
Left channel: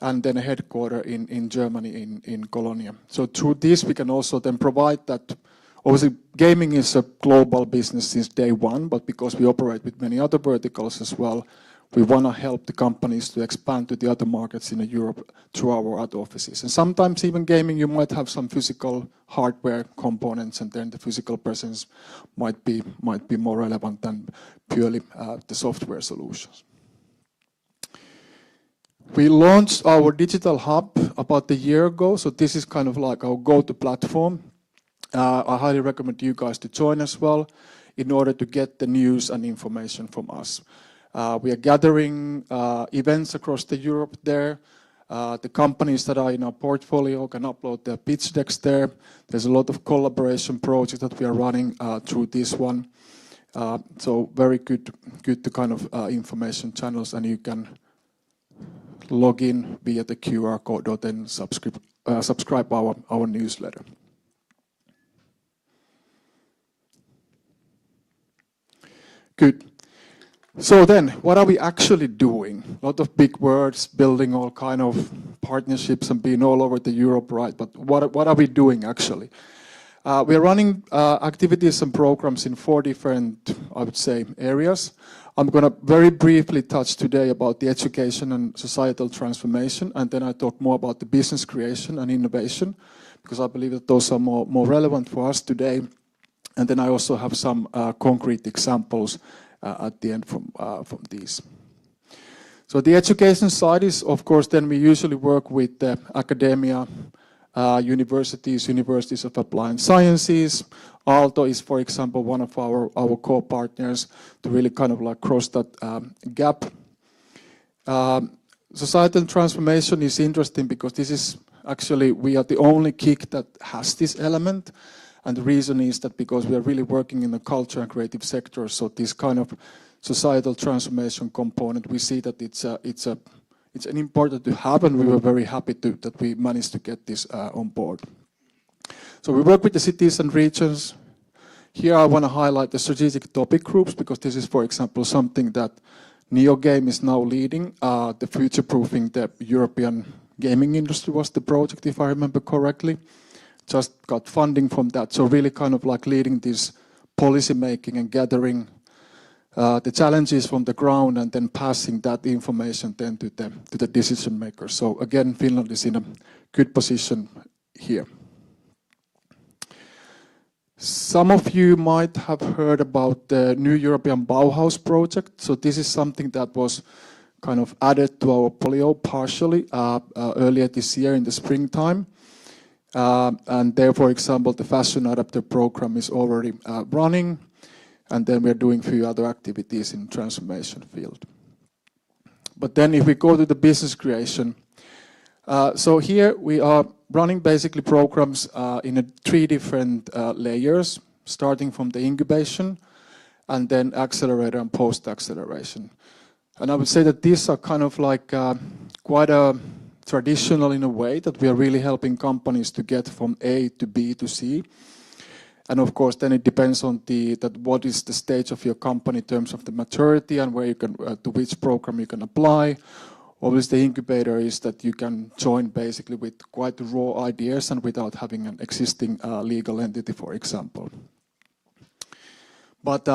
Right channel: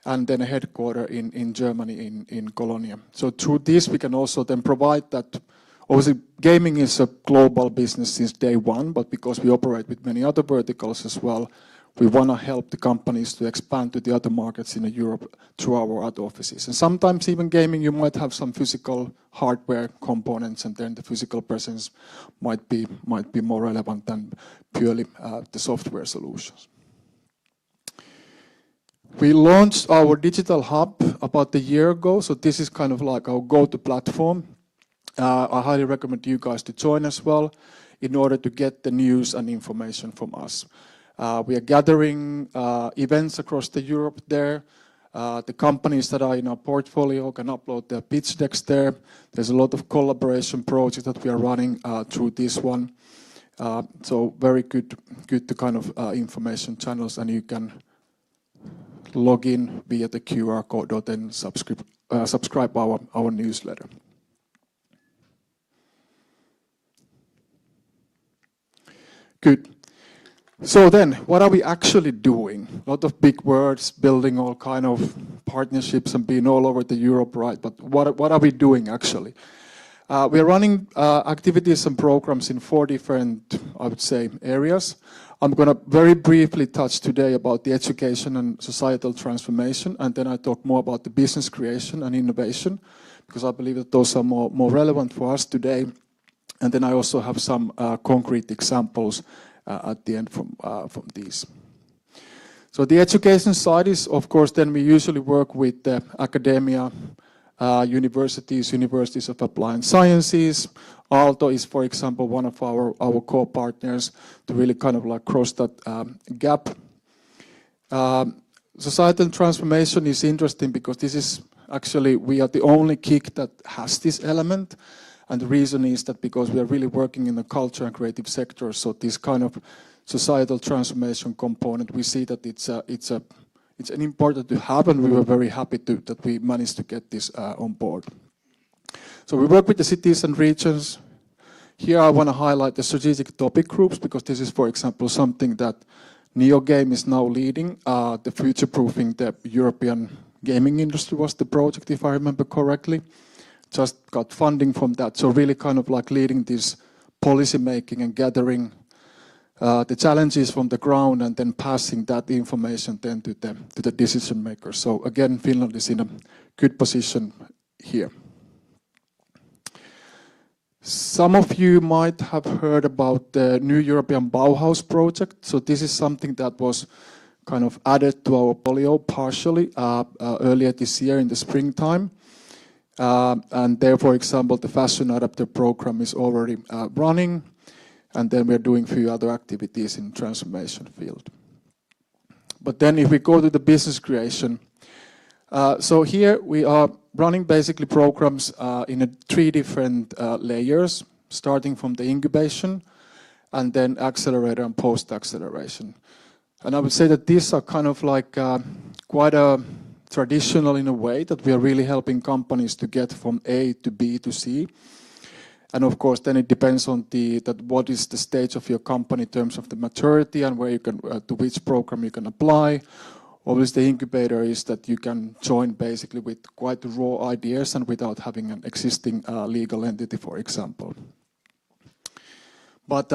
and then a headquarter in Germany, in Cologne. So through this, we can also then provide that. Obviously, gaming is a global business since day one, but because we operate with many other verticals as well, we want to help the companies to expand to the other markets in Europe through our other offices. And sometimes even gaming, you might have some physical hardware components, and then the physical presence might be more relevant than purely the software solutions. We launched our digital hub about a year ago, so this is kind of like our go-to platform. I highly recommend you guys to join as well in order to get the news and information from us. We are gathering events across the Europe there. The companies that are in our portfolio can upload their pitch decks there. There's a lot of collaboration projects that we are running through this one. So very good kind of information channels, and you can log in via the QR code or then subscribe our newsletter. Good. So then, what are we actually doing? A lot of big words, building all kind of partnerships and being all over the Europe, right? But what are we doing actually? We are running activities and programs in 4 different, I would say, areas. I'm going to very briefly touch today about the education and societal transformation, and then I talk more about the business creation and innovation, because I believe that those are more relevant for us today. And then I also have some concrete examples at the end from these. So the education side is, of course, then we usually work with academia, universities of applied sciences. Aalto is, for example, one of our co-partners to really kind of like cross that gap. Societal transformation is interesting because this is actually, we are the only KIC that has this element. And the reason is that because we are really working in the culture and creative sector, so this kind of societal transformation component, we see that it's important to have, and we were very happy that we managed to get this on board. So we work with the cities and regions. Here I want to highlight the strategic topic groups, because this is, for example, something that NeoGames is now leading. The future-proofing the European gaming industry was the project, if I remember correctly. Just got funding from that, so really kind of like leading this policy making and gathering the challenges from the ground and then passing that information then to the decision makers. So again, Finland is in a good position here. Some of you might have heard about the new European Bauhaus project. So this is something that was kind of added to our portfolio partially earlier this year in the springtime. And there, for example, the fashion adapter program is already running, and then we're doing a few other activities in transformation field. But then if we go to the business creation, so here we are running basically programs in 3 different layers, starting from the incubation, and then accelerator and post-acceleration. And I would say that these are kind of like quite a traditional in a way, that we are really helping companies to get from A to B to C. And of course, then it depends on what is the stage of your company in terms of the maturity and where you can, to which program you can apply. Always the incubator is that you can join basically with quite raw ideas and without having an existing legal entity, for example. But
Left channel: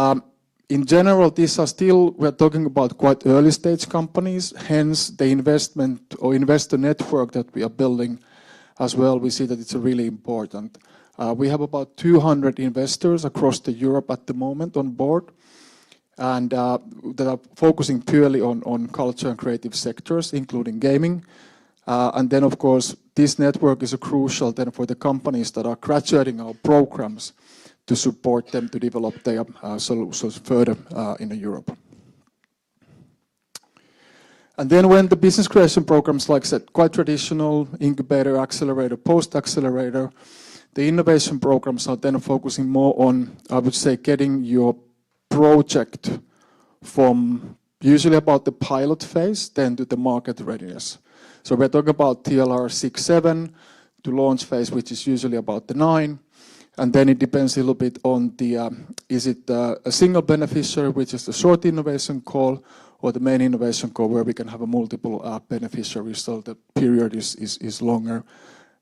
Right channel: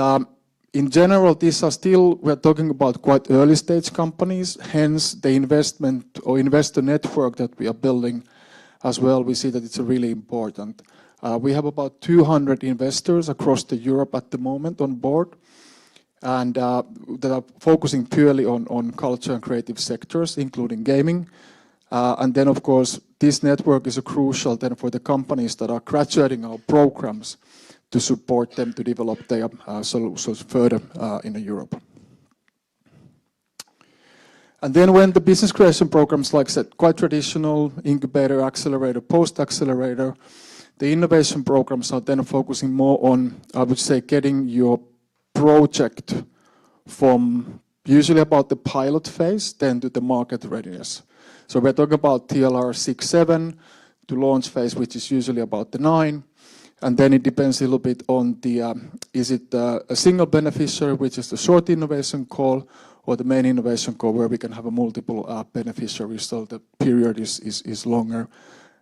in general, these are still, we're talking about quite early stage companies, hence the investment or investor network that we are building as well, we see that it's really important. We have about 200 investors across Europe at the moment on board, and they're focusing purely on culture and creative sectors, including gaming. And then, of course, this network is crucial then for the companies that are graduating our programs to support them to develop their solutions further in Europe. And then when the business creation programs, like I said, quite traditional, incubator, accelerator, post-accelerator, the innovation programs are then focusing more on, I would say, getting your project from usually about the pilot phase then to the market readiness. So we're talking about TLR 6-7 to launch phase, which is usually about the 9. And then it depends a little bit on the, is it a single beneficiary, which is the short innovation call, or the main innovation call, where we can have a multiple beneficiaries, so the period is longer.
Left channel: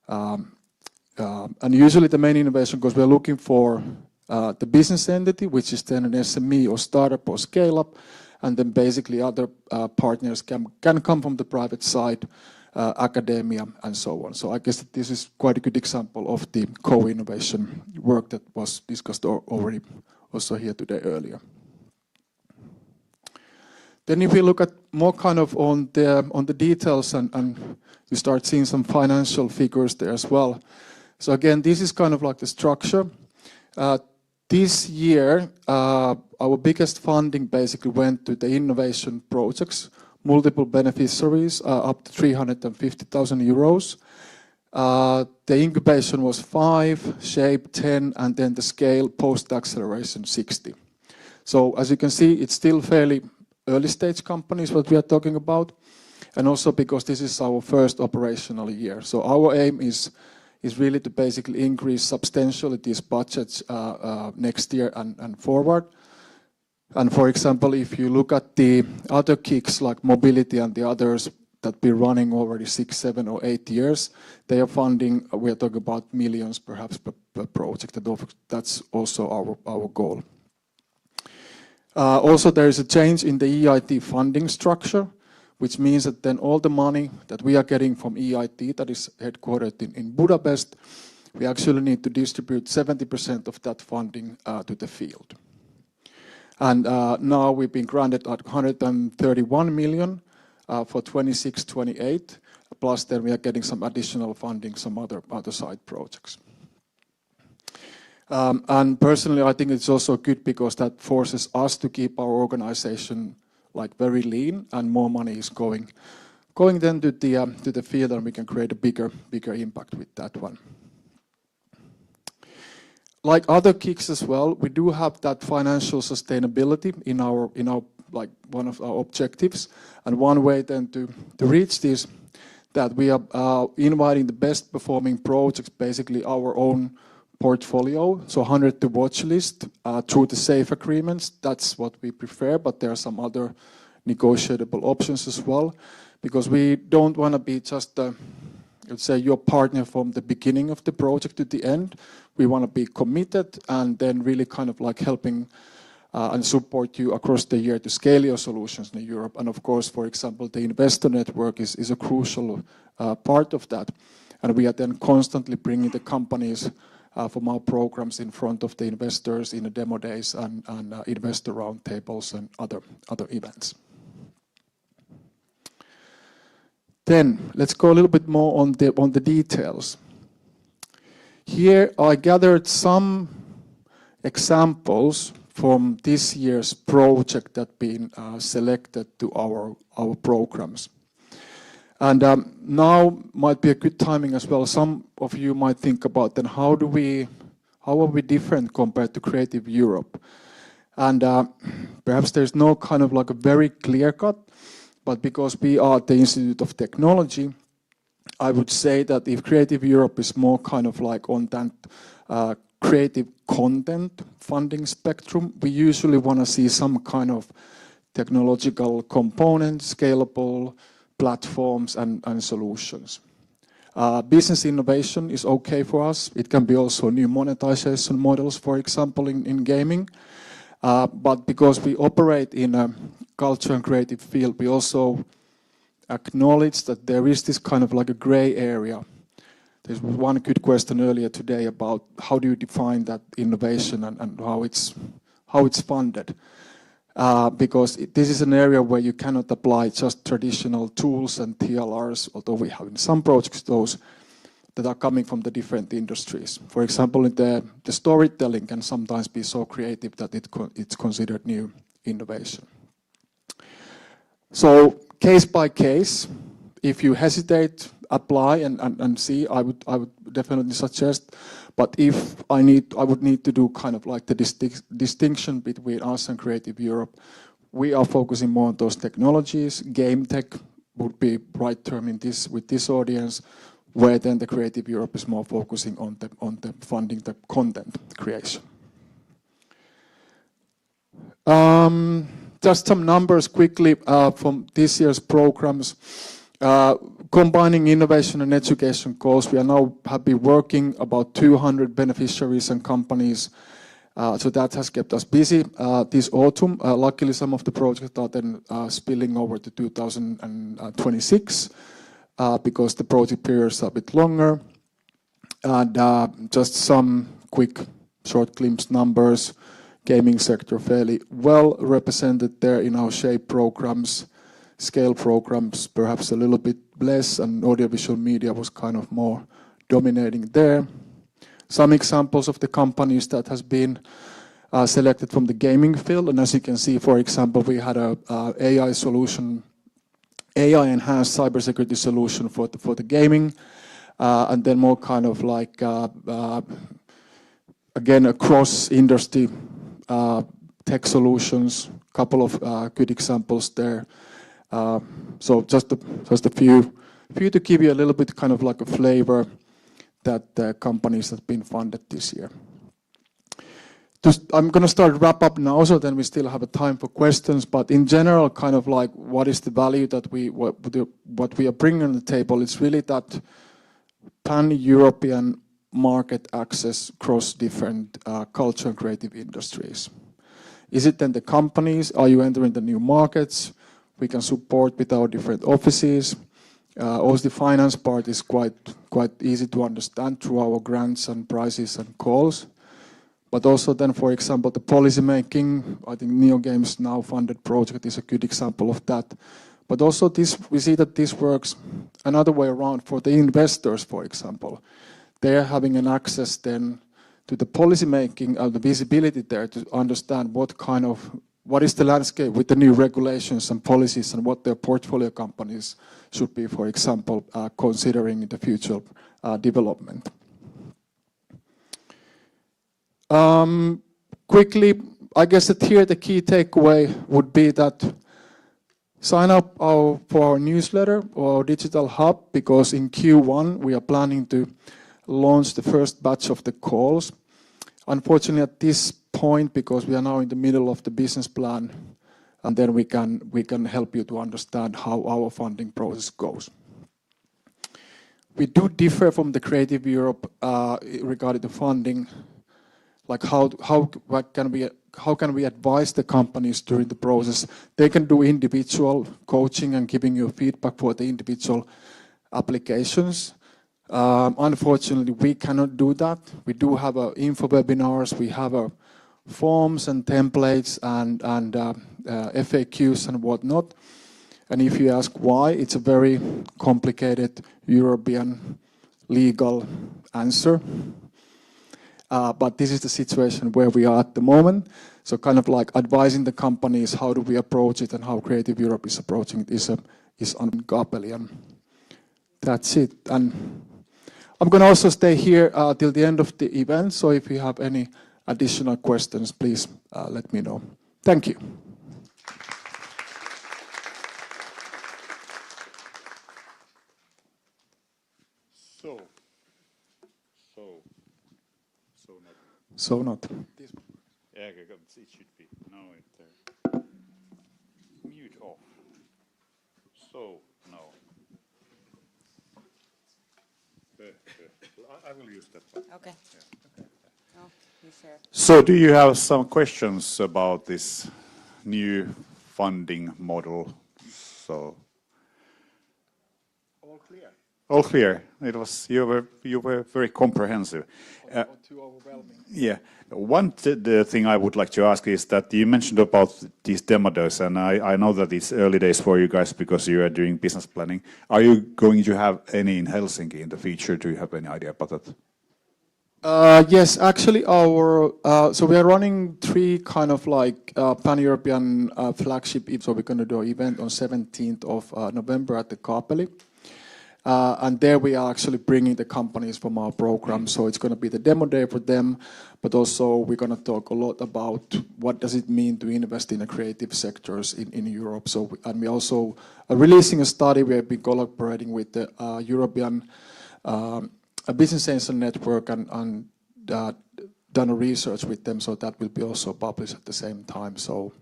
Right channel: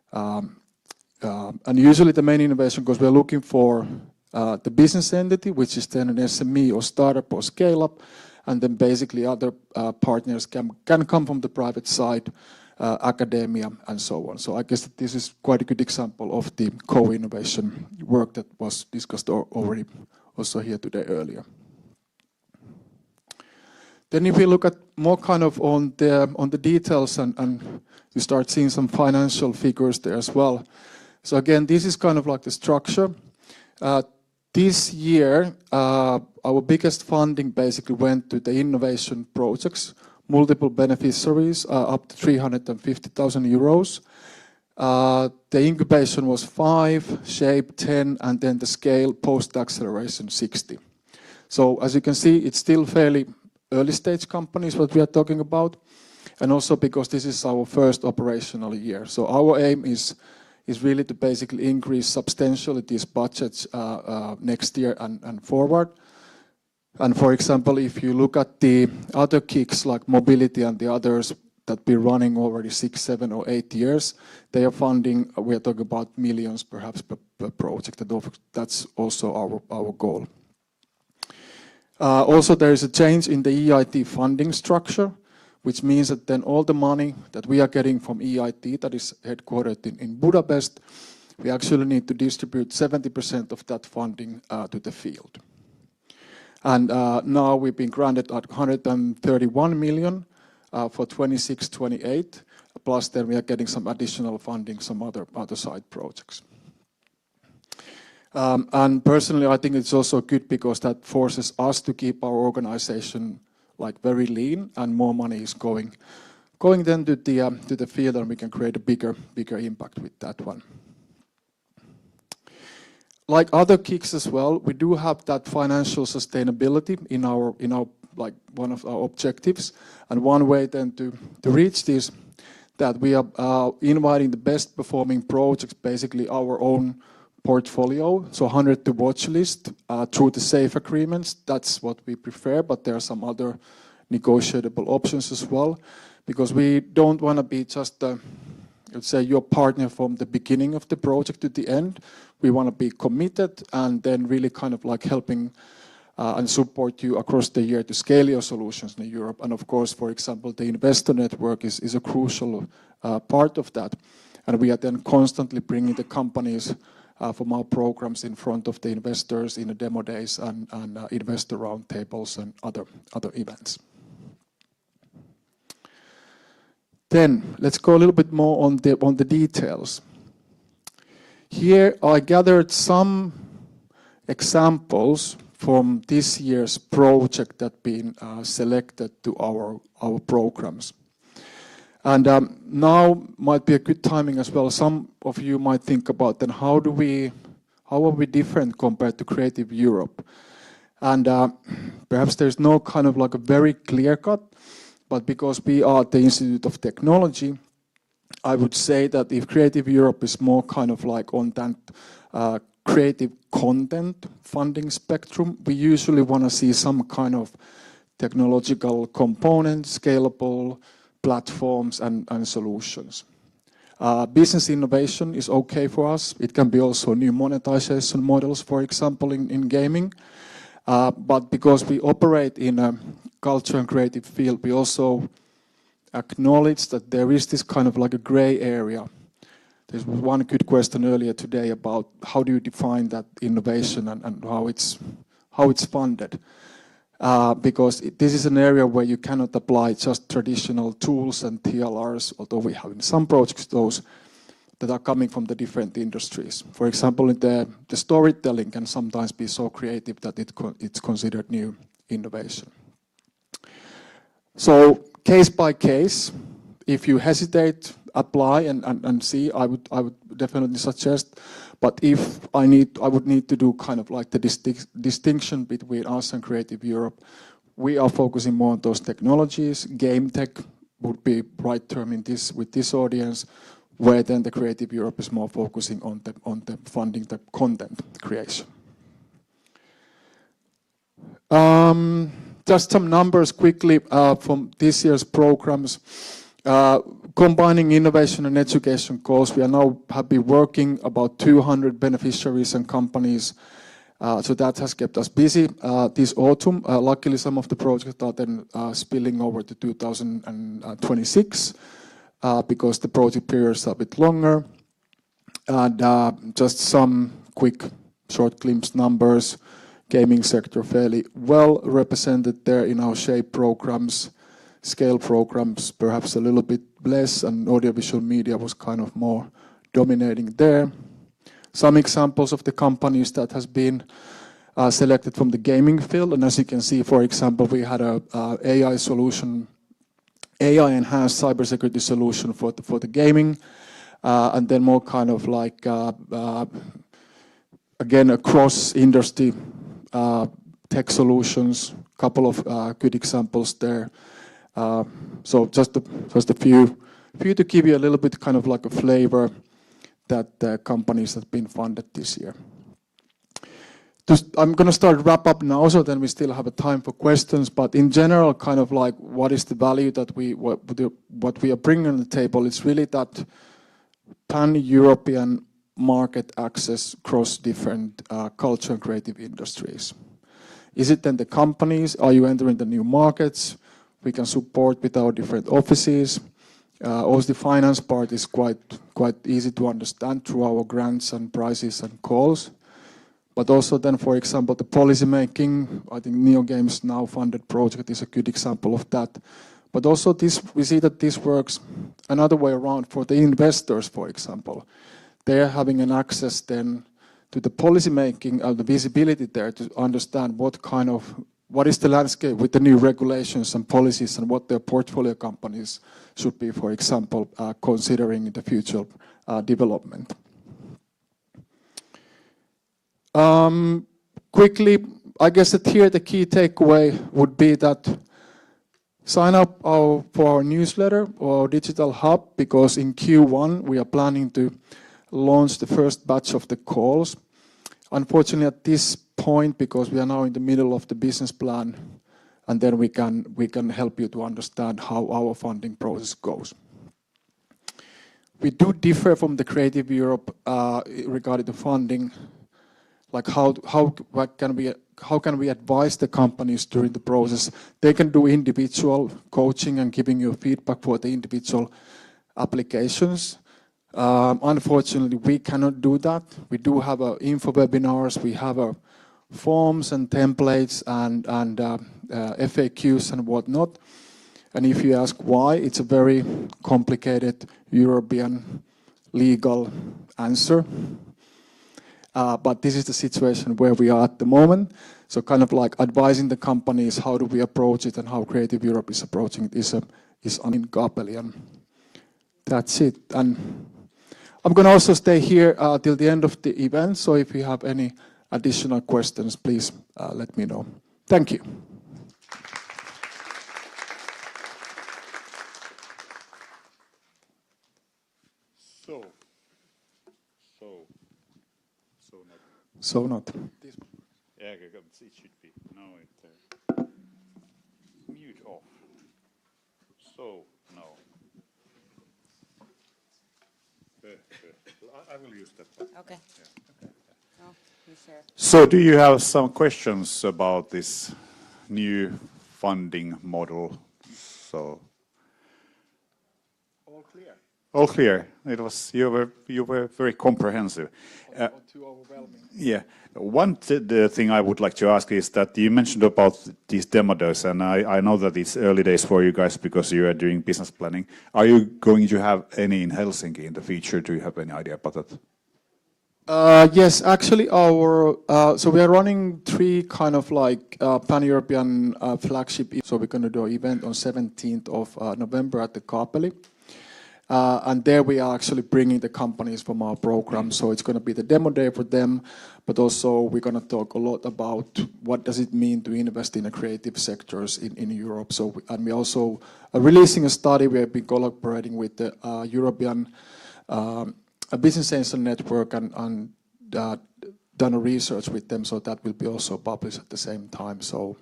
And usually the main innovation goes, we're looking for the business entity, which is then an SME or startup or scale up, and then basically other partners can come from the private side, academia, and so on. So I guess this is quite a good example of the co-innovation work that was discussed already also here today earlier. Then if we look at more kind of on the details and you start seeing some financial figures there as well. So again, this is kind of like the structure. This year, our biggest funding basically went to the innovation projects, multiple beneficiaries, up to 350,000 euros. The incubation was 5, shape 10, and then the scale post-acceleration 60. So as you can see, it's still fairly early stage companies that we are talking about, and also because this is our first operational year. So our aim is really to basically increase substantially these budgets next year and forward. And for example, if you look at the other kicks like mobility and the others that been running over 6, 7, or 8 years, they are funding, we are talking about millions perhaps per project. That's also our goal. Also, there is a change in the EIT funding structure, which means that then all the money that we are getting from EIT, that is headquartered in Budapest, we actually need to distribute 70% of that funding to the field. And now we've been granted like 131 million for 26-28, plus then we are getting some additional funding, some other side projects. And personally, I think it's also good because that forces us to keep our organization like very lean, and more money is going then to the field, and we can create a bigger impact with that one. Like other kicks as well, we do have that financial sustainability in our like one of our objectives, and one way then to reach this, that we are inviting the best performing projects, basically our own portfolio, so 100 to watch list through the SAFE agreements. That's what we prefer, but there are some other negotiable options as well, because we don't want to be just let's say your partner from the beginning of the project to the end. We want to be committed and then really kind of like helping and support you across the year to scale your solutions in Europe. And of course, for example, the investor network is a crucial part of that. And we are then constantly bringing the companies from our programs in front of the investors in the demo days and investor roundtables and other events. Then let's go a little bit more on the details. Here I gathered some examples from this year's project that been selected to our programs. And now might be a good timing as well. Some of you might think about then how are we different compared to Creative Europe? And perhaps there's no kind of like a very clear cut, but because we are the Institute of Technology, I would say that if Creative Europe is more kind of like on that creative content funding spectrum, we usually want to see some kind of technological components, scalable platforms and solutions. Business innovation is okay for us. It can be also new monetization models, for example, in gaming. But because we operate in a culture and creative field, we also acknowledge that there is this kind of like a gray area. There's one good question earlier today about how do you define that innovation and how it's funded. Because this is an area where you cannot apply just traditional tools and TLRs, although we have in some projects those that are coming from the different industries. For example, the storytelling can sometimes be so creative that it's considered new innovation. So case by case, if you hesitate, apply and see, I would definitely suggest. But if I would need to do kind of like the distinction between us and Creative Europe. We are focusing more on those technologies. Game tech would be right term with this audience, where then the Creative Europe is more focusing on the funding, the content creation. Just some numbers quickly from this year's programs. Combining innovation and education goals, we are now happy working about 200 beneficiaries and companies. So that has kept us busy this autumn. Luckily, some of the projects are then spilling over to 2026 because the project periods are a bit longer. And just some quick short glimpse numbers. Gaming sector fairly well represented there in our SHAPE programs. Scale programs perhaps a little bit less, and audiovisual media was kind of more dominating there. Some examples of the companies that has been selected from the gaming field, and as you can see, for example, we had a AI solution, AI-enhanced cybersecurity solution for the gaming, and then more kind of like again across industry tech solutions. Couple of good examples there. So just a few to give you a little bit kind of like a flavor that the companies have been funded this year. I'm going to start wrap up now, so then we still have time for questions. But in general, kind of like what is the value that what we are bringing on the table is really that pan-European market access across different culture creative industries. Is it then the companies? Are you entering the new markets? We can support with our different offices. Also, the finance part is quite easy to understand through our grants and prizes and calls. But also then, for example, the policy making, I think NeoGames now funded project is a good example of that. But also this, we see that this works another way around for the investors, for example. They're having an access then to the policy making and the visibility there to understand what is the landscape with the new regulations and policies and what their portfolio companies should be, for example, considering the future development. Quickly, I guess that here the key takeaway would be that sign up for our newsletter or digital hub, because in Q1 we are planning to launch the first batch of the calls. Unfortunately, at this point, because we are now in the middle of the business plan, and then we can help you to understand how our funding process goes. We do differ from the Creative Europe regarding the funding. Like how can we advise the companies during the process? They can do individual coaching and giving you feedback for the individual applications. Unfortunately, we cannot do that. We do have info webinars. We have forms and templates and FAQs and whatnot. And if you ask why, it's a very complicated European legal answer. But this is the situation where we are at the moment. So kind of like advising the companies how do we approach it and how Creative Europe is approaching it is uncoupled. And that's it. And I'm going to also stay here till the end of the event. So if you have any additional questions, please let me know. Thank you. So not. Yeah, it should be now. Mute off. So now. I will use that. Okay. So do you have some questions about this new funding model? So all clear. It was you were very comprehensive. Yeah. One the thing I would like to ask is that you mentioned about these demo days, and I know that it's early days for you guys because you are doing business planning. Are you going to have any in Helsinki in the future? Do you have any idea about that? Yes, actually, so we're running 3 kind of like pan-European flagship. So we're going to do an event on 17th of November at the Kapeli. And there we are actually bringing the companies from our program. So it's going to be the demo day for them, but also we're going to talk a lot about what does it mean to invest in the creative sectors in Europe. So and we also are releasing a study where we're collaborating with the European Business Sensor Network and done research with them. So that will be also published at the same time. So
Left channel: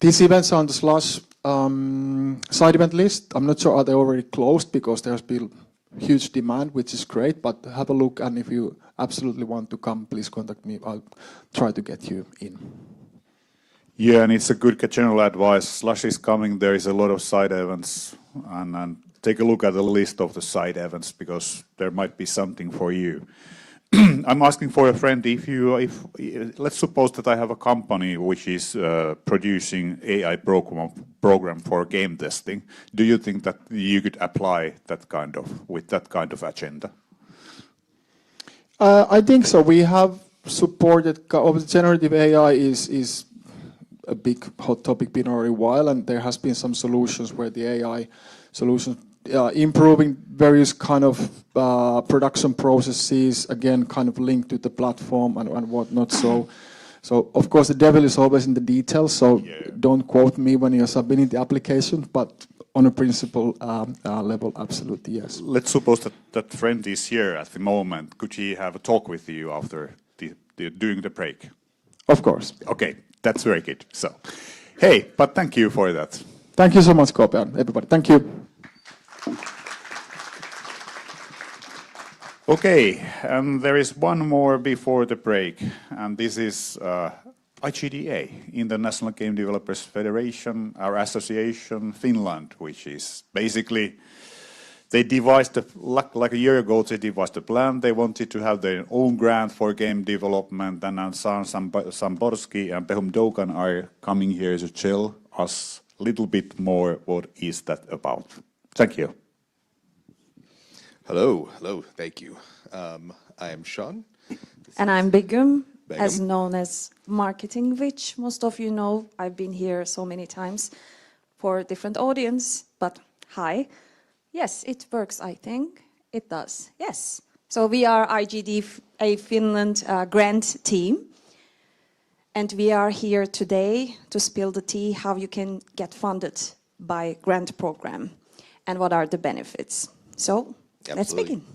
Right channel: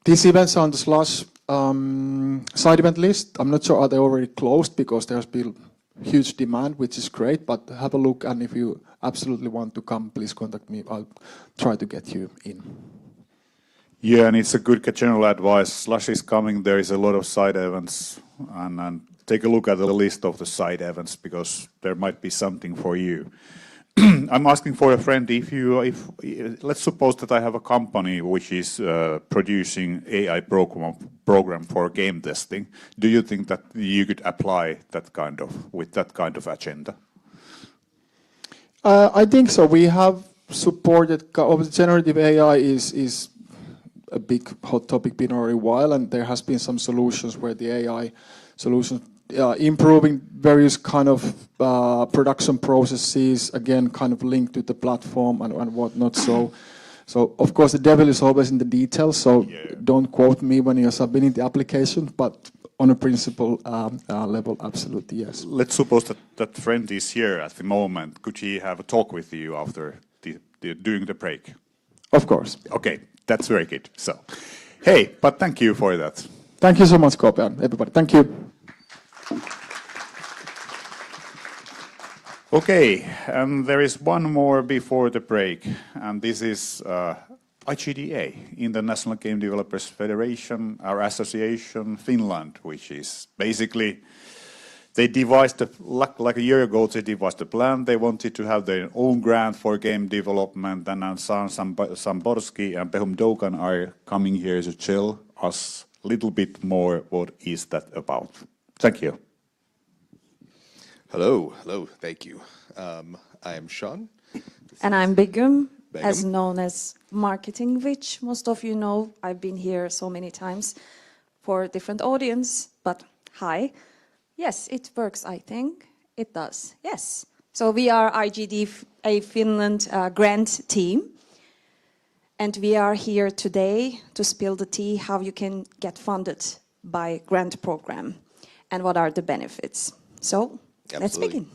these events on Slush side event list, I'm not sure are they already closed because there's been huge demand, which is great, but have a look, and if you absolutely want to come, please contact me. I'll try to get you in. Yeah, and it's a good general advice. Slush is coming, there is a lot of side events, and take a look at the list of the side events because there might be something for you. I'm asking for a friend, if let's suppose that I have a company which is producing AI program for game testing. Do you think that you could apply with that kind of agenda? I think so. We have supported generative AI is a big hot topic been already a while, and there has been some solutions where the AI solution improving various kind of production processes, again, kind of linked to the platform and whatnot. So of course, the devil is always in the details, so don't quote me when you're submitting the application, but on a principle level, absolutely, yes. Let's suppose that friend is here at the moment. Could he have a talk with you after during the break? Of course. Okay, that's very good. So, hey, but thank you for that. Thank you so much, Kope, everybody. Thank you. Okay, there is one more before the break, and this is IGDA, International Game Developers Federation, our association, Finland, which is basically, they devised, like a year ago, they devised a plan. They wanted to have their own grant for game development, and Samborski and Behum Dogan are coming here to tell us a little bit more what is that about. Thank you. Hello, thank you. I am Sean. And I'm Begum, as known as Marketing Witch. Most of you know I've been here so many times for a different audience, but hi. Yes, it works, I think. It does, yes. So we are IGDA Finland grant team, and we are here today to spill the tea how you can get funded by grant program and what are the benefits. So let's begin.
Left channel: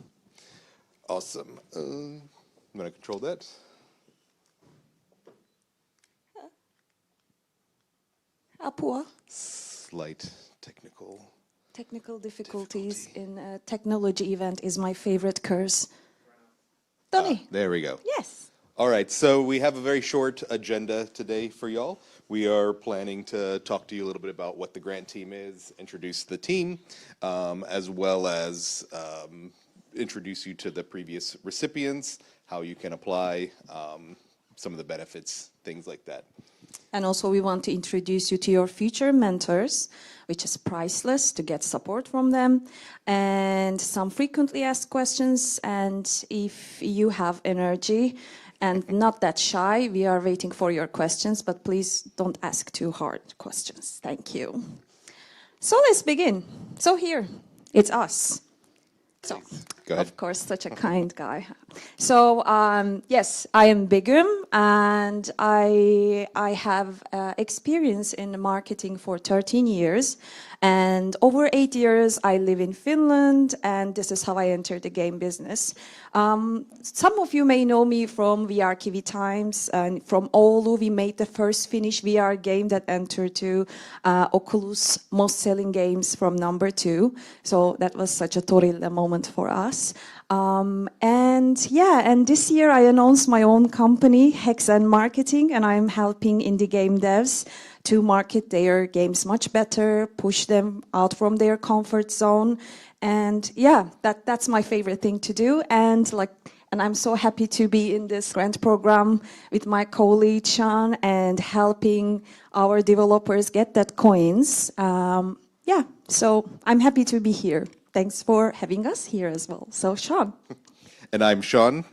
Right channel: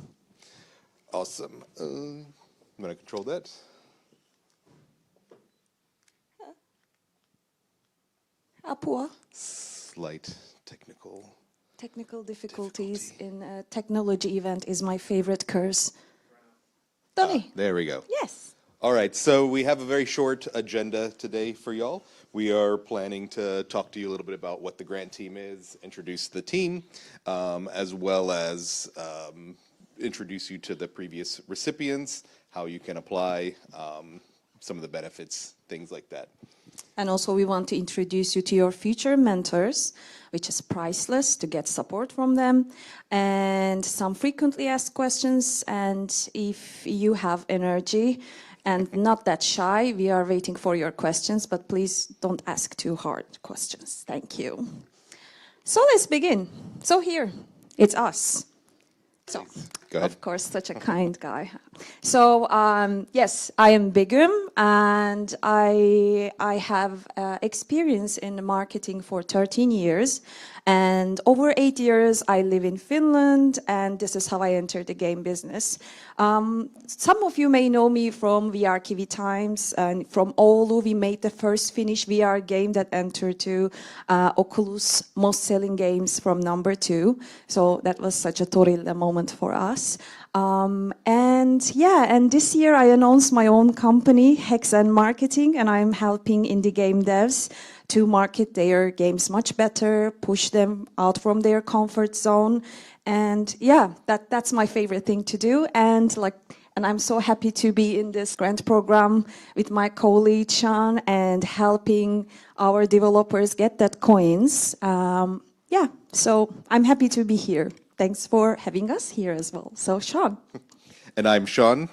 Awesome. I'm going to control that. Apua. Slight technical difficulties in a technology event is my favorite curse. Tony. There we go. Yes. All right, so we have a very short agenda today for y'all. We are planning to talk to you a little bit about what the grant team is, introduce the team, as well as introduce you to the previous recipients, how you can apply, some of the benefits, things like that. And also we want to introduce you to your future mentors, which is priceless to get support from them, and some frequently asked questions. And if you have energy and not that shy, we are waiting for your questions, but please don't ask too hard questions. Thank you. So let's begin. So here, it's us. So, of course, such a kind guy. So, yes, I am Begum, and I have experience in marketing for 13 years. And over 8 years, I live in Finland, and this is how I entered the game business. Some of you may know me from VR Kiwi times, and from Oulu, we made the first Finnish VR game that entered to Oculus most selling games from #2. So that was such a totally moment for us. And this year I announced my own company, Hexen Marketing, and I'm helping indie game devs to market their games much better, push them out from their comfort zone. And that's my favorite thing to do. And I'm so happy to be in this grant program with my colleague Sean and helping our developers get that coins. So I'm happy to be here. Thanks for having us here as well. So Sean. And I'm Sean.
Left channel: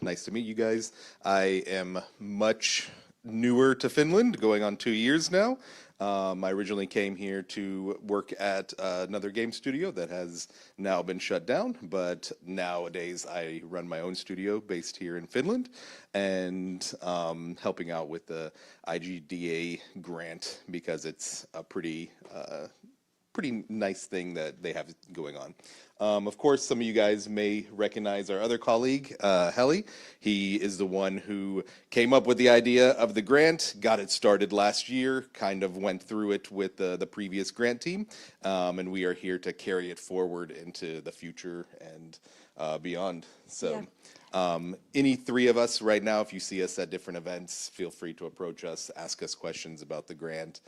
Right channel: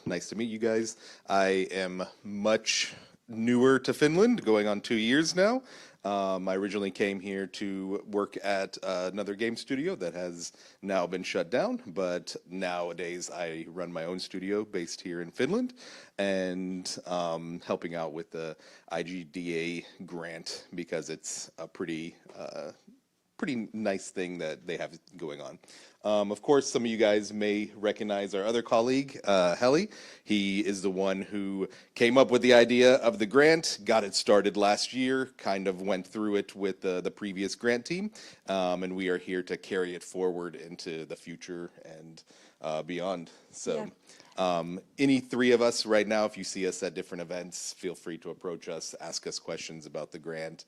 Nice to meet you guys. I am much newer to Finland, going on 2 years now. I originally came here to work at another game studio that has now been shut down, but nowadays I run my own studio based here in Finland and helping out with the IGDA grant because it's a pretty nice thing that they have going on. Of course, some of you guys may recognize our other colleague, Heli. He is the one who came up with the idea of the grant, got it started last year, kind of went through it with the previous grant team, and we are here to carry it forward into the future and beyond. So any three of us right now, if you see us at different events, feel free to approach us, ask us questions about the grant,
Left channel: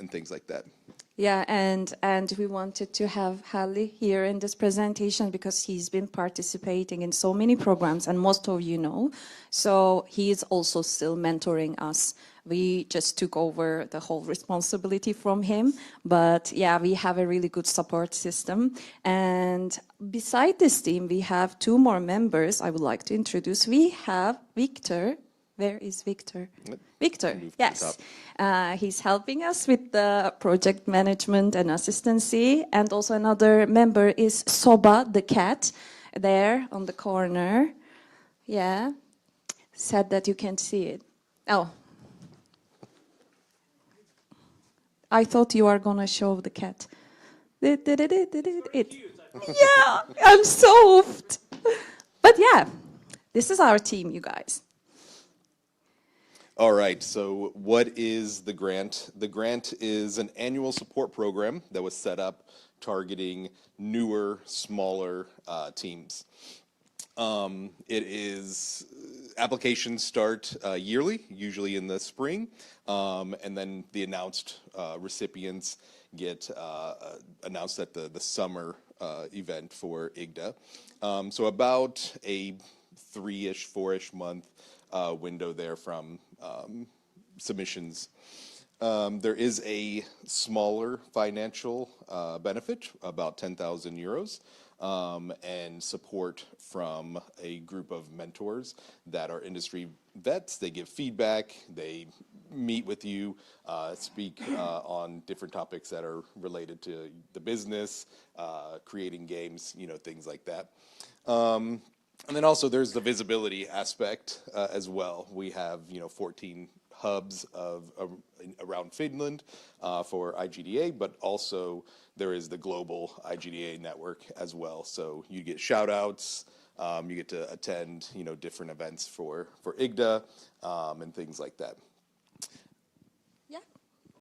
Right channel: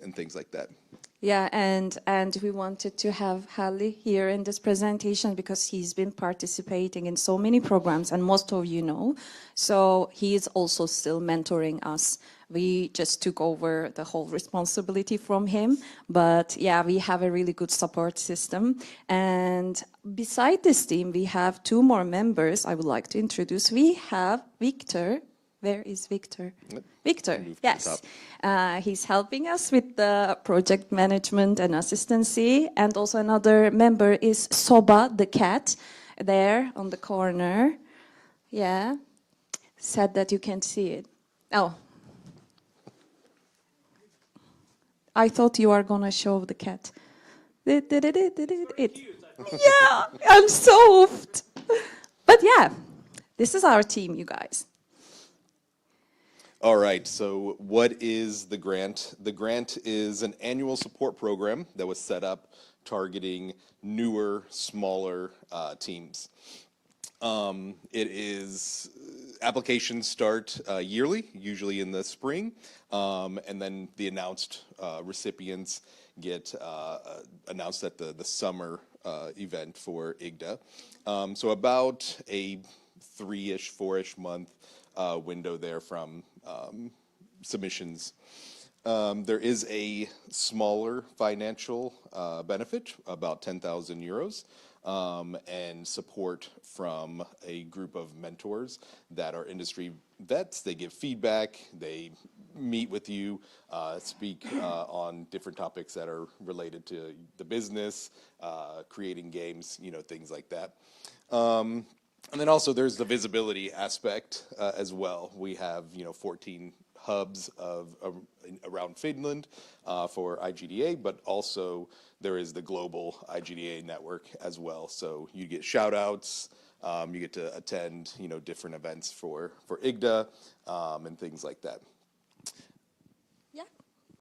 and things like that. Yeah, and we wanted to have Hallie here in this presentation because he's been participating in so many programs, and most of you know. So he is also still mentoring us. We just took over the whole responsibility from him, but yeah, we have a really good support system. And beside this team, we have 2 more members I would like to introduce. We have Victor. Where is Victor? Victor, yes. He's helping us with the project management and assistancy. And also another member is Soba, the cat, there on the corner. Yeah. Sad that you can't see it. Oh. I thought you were going to show the cat. Yeah, I'm so oofed. But yeah, This is our team, you guys. All right, so what is the grant? The grant is an annual support program that was set up targeting newer, smaller teams. Applications start yearly, usually in the spring, and then the announced recipients get announced at the summer event for IGDA. So about a 3-ish, 4-ish month window there from submissions. There is a smaller financial benefit, about 10,000 euros, and support from a group of mentors that are industry vets. They give feedback, they meet with you, speak on different topics that are related to the business, creating games, things like that. And then also there's the visibility aspect as well. We have 14 hubs around Finland for IGDA, but also there is the global IGDA network as well. So you get shout outs, you get to attend different events for IGDA and things like that.